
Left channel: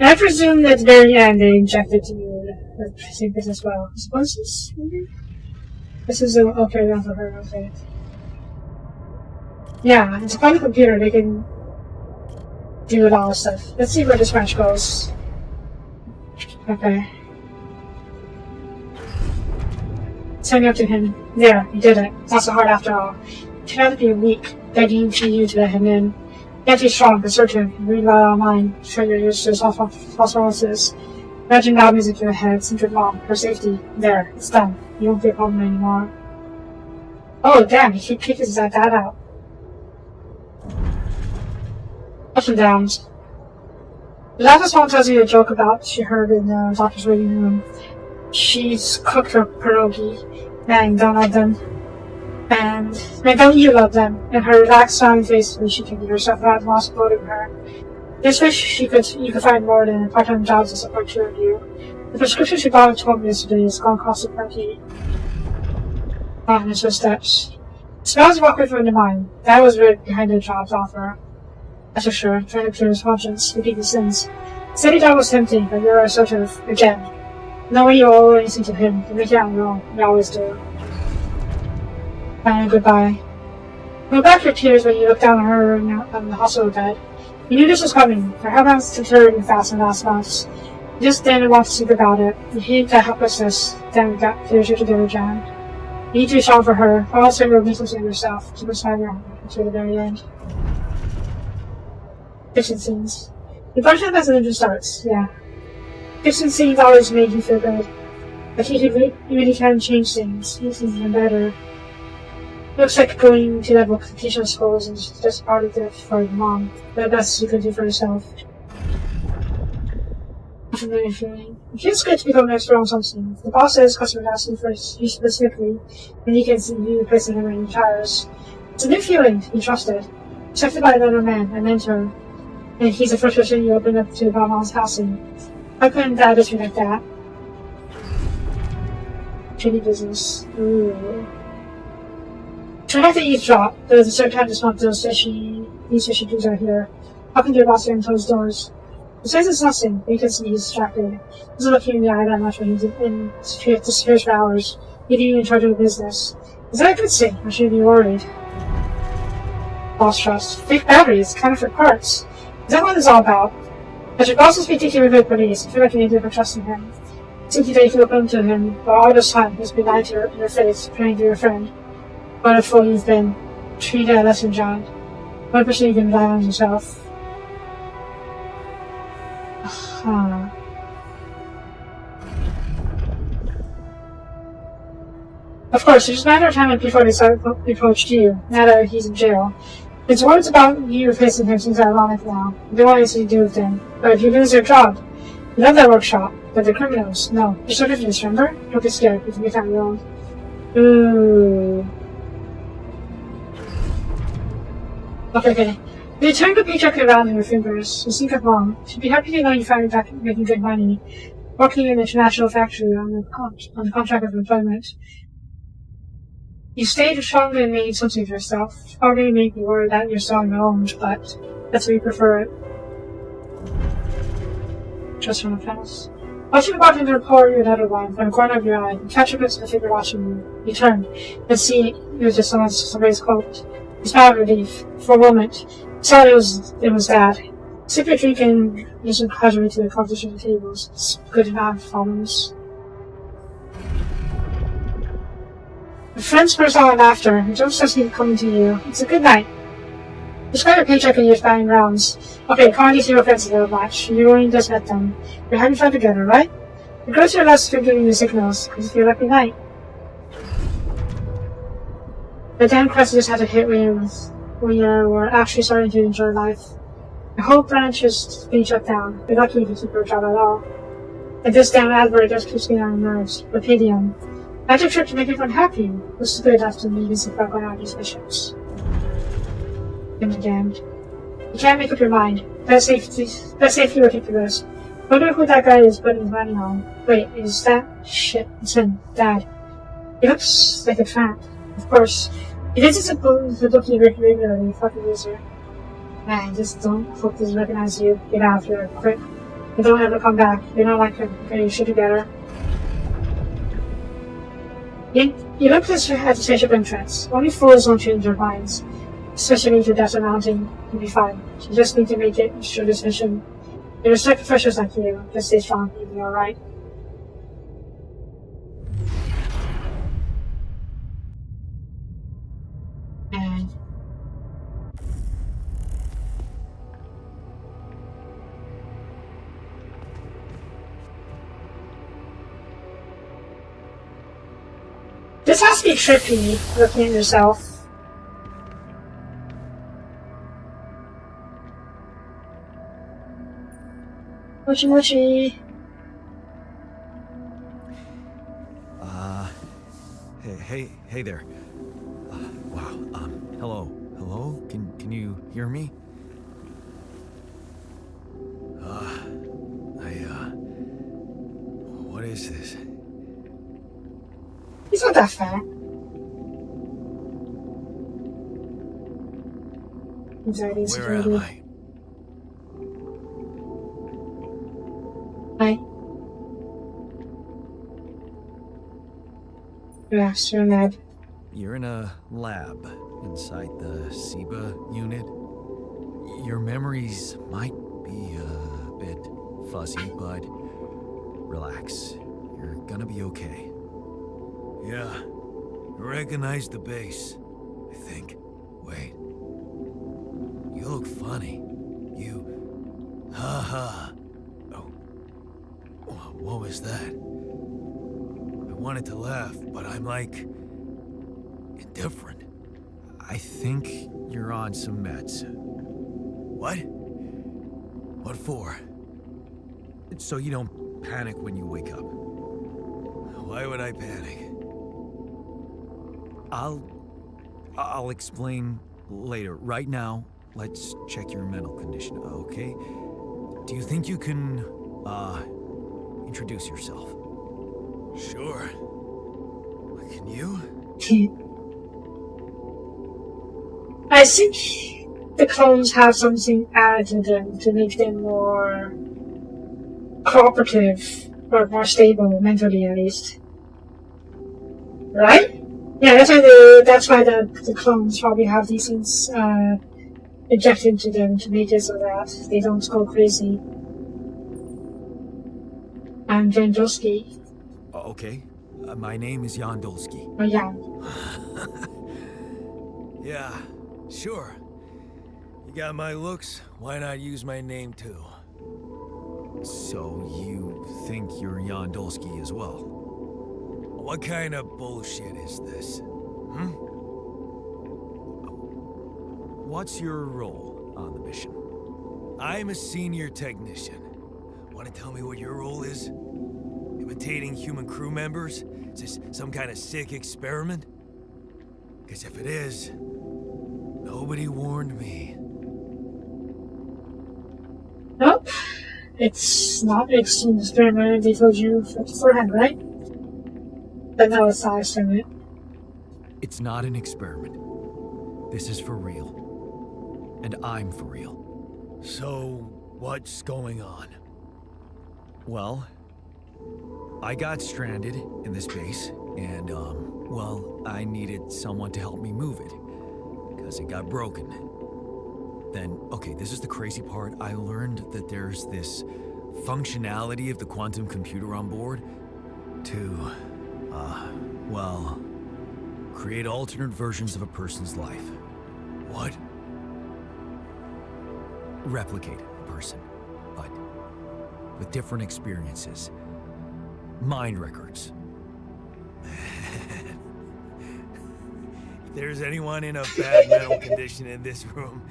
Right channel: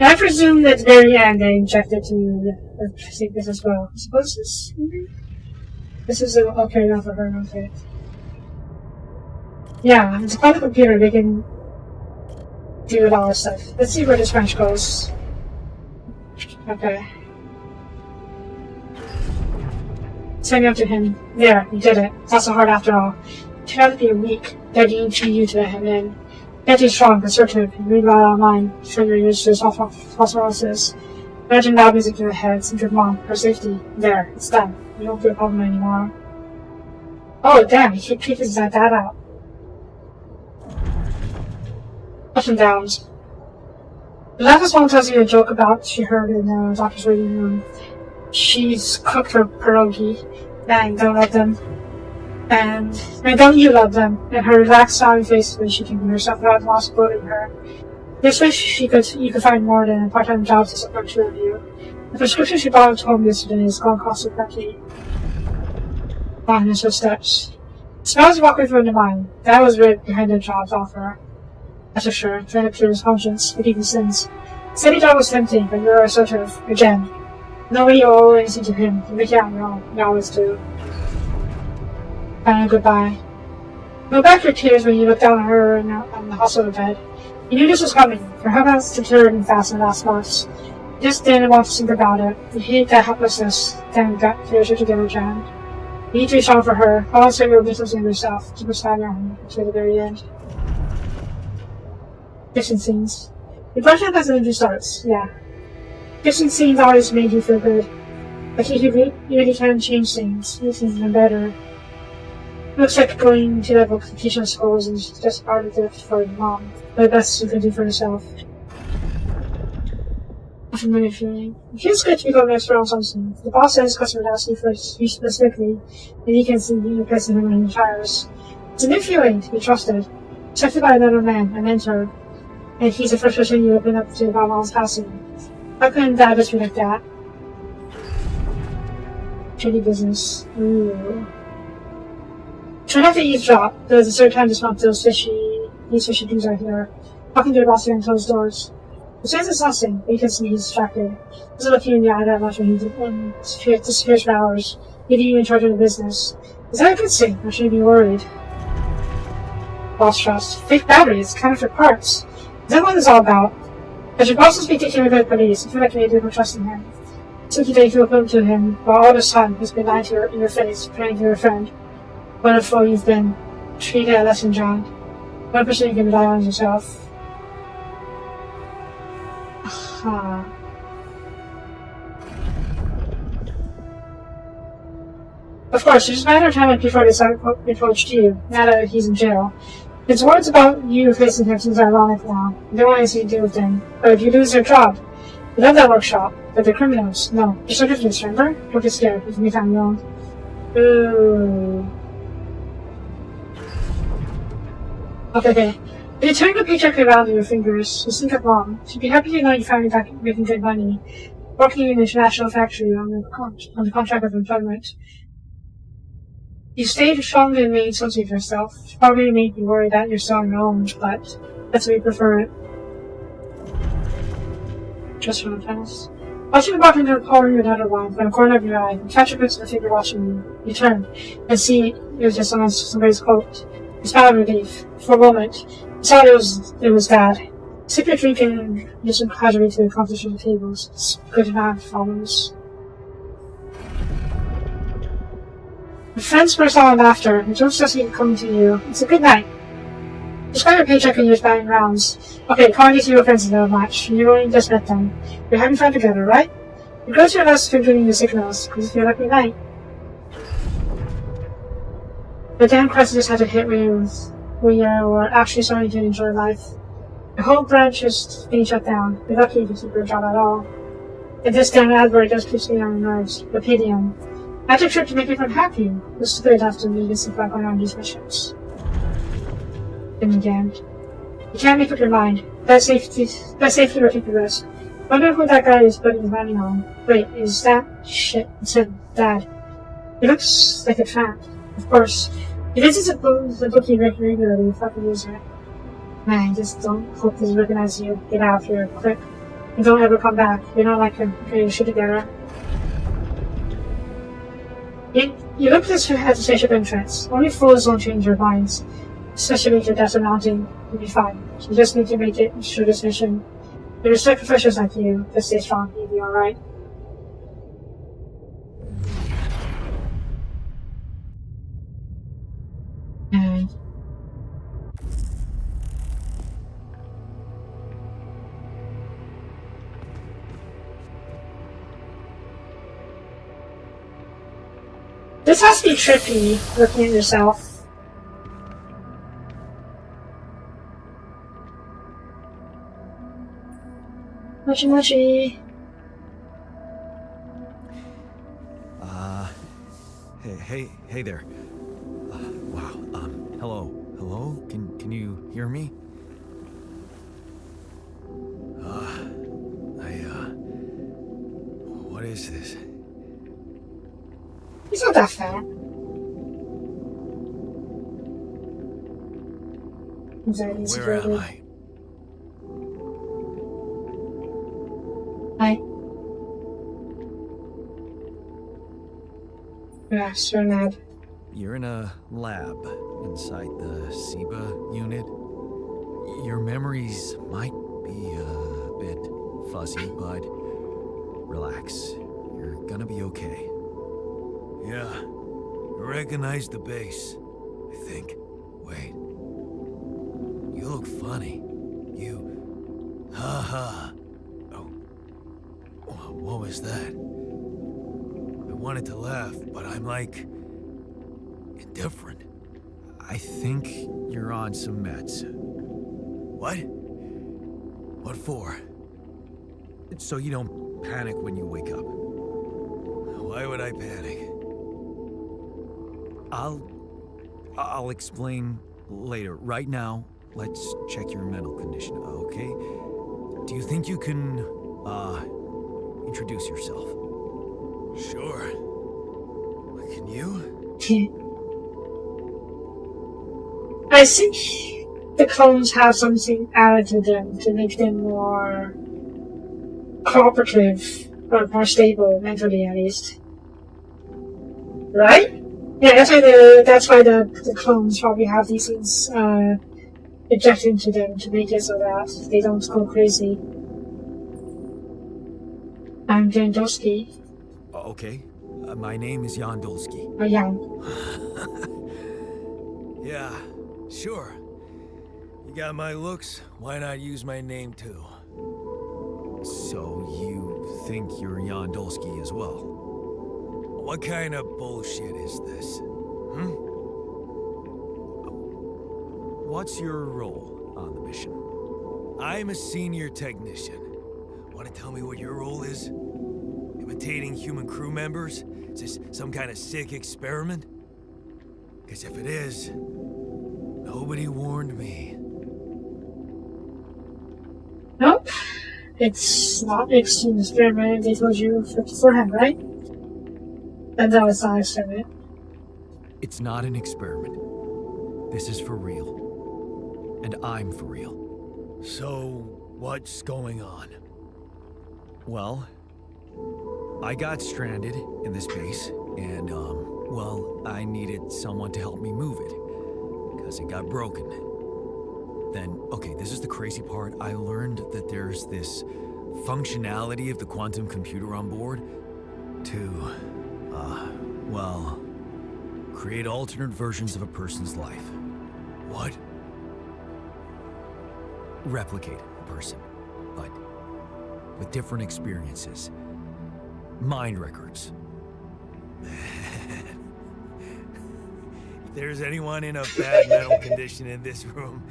And I presume that at the very end they injected to the precipice as well. Suppose this maybe? This is okay, that's a very okay. Yeah, it's a quantum computer, they can do a lot of stuff. Let's see where this branch goes. Okay. Send me up to him. There, you did it. It's not so hard after all. It turned out to be weak, begging to you to let him in. You can't be strong, assertive, you read about it online, showing your image to phosphoruses. Imagine loud music in your head, think of mom, her safety. There, it's done. You don't feel problem anymore. Oh, damn, he kicked his dad out. Ups and downs. The last mom tells you a joke about she heard in the doctor's waiting room. She's cooked her pierogi, and don't love them. And don't you love them? And her relaxed smiling face when she can get herself out while supporting her. Just wish you could find more than part-time jobs to support two of you. The prescription she bought at home yesterday is called Costa Plenty. On his steps. Smells you walk through the mind. That was right behind the job's offer. That's for sure, trying to clear his conscience, repeat his sins. Steady job was tempting, but you were assertive again. Nobody will always listen to him. You make it out wrong. You always do. Finally, goodbye. No back your tears when you look down on her on the hospital bed. You knew this was coming. Her heart was to turn fast in the last months. You just didn't want to think about it. You hated that helplessness. Then you got tears together jammed. You need to be strong for her. Also, you're misusing yourself. Keep a smile on her until the very end. Fiction scenes. The version as an intro starts, yeah. Fiction scenes always make you feel good. But you really can't change things. You think them better. Looks like going to that vocational schools is just part of it for your mom. The best you can do for yourself. A familiar feeling. It feels good to become an expert on something. The boss says customer asks you for you specifically, and you can see you replacing him in tires. It's a new feeling to be trusted. Accepted by another man, a mentor. And he's the first person you open up to about Mom's house. I couldn't die just like that. Shady business. Ooh. Try not to eavesdrop. There's a certain time to smell those fishy dudes out here. Walking through lots of closed doors. He says it's nothing, but you can see he's distracted. He's looking in the eye that much and disappears for hours. Getting in charge of the business. Is that a good thing? I shouldn't be worried. Boss trust. Fake batteries, counterfeit parts. Is that what it's all about? As your boss will be taking rid of police, I feel like you need to put trust in him. It's too that you can open to him, while all this time he's been lying to in your face, praying to your friend. What a fool you've been. Treat it a lesson, John. 1% you can rely on yourself. Of course, it's just a matter of time before they start approached you, now that he's in jail. It's words about you facing him seems ironic now. You don't want anything to do with them. But if you lose your job, you love that workshop, but they're criminals. No, you're so different, remember? Don't get scared, you can be found wrong. Ooh. Okay. You turn the paycheck around in your fingers. You think of Mom. She'd be happy to know you finally back making good money. Working in an international factory on the contract of employment. You stayed strong and made something of yourself. Probably made me worry that you're so alone, but that's if you prefer it. Just from the fence. Watching the bartender pour you another wine from the corner of your eye, you catch a glimpse of the figure watching you. You turn and see it was just somebody's coat. You smile with relief. For a moment, you thought it was Dad. Sip your drink and listen casually to the conversation at the tables. It's good to have followers. The friends burst out in laughter, and Joe starts coming to you. It's a good night. You got your paycheck and you're buying rounds. Okay, calling these new friends a little much. You only just met them. You're having fun together, right? You go to your last food giving you signals, because you feel like a night. The damn crisis just had to hit when you were actually starting to enjoy life. The whole branch is being shut down. You're lucky if you keep your job at all. And this damn advert just keeps getting on your nerves. Rapidium. Magic trick to make everyone happy. This is good enough to make this back on these missions. And again. You can't make up your mind. That safety will take the risk. Wonder who that guy is putting his money on. Wait, is that shit? It's him, Dad. He looks like a tramp. Of course. He visits the bookie regularly, fucking loser. Man, just don't hope he recognizes you. Get out of here, quick. And don't ever come back. You're not like him. Get your shit together. You look at the spaceship entrance. Only fools don't change their minds. Especially if your dad's amounting, you'll be fine. You just need to make it through this mission. And respect professionals like you. Just stay strong, you'll be alright. And this has to be trippy, looking at yourself. Mochi mochi. Hey there. Wow. Hello? Can you hear me? What is this? He's not that fat. Where am I? Hi. Yeah, sure, Ned. You're in a lab inside the SIBA unit. Your memories might be a bit fuzzy, but relax. You're gonna be okay. Yeah, I recognize the base, I think. Wait. You look funny. Ha. Oh. What was that? I wanted to laugh, but I'm like... indifferent. I think you're on some meds. What? What for? So you don't panic when you wake up. Why would I panic? I'll explain later. Right now, let's check your mental condition, okay? Do you think you can, introduce yourself? Sure. Can you? I think the clones have something added to them to make them more cooperative or more stable mentally, at least. Right? Yeah, that's why the clones probably have these things injected into them to make it so that they don't go crazy. I'm Jandowski. Okay. My name is Yandolski. Or Jan. Yeah, sure. You got my looks, why not use my name too? So you think you're Yandolski as well? What kind of bullshit is this? What's your role on the mission? I'm a senior technician. Want to tell me what your role is? Imitating human crew members? Is this some kind of sick experiment? Because if it is, nobody warned me. Nope. It's not an experiment, they told you beforehand, right? But that was not an experiment. It's not an experiment. This is for real. And I'm for real. So, what's going on? Well, I got stranded in this base, and, well, I needed someone to help me move it. Because it got broken. Then, okay, this is the crazy part. I learned that there's this functionality of the quantum computer on board to, well, create alternate versions of a person's life. What? Replicate a person, but with different experiences. Mind records. If there's anyone in a bad mental condition in this room,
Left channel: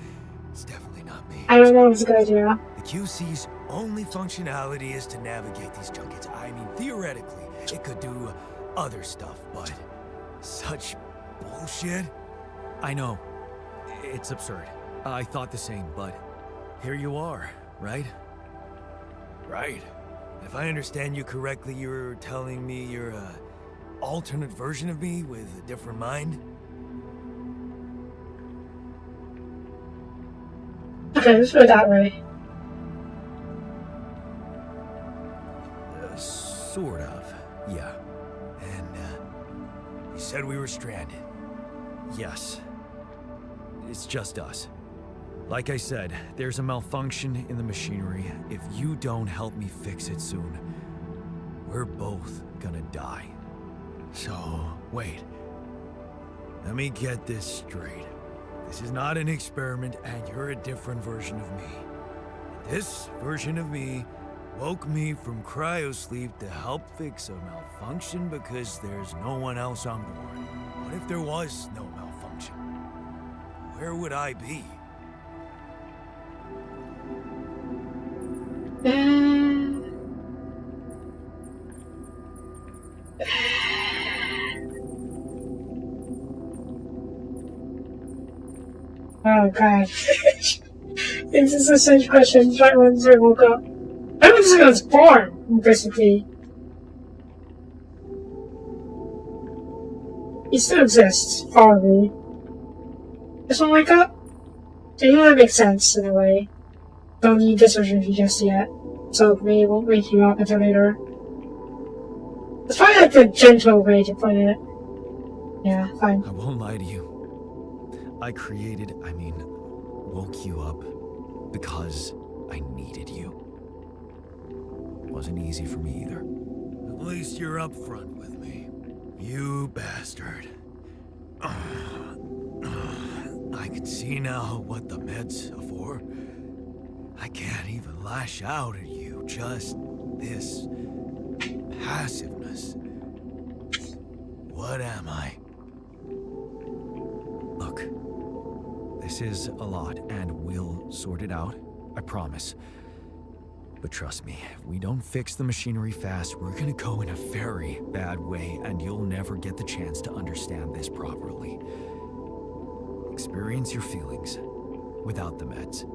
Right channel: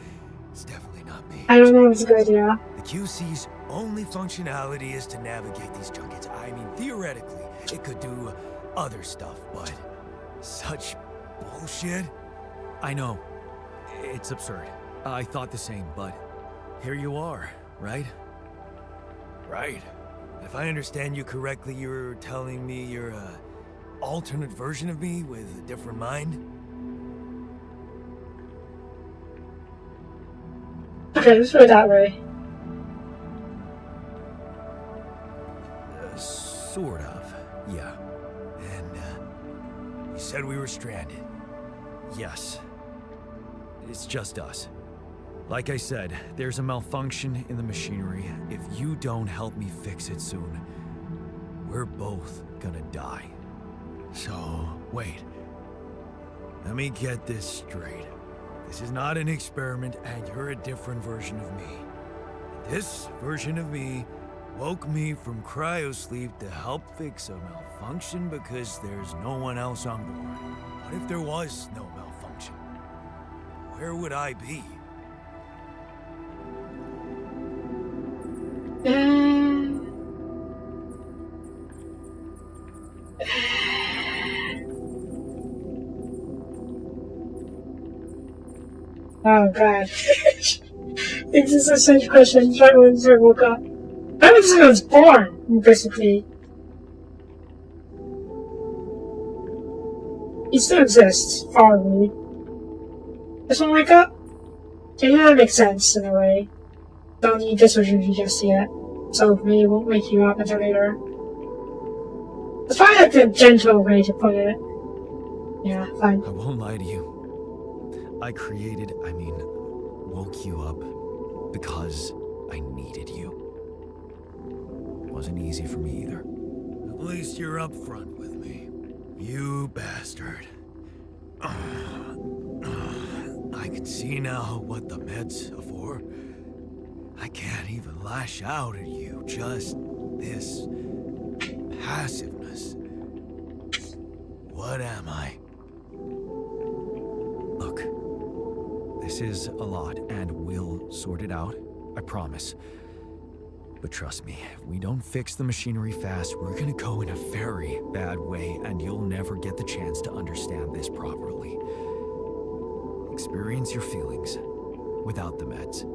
it's definitely not me. I don't know if it's a good idea. The QC's only functionality is to navigate these junkets. I mean, theoretically, it could do other stuff, but such bullshit? I know. It's absurd. I thought the same, but here you are, right? Right. If I understand you correctly, you're telling me you're a alternate version of me with a different mind? Okay, let's put it that way. Sort of, yeah. And, you said we were stranded. Yes. It's just us. Like I said, there's a malfunction in the machinery. If you don't help me fix it soon, we're both gonna die. So, wait. Let me get this straight. This is not an experiment, and you're a different version of me. This version of me woke me from cryosleep to help fix a malfunction because there's no one else on board. What if there was no malfunction? Where would I be? Oh god. This is a strange question right when I woke up. I was when I was born, basically. He still exists, probably. Just don't wake up? Yeah, that makes sense in a way. Don't need this version just yet, so maybe it won't wake you up until later. It's probably like the gentle way to put it. Yeah, fine. I won't lie to you. I woke you up because I needed you. Wasn't easy for me either. At least you're upfront with me. You bastard. I can see now what the meds are for. I can't even lash out at you, just this passiveness. What am I? Look, this is a lot, and we'll sort it out, I promise. But trust me, if we don't fix the machinery fast, we're gonna go in a very bad way, and you'll never get the chance to understand this properly. Experience your feelings. without the meds.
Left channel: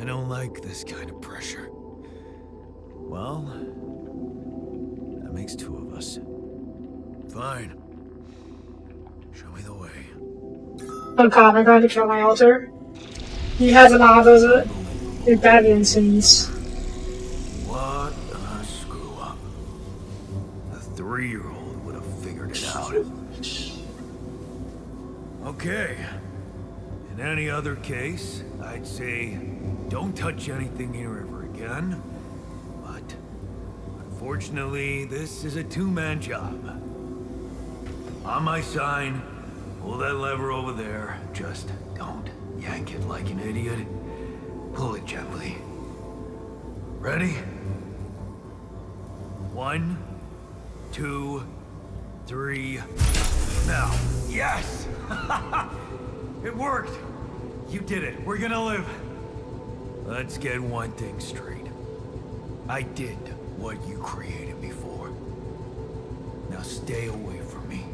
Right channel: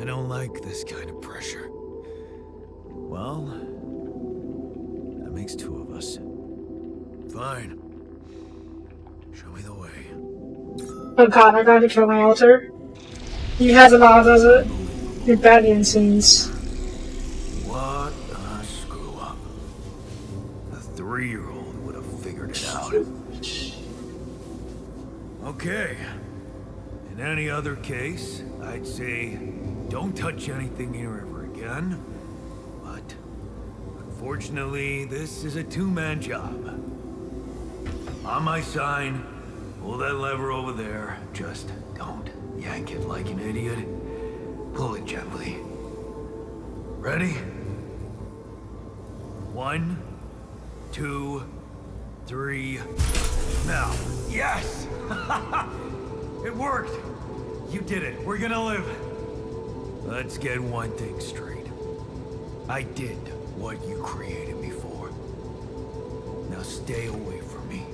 I don't like this kind of pressure. Well, that makes two of us. Fine. Show me the way. Oh god, I gotta kill my altar. You had a lot, does it? Rebellion scenes. What a screw up. A 3-year-old would have figured it out. Okay. In any other case, I'd say don't touch anything here ever again. But unfortunately, this is a two-man job. On my sign, pull that lever over there. Just don't yank it like an idiot. Pull it gently. Ready? 1, 2, 3. Now. Yes! It worked! You did it. We're gonna live. Let's get one thing straight. I did what you created me for. Now stay away from me.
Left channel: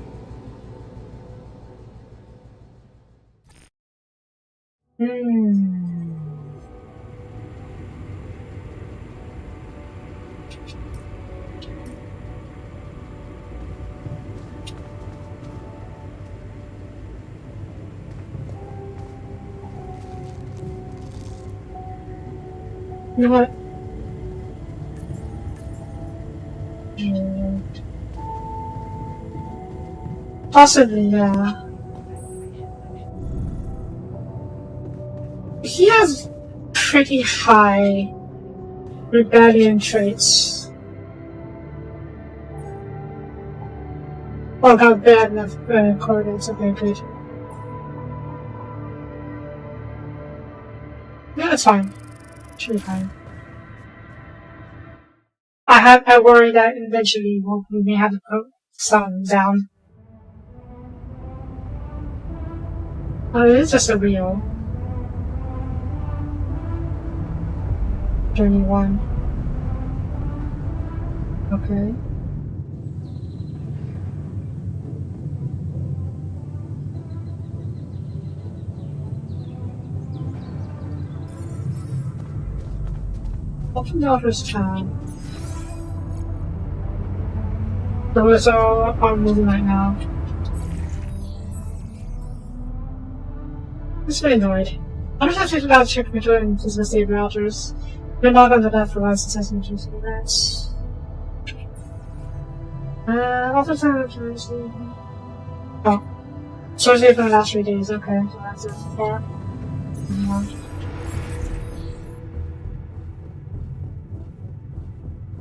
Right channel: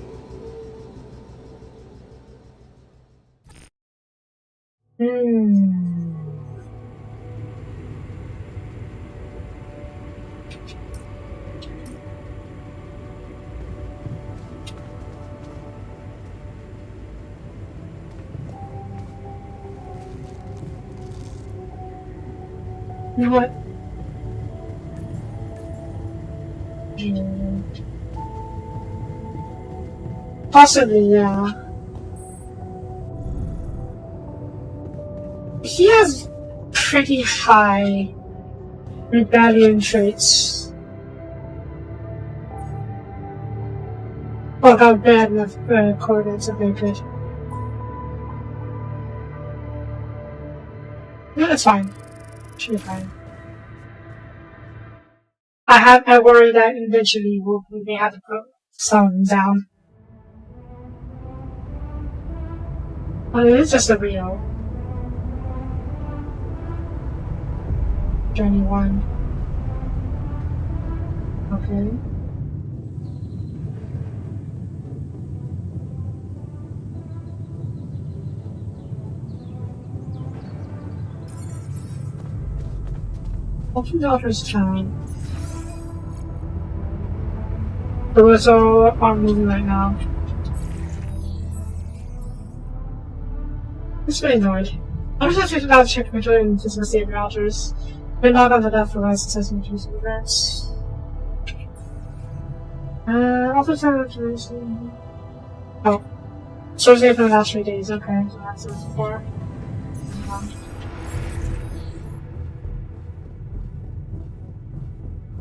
You know what? Possibly, yeah. He has pretty high rebellion traits. Well, not bad enough coordinates, okay, good. Yeah, it's fine. Should be fine. I worry that eventually we may have to put some down. Oh, it's just a real. Journey 1. Okay. Open daughter's child. The wizard aren't moving right now. It's very annoyed. I just have to not check my joint to the save routers. But not under that for license testing choosing events. Also time. Oh. Source here for the last 3 days, okay. So that's it so far. Yeah.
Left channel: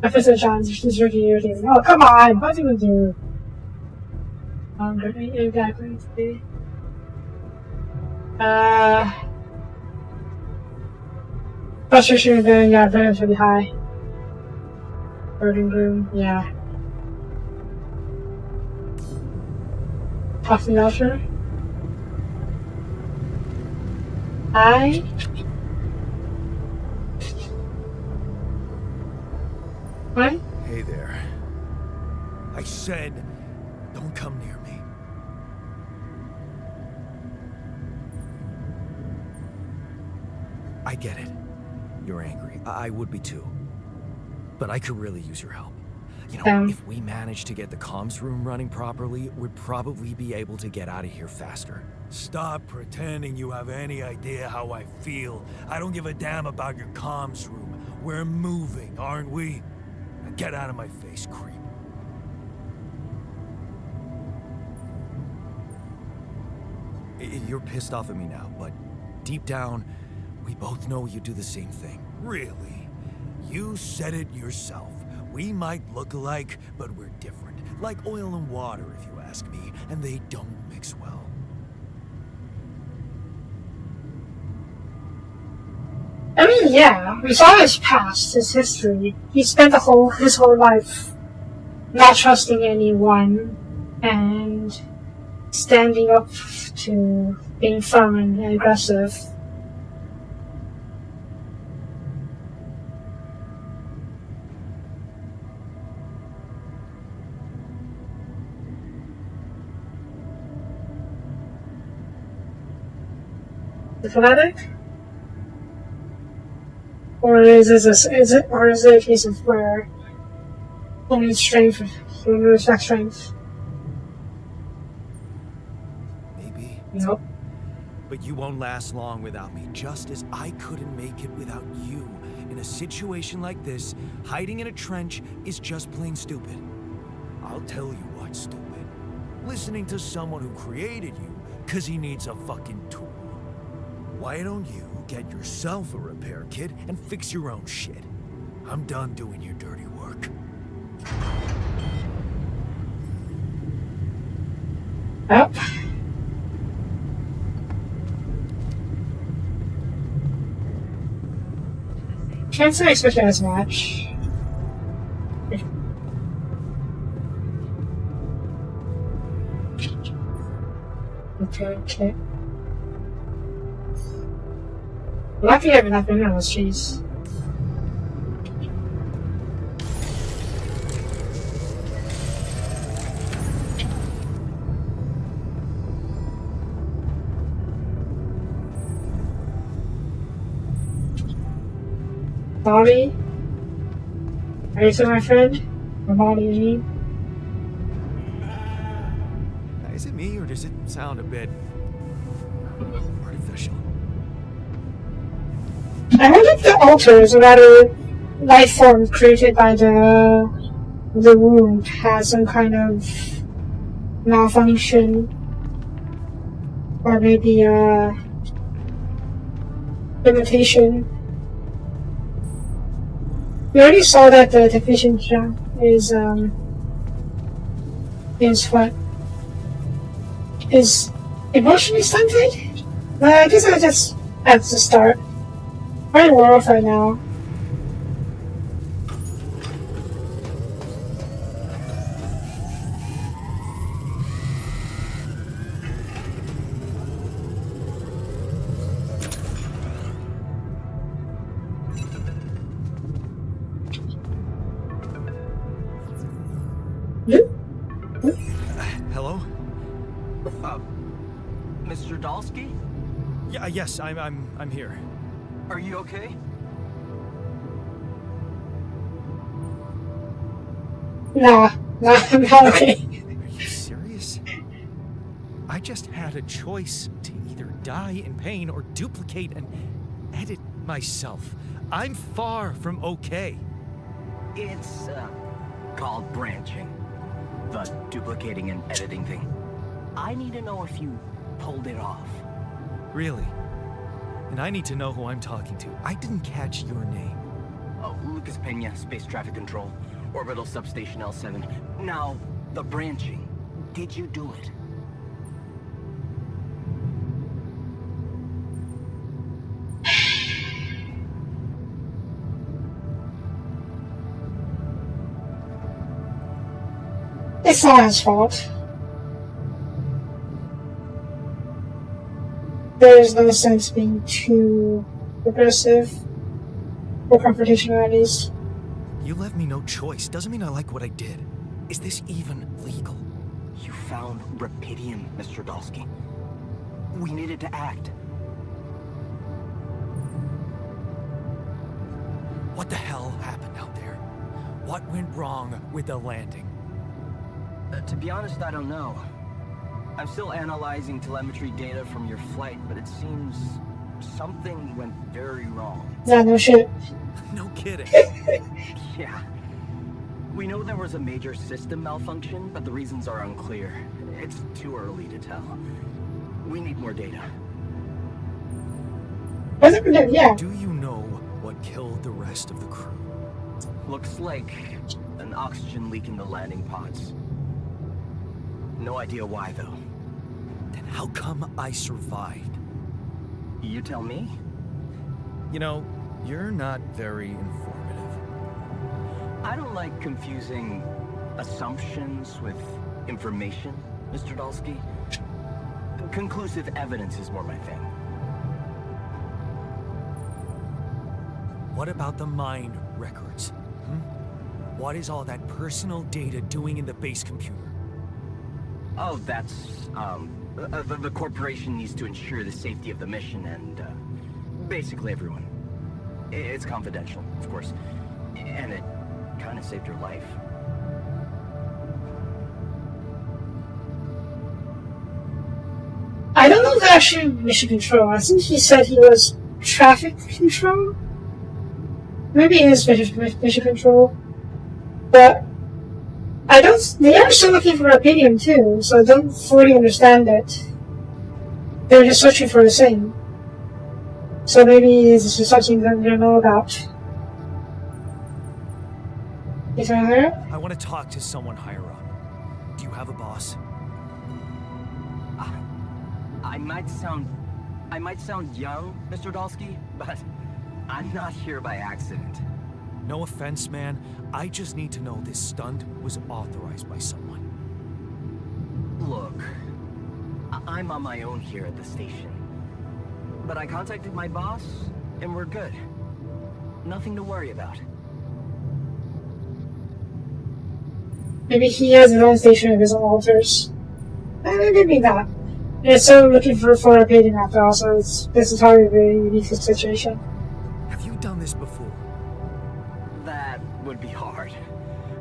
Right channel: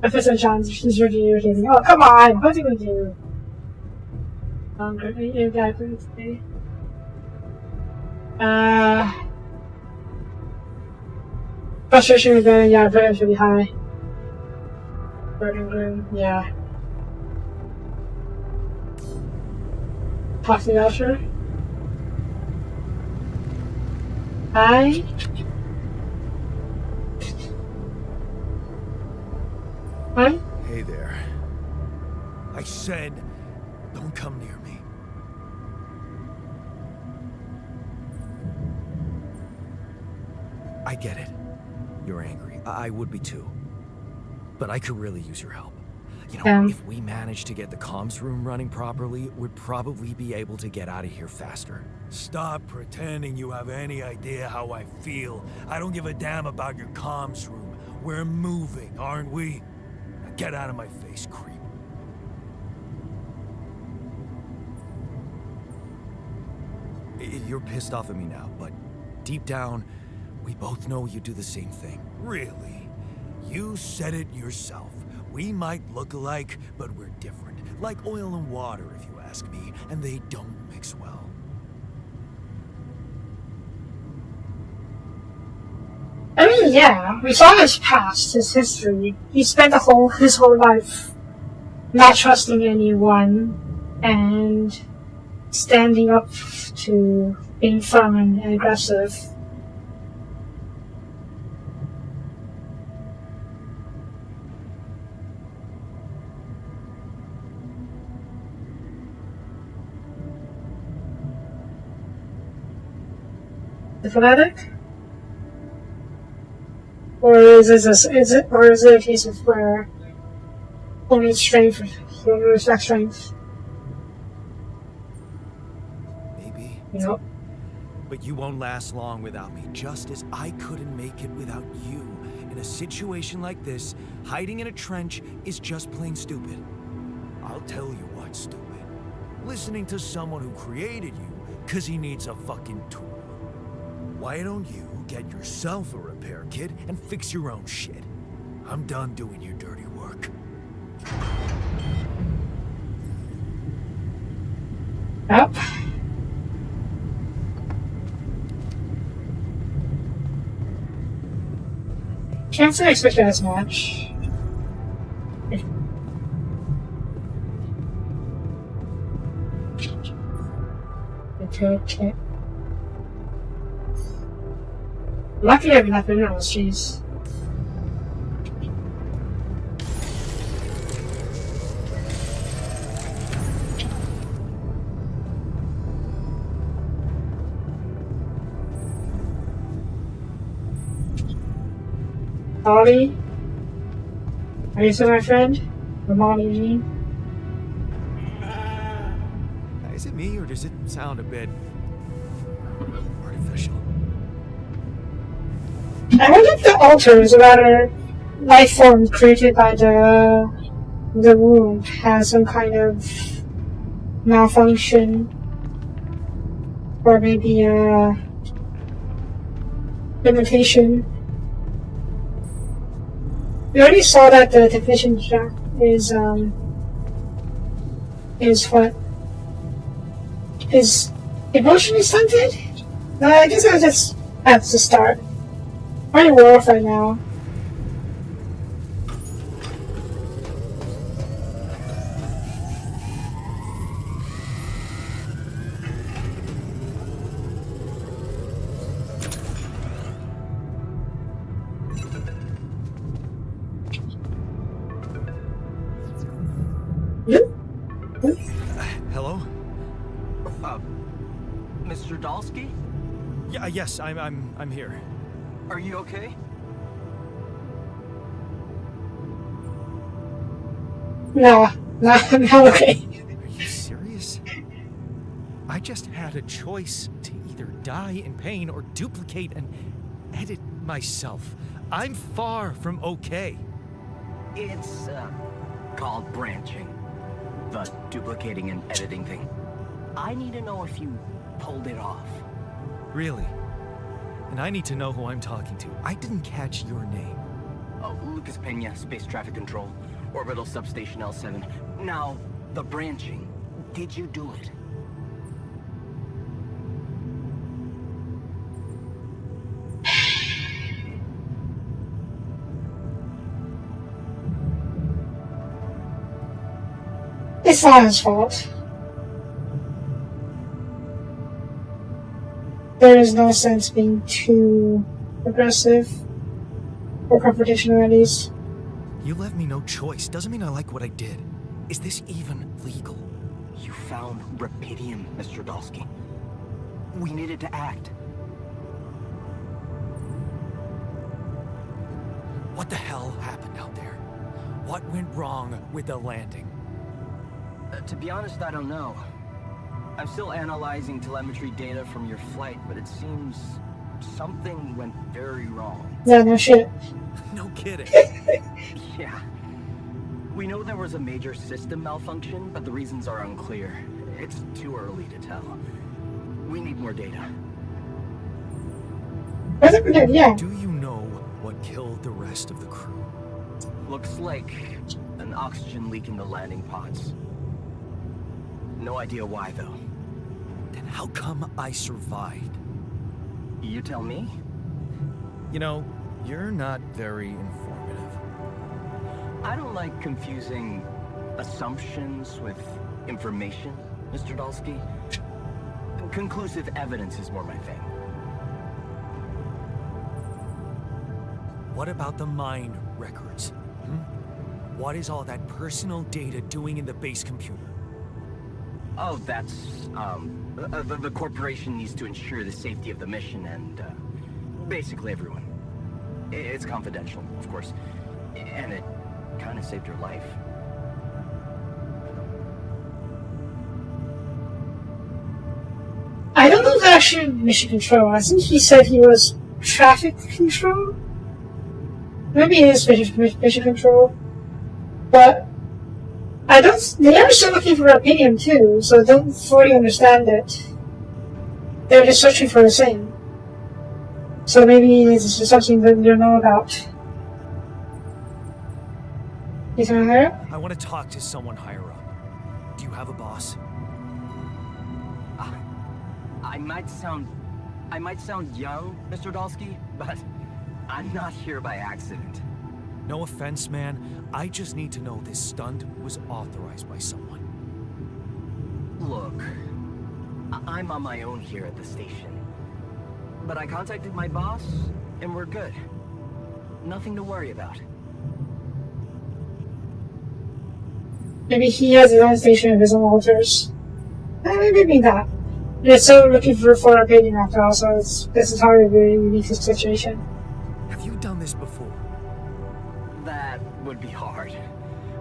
If it's a challenge, she's really irritating. Oh, come on! What do we do? I'm good. You guys today. Not sure she would go. Yeah, very pretty high. Burden Gloom, yeah. Toxic Ultra. What? Hey there. I said, don't come near me. I get it. You're angry. I would be too. But I could really use your help. You know, if we manage to get the comms room running properly, we'd probably be able to get out of here faster. Stop pretending you have any idea how I feel. I don't give a damn about your comms room. We're moving, aren't we? Now get out of my face, creep. You're pissed off at me now, but deep down, we both know you do the same thing. Really? You said it yourself. We might look alike, but we're different. Like oil and water, if you ask me, and they don't mix well. I mean, yeah, we saw his past, his history. He spent his whole life not trusting anyone and standing up to being firm and aggressive. The fanatic? Or is it a case of where only strength will affect strength? Maybe. Yep. But you won't last long without me, just as I couldn't make it without you. In a situation like this, hiding in a trench is just plain stupid. I'll tell you what's stupid. Listening to someone who created you because he needs a fucking tool. Why don't you get yourself a repair kit and fix your own shit? I'm done doing your dirty work. Yep. Can't say I expect it as much. Okay. Lucky I have enough minerals, jeez. Molly? Are you still my friend? Or Molly, you mean? Is it me, or does it sound a bit artificial? I wonder if the altars, or rather, life form created by the wound, has some kind of malfunction, or maybe a limitation. We already saw that the division is emotionally stunted. I guess I just have to start. I'm off right now. Hello? Mr. Dalsky? Yeah, yes, I'm here. Are you okay? Nah, I'm not okay. Are you serious? I just had a choice to either die in pain or duplicate and edit myself. I'm far from okay. It's, called branching. The duplicating and editing thing. I need to know if you pulled it off. Really? And I need to know who I'm talking to. I didn't catch your name. Oh, Lucas Pena, Space Traffic Control, Orbital Substation L7. Now, the branching. Did you do it? It's not his fault. There is no sense being too aggressive or confrontational, at least. You left me no choice. Doesn't mean I like what I did. Is this even legal? You found Rapidium, Mr. Dalsky. We needed to act. What the hell happened out there? What went wrong with the landing? To be honest, I don't know. I'm still analyzing telemetry data from your flight, but it seems something went very wrong. Yeah, no shit. No kidding. Yeah. We know there was a major system malfunction, but the reasons are unclear. It's too early to tell. We need more data. Yeah. Do you know what killed the rest of the crew? Looks like an oxygen leak in the landing pods. No idea why, though. Then how come I survived? You tell me? You know, you're not very informative. I don't like confusing assumptions with information, Mr. Dalsky. Conclusive evidence is more my thing. What about the mind records? What is all that personal data doing in the base computer? Oh, that's, the corporation needs to ensure the safety of the mission and, basically everyone. It's confidential, of course. And it kind of saved your life. I don't know if they're actually mission control. I think he said he was traffic control. Maybe it is mission control. But I don't. They are still looking for opinion too, so I don't fully understand it. They're just searching for the same. So maybe it's just something that they don't know about. Is that higher? I want to talk to someone higher up. Do you have a boss? I might sound young, Mr. Dalsky, but I'm not here by accident. No offense, man. I just need to know this stunt was authorized by someone. Look, I'm on my own here at the station. But I contacted my boss, and we're good. Nothing to worry about. Maybe he has his own station of his own altars. Maybe not. They're still looking for opinion after all, so this is probably a very unique situation. Have you done this before? That would be hard,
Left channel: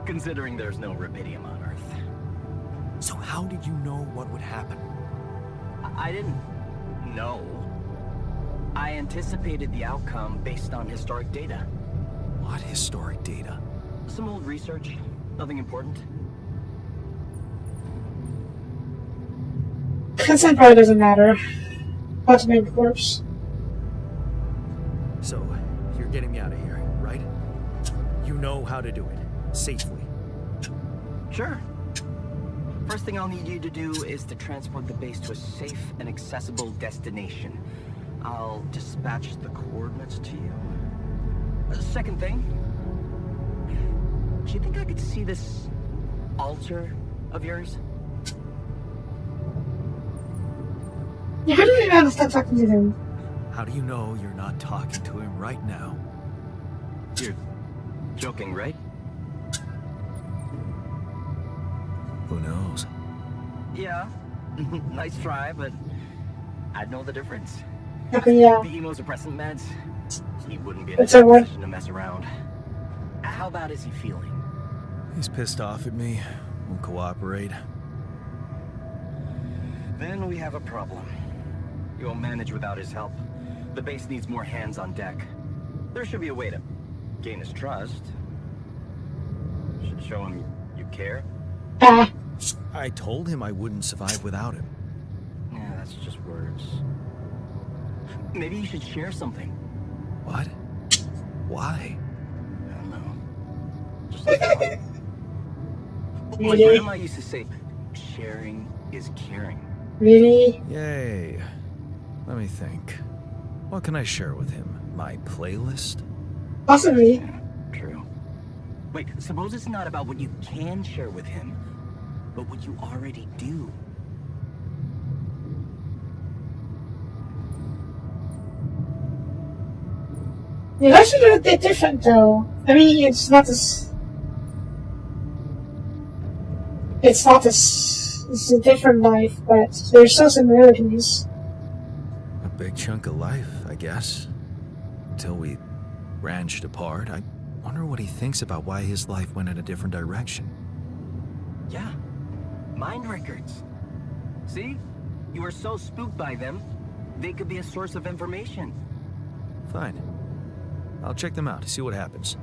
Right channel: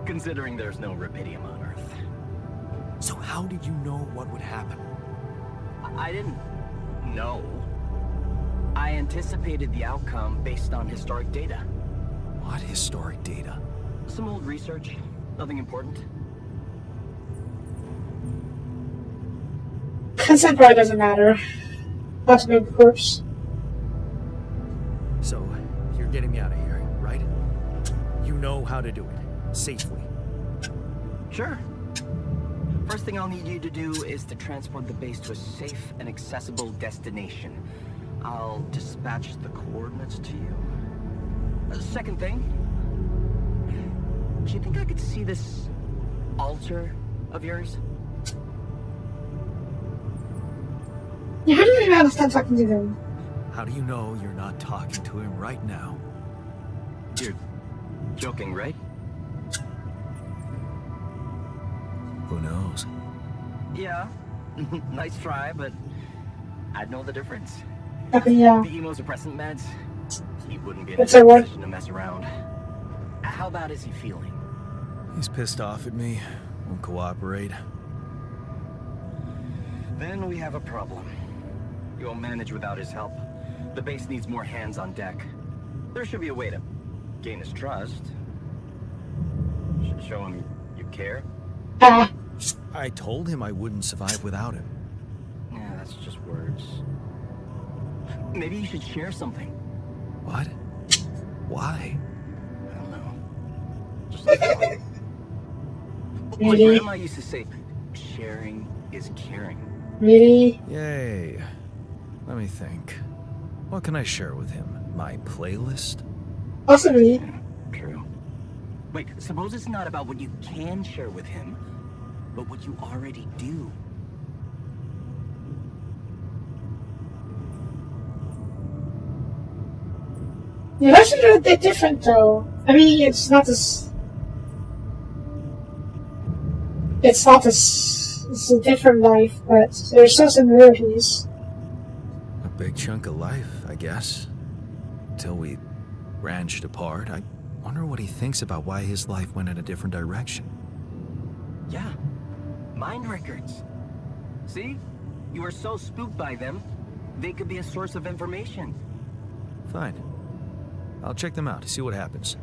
considering there's no rubidium on Earth. So how did you know what would happen? I didn't know. I anticipated the outcome based on historic data. What historic data? Some old research, nothing important. Consent probably doesn't matter. That's a big corpse. So, you're getting me out of here, right? You know how to do it. Safely. Sure. First thing I'll need you to do is to transport the base to a safe and accessible destination. I'll dispatch the coordinates to you. Second thing, do you think I could see this altar of yours? Yeah, how do you know to stop talking to them? How do you know you're not talking to him right now? You're joking, right? Who knows? Yeah. Nice try, but I'd know the difference. Yeah. The immunosuppressant meds, he wouldn't be in a That's alright. position to mess around. How bad is he feeling? He's pissed off at me. Won't cooperate. Then we have a problem. You won't manage without his help. The base needs more hands on deck. There should be a way to gain his trust. Show him you care. I told him I wouldn't survive without him. Yeah, that's just words. Maybe you should share something. What? Why? I don't know. Just like that. My Really? grandma used to say, sharing is caring. Really? Yay. Let me think. What can I share with him? My playlist? Possibly. Yeah, true. Wait, suppose it's not about what you can share with him, but what you already do. The elections are a bit different though. I mean, it's not as... It's a different life, but there's still similarities. A big chunk of life, I guess. Until we branched apart, I wonder what he thinks about why his life went in a different direction. Yeah, mind records. See? You were so spooked by them, they could be a source of information. Fine. I'll check them out, see what happens.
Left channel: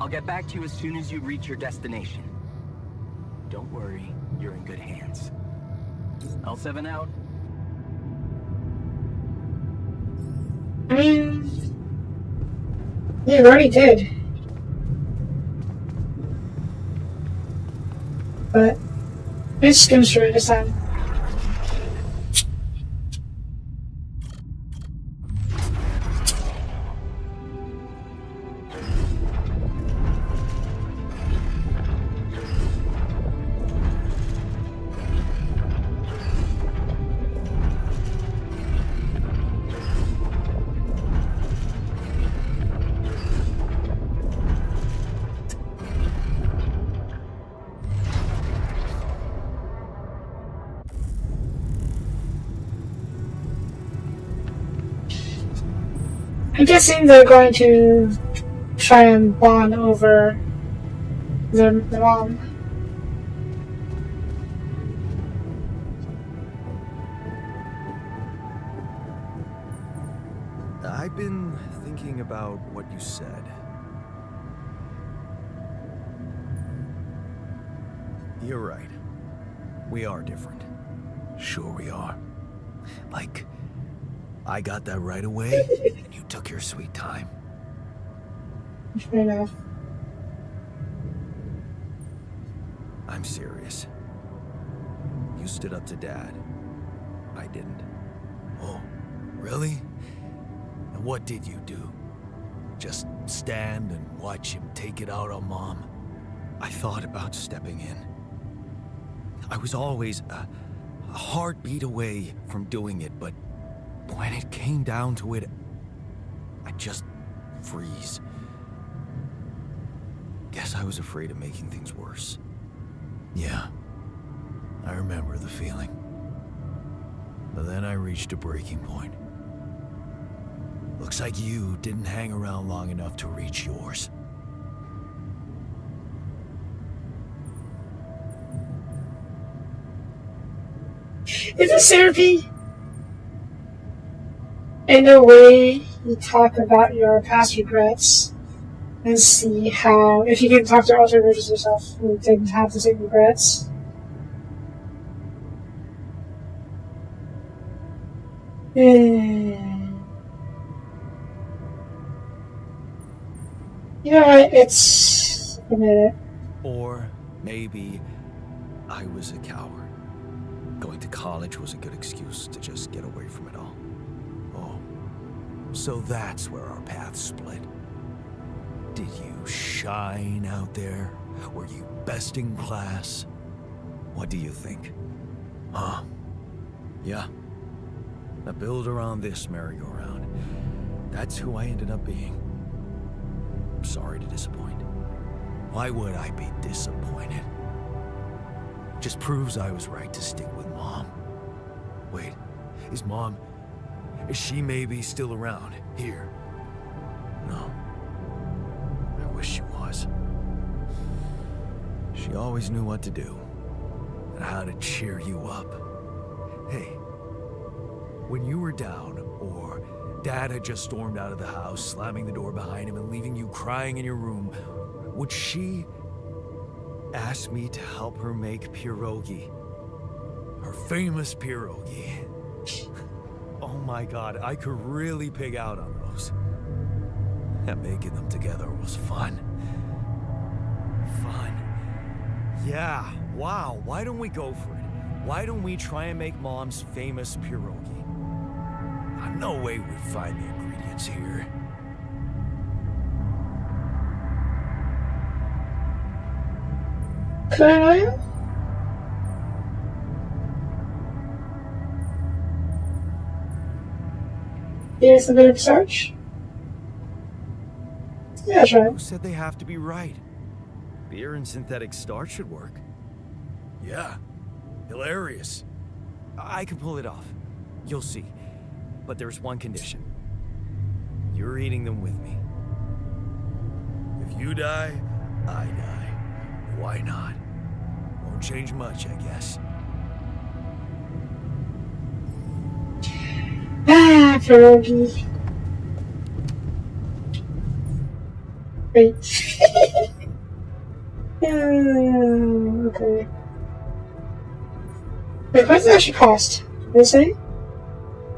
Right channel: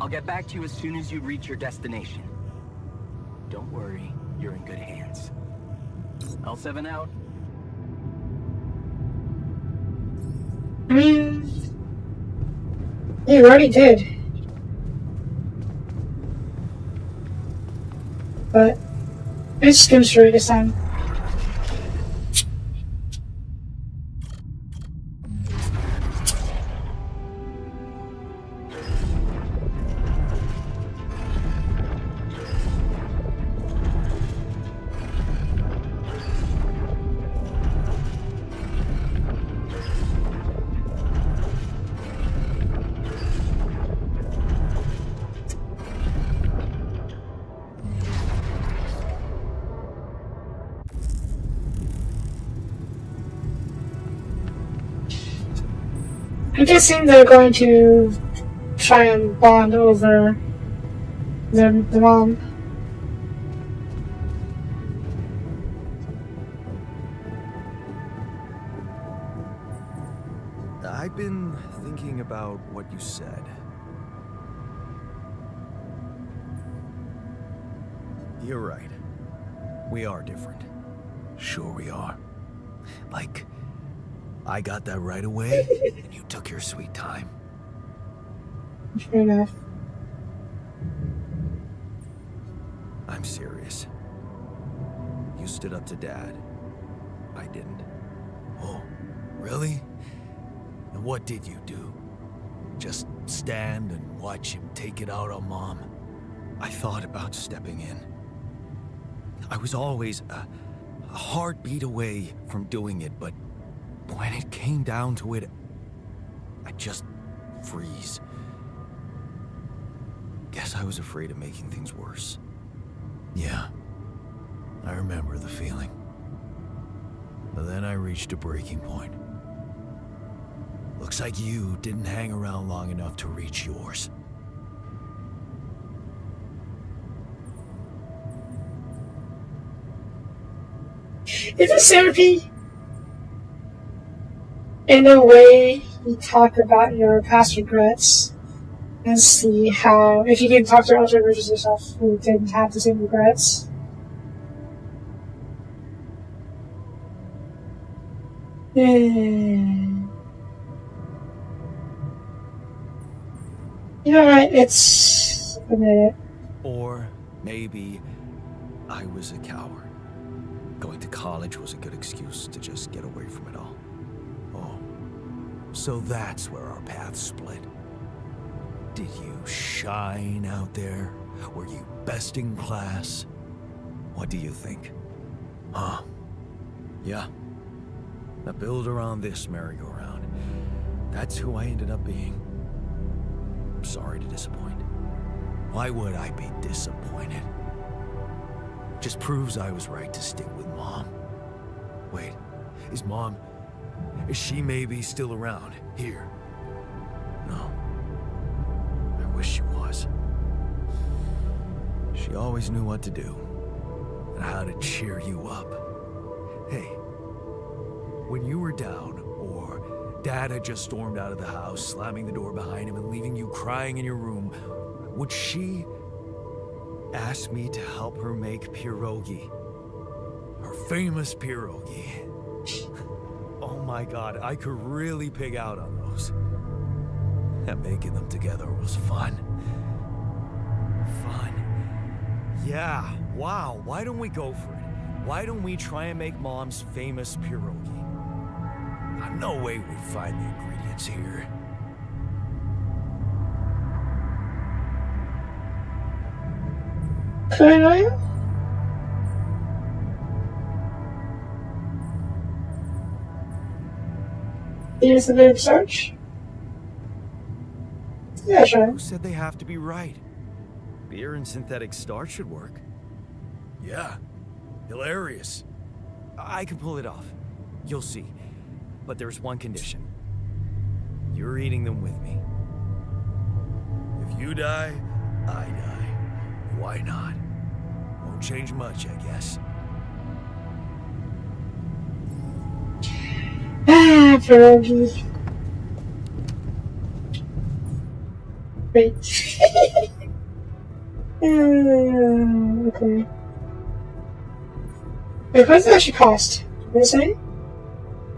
I'll get back to you as soon as you reach your destination. Don't worry, you're in good hands. L7 out. I mean... You already did. But... Let's skim through this time. I'm guessing they're going to try and bond over the mom. I've been thinking about what you said. You're right. We are different. Sure we are. Like, I got that right away, and you took your sweet time. Fair enough. I'm serious. You stood up to Dad. I didn't. Oh, really? And what did you do? Just stand and watch him take it out on Mom? I thought about stepping in. I was always a heartbeat away from doing it, but when it came down to it, I just freeze. Guess I was afraid of making things worse. Yeah, I remember the feeling. But then I reached a breaking point. Looks like you didn't hang around long enough to reach yours. Is it therapy? In a way, you talk about your past regrets and see how, if you can talk to alternate versions of yourself who didn't have the same regrets. You know what? It's a minute. Or maybe I was a coward. Going to college was a good excuse to just get away from it all. Oh, so that's where our paths split. Did you shine out there? Were you best in class? What do you think? Huh? Yeah. I build around this merry-go-round. That's who I ended up being. I'm sorry to disappoint. Why would I be disappointed? Just proves I was right to stick with Mom. Wait, is she maybe still around here? No. I wish she was. She always knew what to do. And how to cheer you up. Hey, when you were down, or Dad had just stormed out of the house, slamming the door behind him and leaving you crying in your room, would she ask me to help her make pierogi? Her famous pierogi. Oh my God, I could really pig out on those. And making them together was fun. Fun. Yeah, wow, why don't we go for it? Why don't we try and make Mom's famous pierogi? No way we'd find the ingredients here. Can I know you? Here's a bit of search. Yeah, sure. Who said they have to be right? Beer and synthetic starch should work. Yeah, hilarious. I can pull it off. You'll see. But there's one condition. You're eating them with me. If you die, I die. Why not? Won't change much, I guess. Pierogi. Great. Okay. Wait, what does it actually cost? Did they say?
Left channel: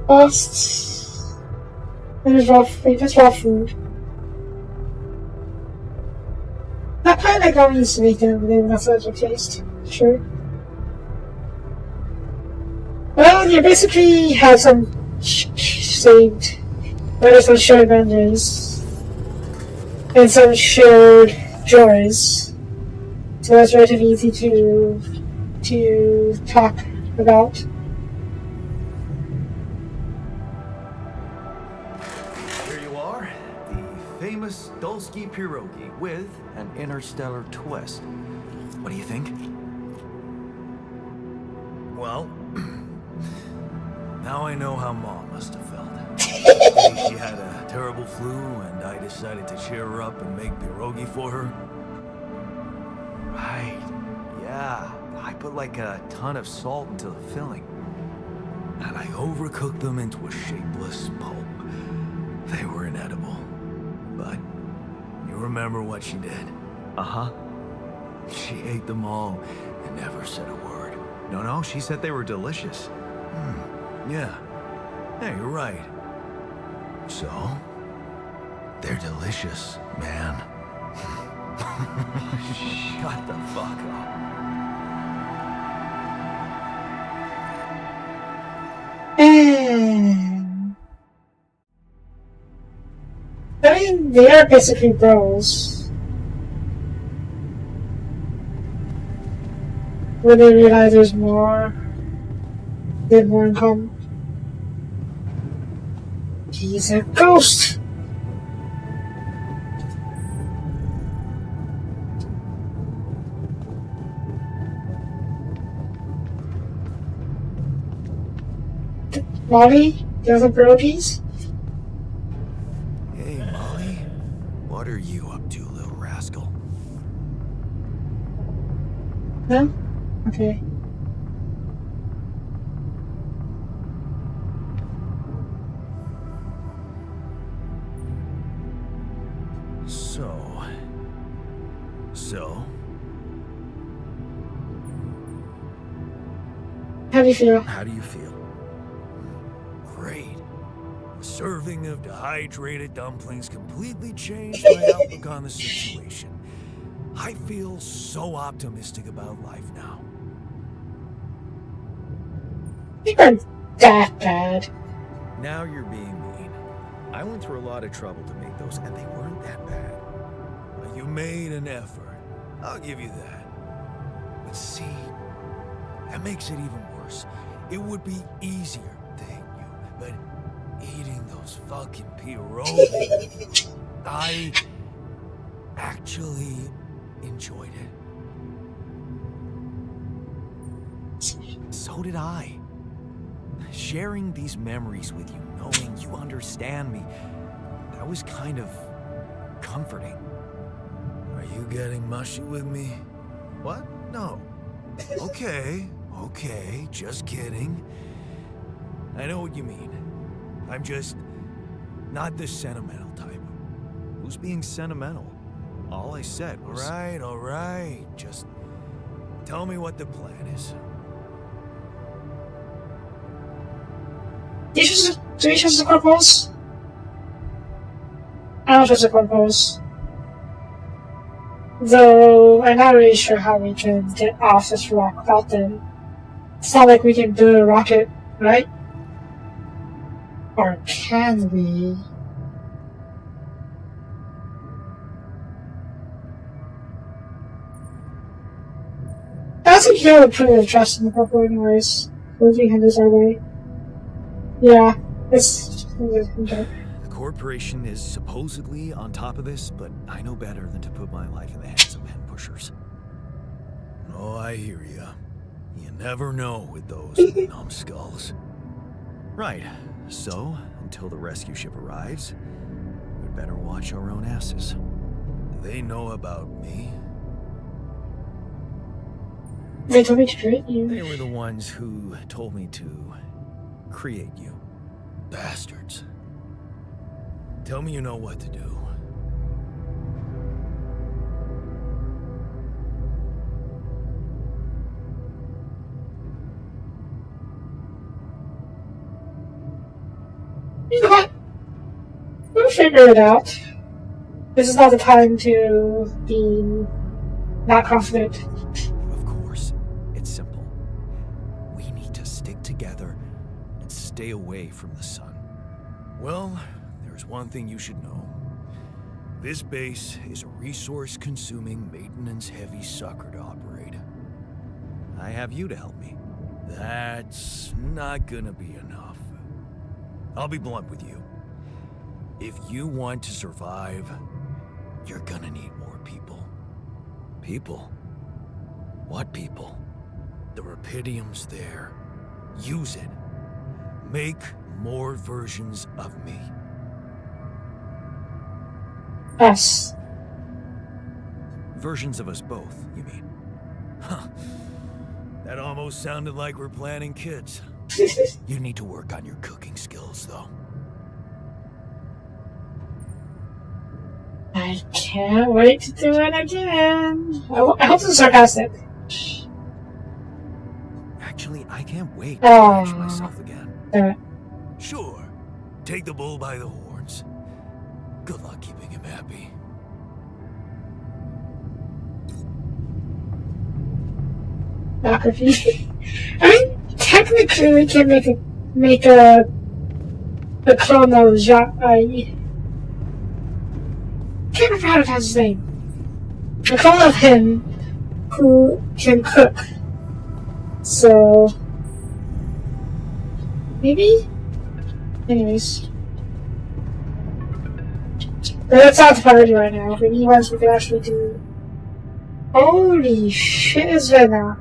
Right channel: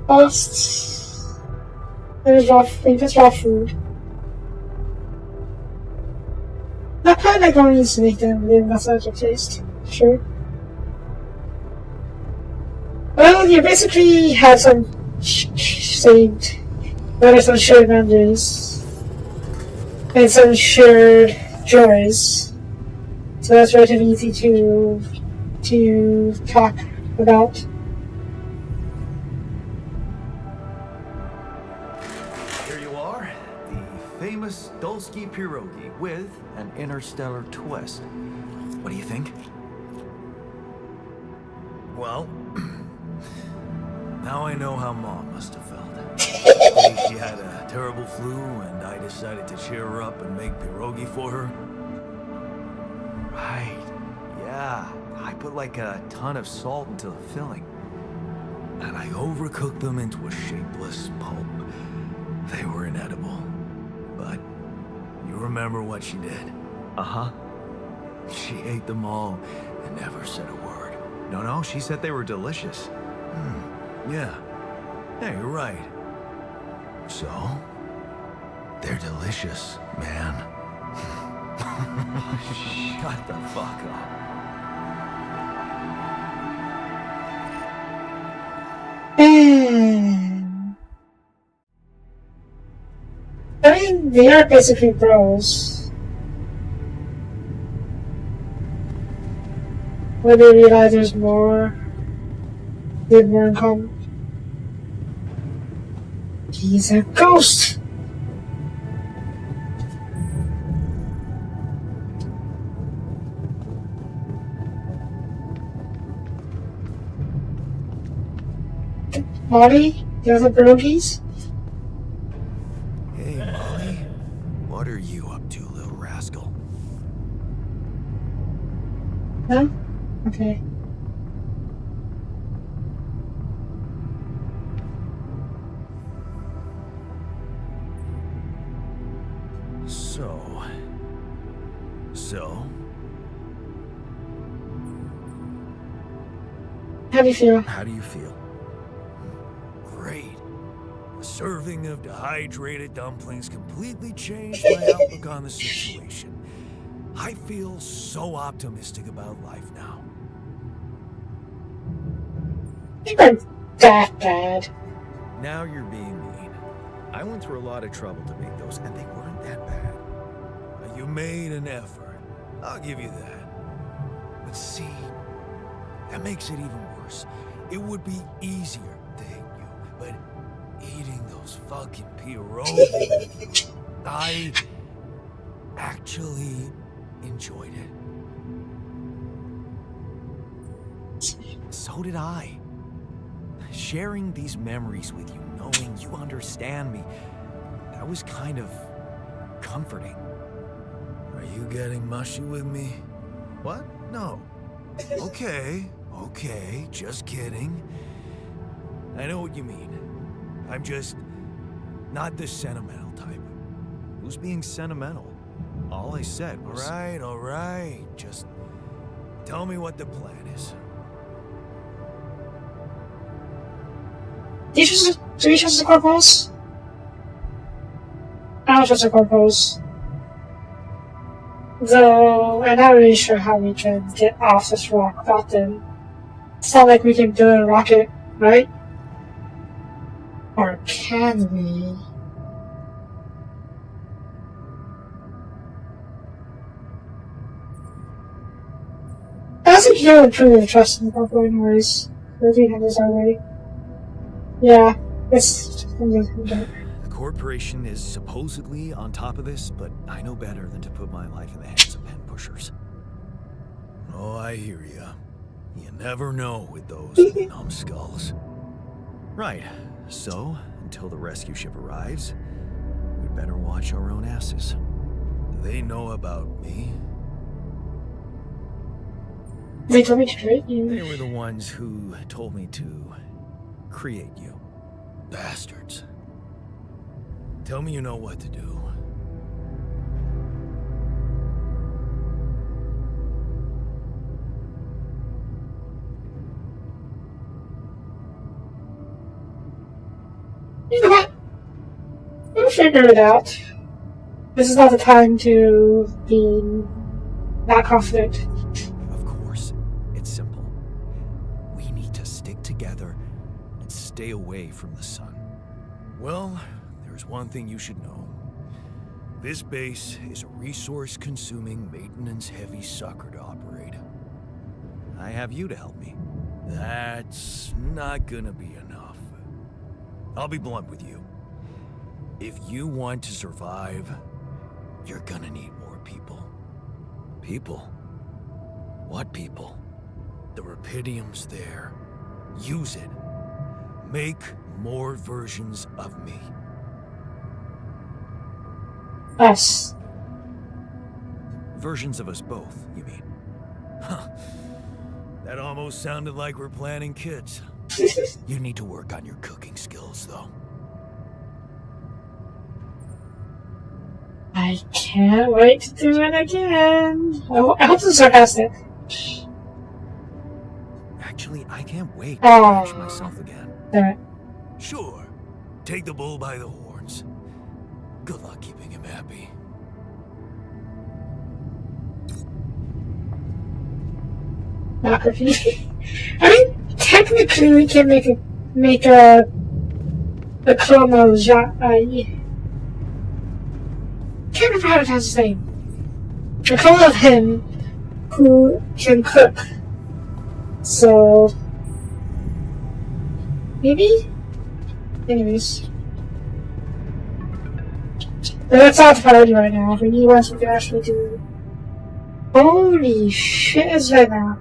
Costs. There's raw food. That kind of like needs to make them in massage taste. Sure. Well, you basically have some shared memories and some shared joys. So that's relatively easy to talk about. Here you are, the famous Dulski pierogi with an interstellar twist. What do you think? Well, now I know how Mom must have felt. The day she had a terrible flu and I decided to cheer her up and make pierogi for her? Right. Yeah. I put like a ton of salt into the filling. And I overcooked them into a shapeless pulp. They were inedible. But you remember what she did? Uh-huh. She ate them all and never said a word. No, she said they were delicious. Yeah. Yeah, you're right. So, they're delicious, man. Shut the fuck up. I mean, they are basically bros. When they realize there's more, they have more in common. He's a ghost! Molly, the other pierogies? Hey, Molly. What are you up to, little rascal? No? Okay. So? How do you feel? How do you feel? Great. A serving of dehydrated dumplings completely changed my outlook on the situation. I feel so optimistic about life now. You weren't that bad. Now you're being mean. I went through a lot of trouble to make those, and they weren't that bad. You made an effort. I'll give you that. But see, that makes it even worse. It would be easier, thank you, but eating those fucking pierogies, I actually enjoyed it. So did I. Sharing these memories with you, knowing you understand me, that was kind of comforting. Are you getting mushy with me? What? No. Okay, just kidding. I know what you mean. I'm just not the sentimental type. Who's being sentimental? All I said was... All right. Just tell me what the plan is. Do you choose the purpose? I don't choose the purpose. Though, I'm not really sure how we can get off this rock without them. It's not like we can build a rocket, right? Or can we? I think you would prove trust in the purple anyways. Moving him this our way. Yeah, it's... The corporation is supposedly on top of this, but I know better than to put my life in the hands of pen pushers. Oh, I hear ya. You never know with those numbskulls. Right, so, until the rescue ship arrives, we'd better watch our own asses. Do they know about me? They told me to create you. They were the ones who told me to create you. Bastards. Tell me you know what to do. You know what? We'll figure it out. This is not the time to be not confident. Of course, it's simple. We need to stick together and stay away from the sun. Well, there's one thing you should know. This base is a resource-consuming, maintenance-heavy sucker to operate. I have you to help me. That's not gonna be enough. I'll be blunt with you. If you want to survive, you're gonna need more people. People? What people? The Rapidium's there. Use it. Make more versions of me. Us. Versions of us both, you mean? Huh. That almost sounded like we're planning kids. You need to work on your cooking skills, though. I can't wait to do it again. I hope this is sarcastic. Actually, I can't wait to catch myself again. Alright. Sure. Take the bull by the horns. Good luck keeping him happy. Not confusing. I mean, technically, we can make a clone of I can't remember how to pronounce his name. A clone of him who can cook. So maybe. Anyways, but that's not the priority right now. We need ones we can actually do. Holy shit! Is that now?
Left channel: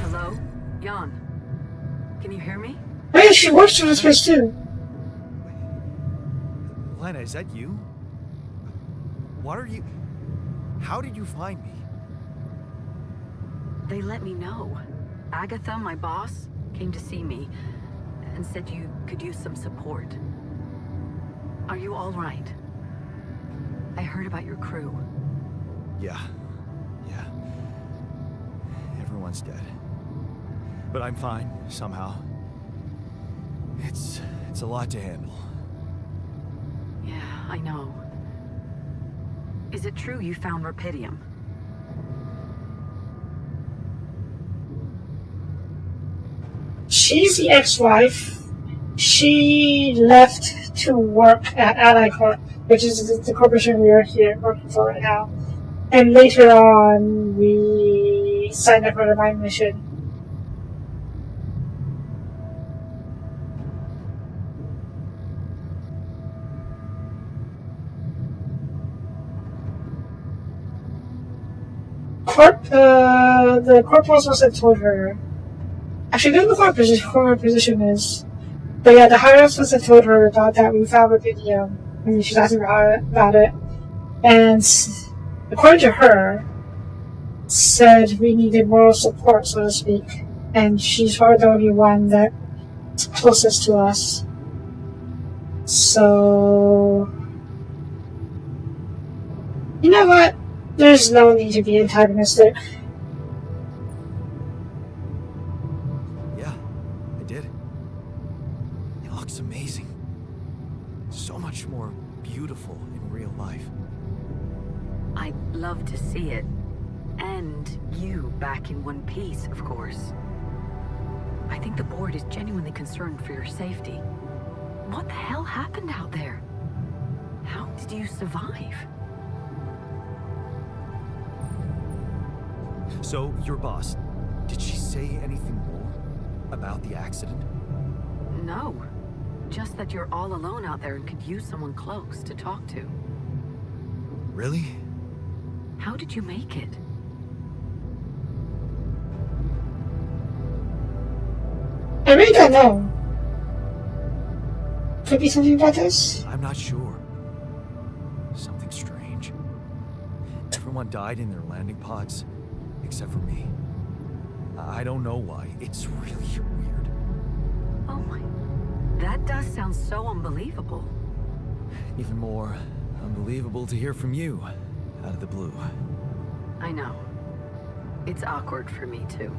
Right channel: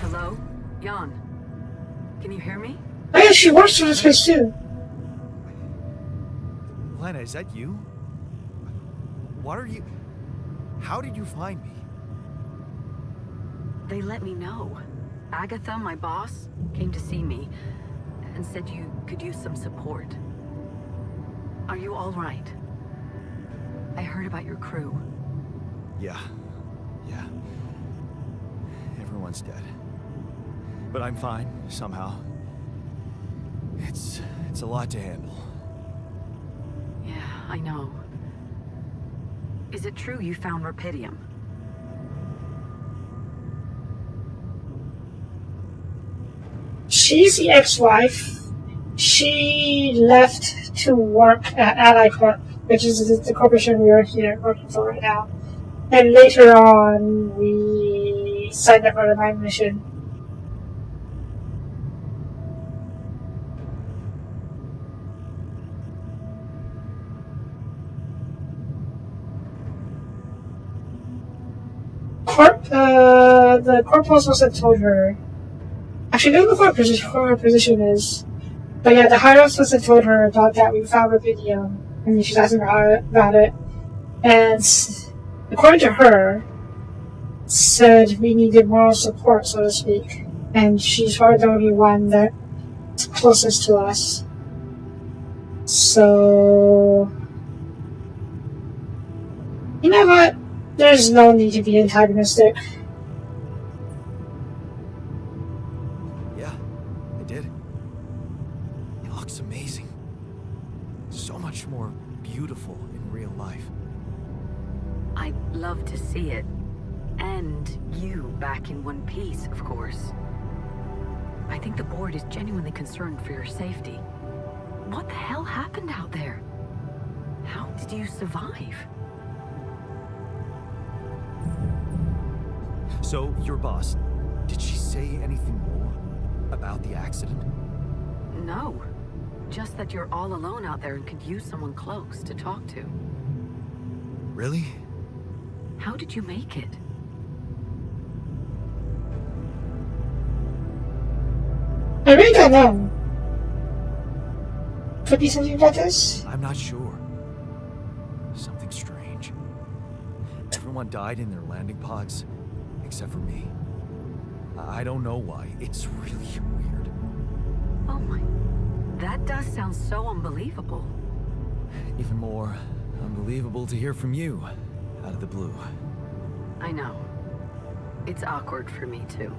Hello? Jan. Can you hear me? Oh yeah, she works for this place too. Lena, is that you? What are you... How did you find me? They let me know. Agatha, my boss, came to see me and said you could use some support. Are you all right? I heard about your crew. Yeah. Everyone's dead. But I'm fine, somehow. It's a lot to handle. Yeah, I know. Is it true you found Rapidium? She's the ex-wife. She left to work at Ally Corp, which is the corporation we are here working for right now. And later on, we signed up for the mine mission. The corporal was supposed to told her. Actually, I don't know what her position is. But yeah, the higher ups must have told her about that. We found a video. And she's asking her about it. And according to her, said we needed moral support, so to speak. And she's probably the only one that's closest to us. So, you know what? There's no need to be antagonistic. Yeah, I did. It looks amazing. So much more beautiful in real life. I'd love to see it. And you back in one piece, of course. I think the board is genuinely concerned for your safety. What the hell happened out there? How did you survive? So, your boss, did she say anything more about the accident? No. Just that you're all alone out there and could use someone close to talk to. Really? How did you make it? I really don't know. Could be something about this. I'm not sure. Something strange. Everyone died in their landing pods, except for me. I don't know why. It's really weird. Oh my... That does sound so unbelievable. Even more unbelievable to hear from you, out of the blue. I know. It's awkward for me, too.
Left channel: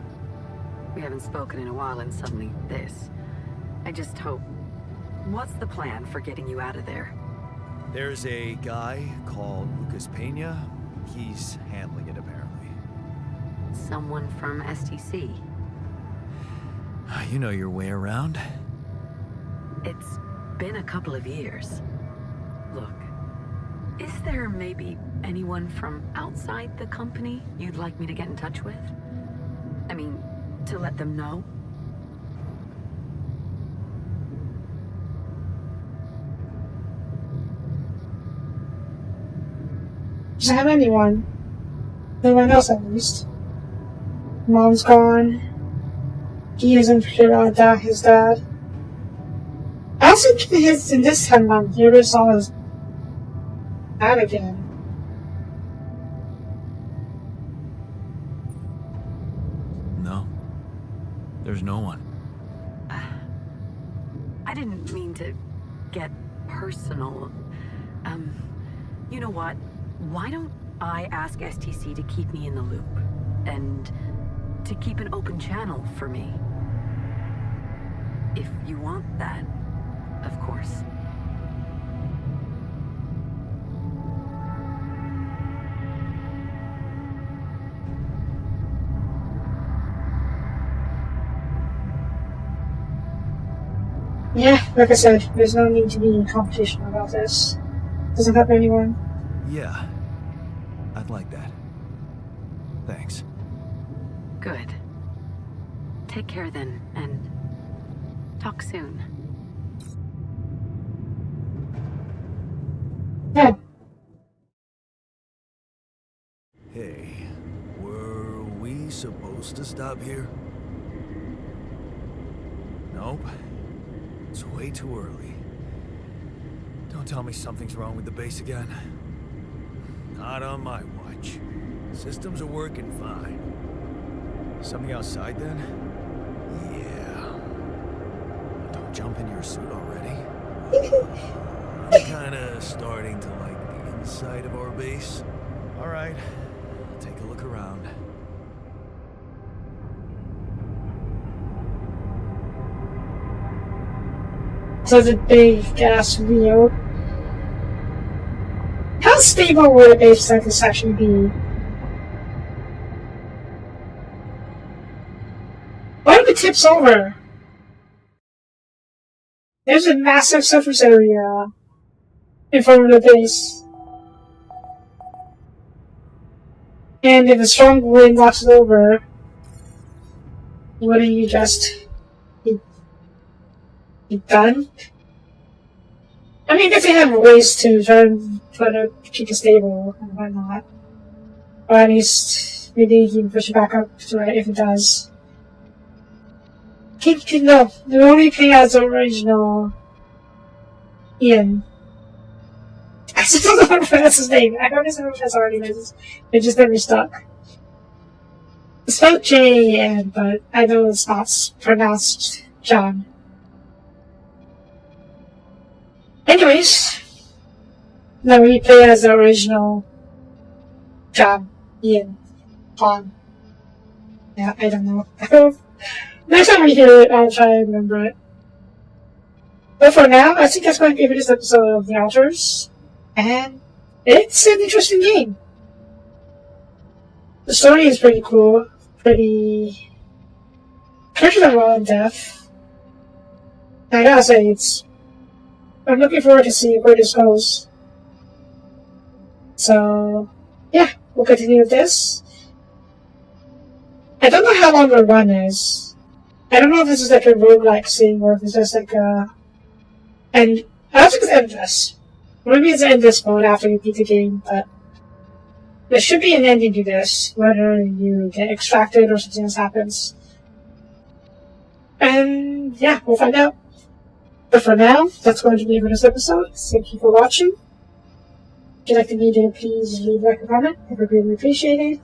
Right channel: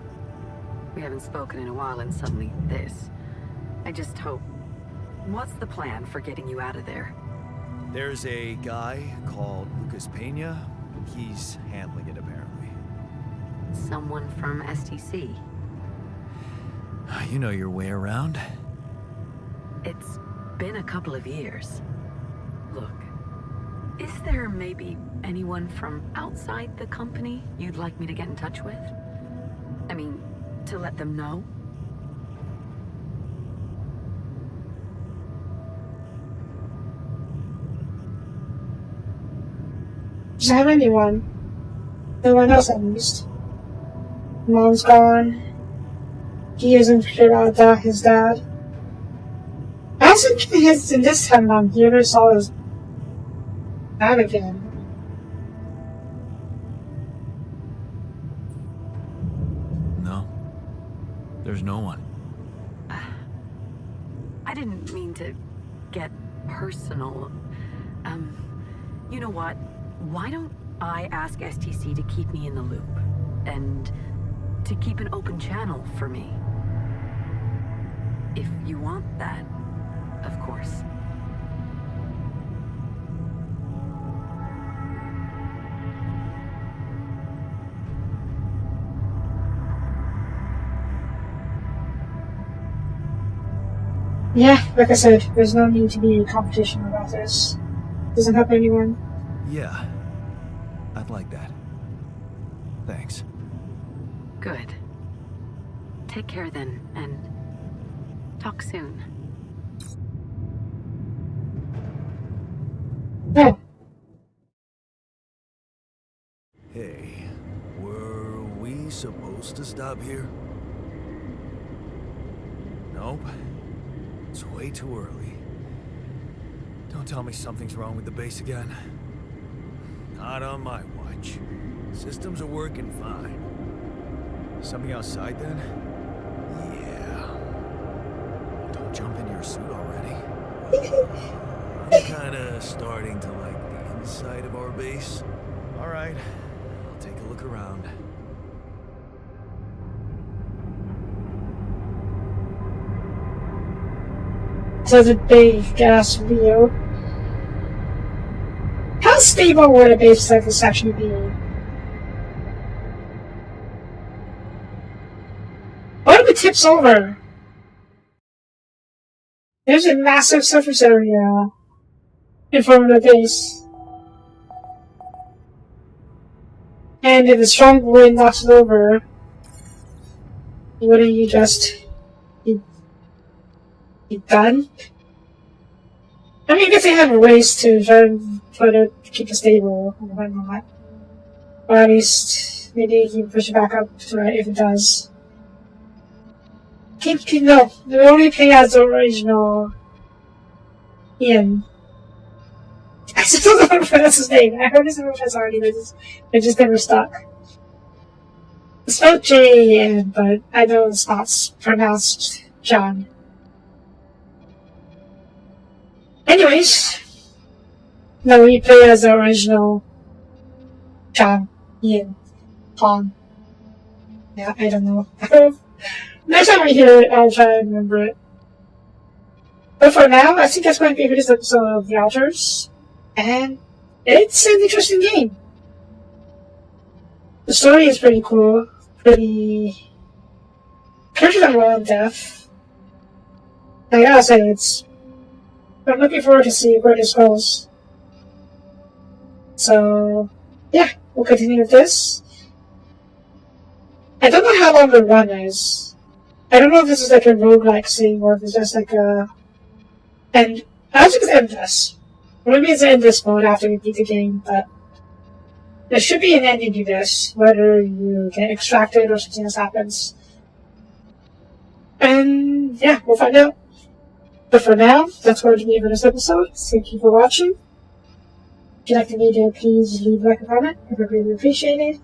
We haven't spoken in a while and suddenly this. I just hope... What's the plan for getting you out of there? There's a guy called Lucas Pena. He's handling it, apparently. Someone from STC. You know your way around. It's been a couple of years. Look, is there maybe anyone from outside the company you'd like me to get in touch with? I mean, to let them know? Doesn't have anyone. No one else, at least. Mom's gone. He isn't sure about his dad. I wasn't his this time on you ever saw his dad again. No. There's no one. I didn't mean to get personal. You know what? Why don't I ask STC to keep me in the loop? And to keep an open channel for me? If you want that, of course. Yeah, like I said, there's no need to be any competition about this. Doesn't help anyone. Yeah. I'd like that. Thanks. Good. Take care then, and talk soon. Yeah. Hey, were we supposed to stop here? Nope. It's way too early. Don't tell me something's wrong with the base again. Not on my watch. Systems are working fine. Something outside then? Yeah. Don't jump into your suit already. I'm kinda starting to like the inside of our base. Alright, I'll take a look around. So the big gas wheel. How stable would a base like this actually be? What if it tips over? There's a massive surface area in front of the base. And if a strong wind knocks it over, wouldn't you just be done? I mean, if they have ways to try and keep it stable and whatnot. Or at least maybe you can push it back up to it if it does. No, the only thing as the original Ian. I still don't know how to pronounce his name. I heard his pronounce already, but it just never stuck. It's spelled J-A-N, but I know it's not pronounced John. Anyways, then we play as the original John, Ian, Pong. Yeah, I don't know. Next time we hear it, I'll try to remember it. But for now, I think that's going to be for this episode of The Outers. And it's an interesting game. The story is pretty cool. Characters are well in depth. I gotta say, I'm looking forward to see where this goes. So, yeah, we'll continue with this. I don't know how long the run is. I don't know if this is like a roguelike thing or if it's just like a... And I think it's endless. Maybe it's endless mode after you beat the game, but there should be an ending to this, whether you get extracted or something else happens. And yeah, we'll find out. But for now, that's going to be it for this episode. Thank you for watching. If you like the video, please leave a like and comment. I would really appreciate it.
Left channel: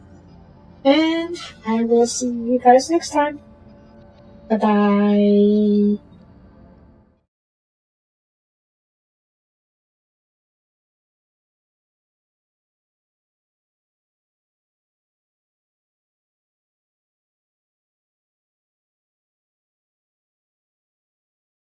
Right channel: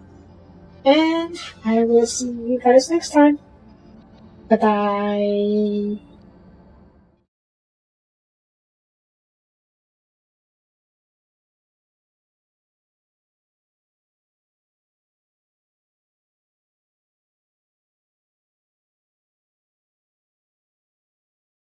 And I will see you guys next time. Bye-bye.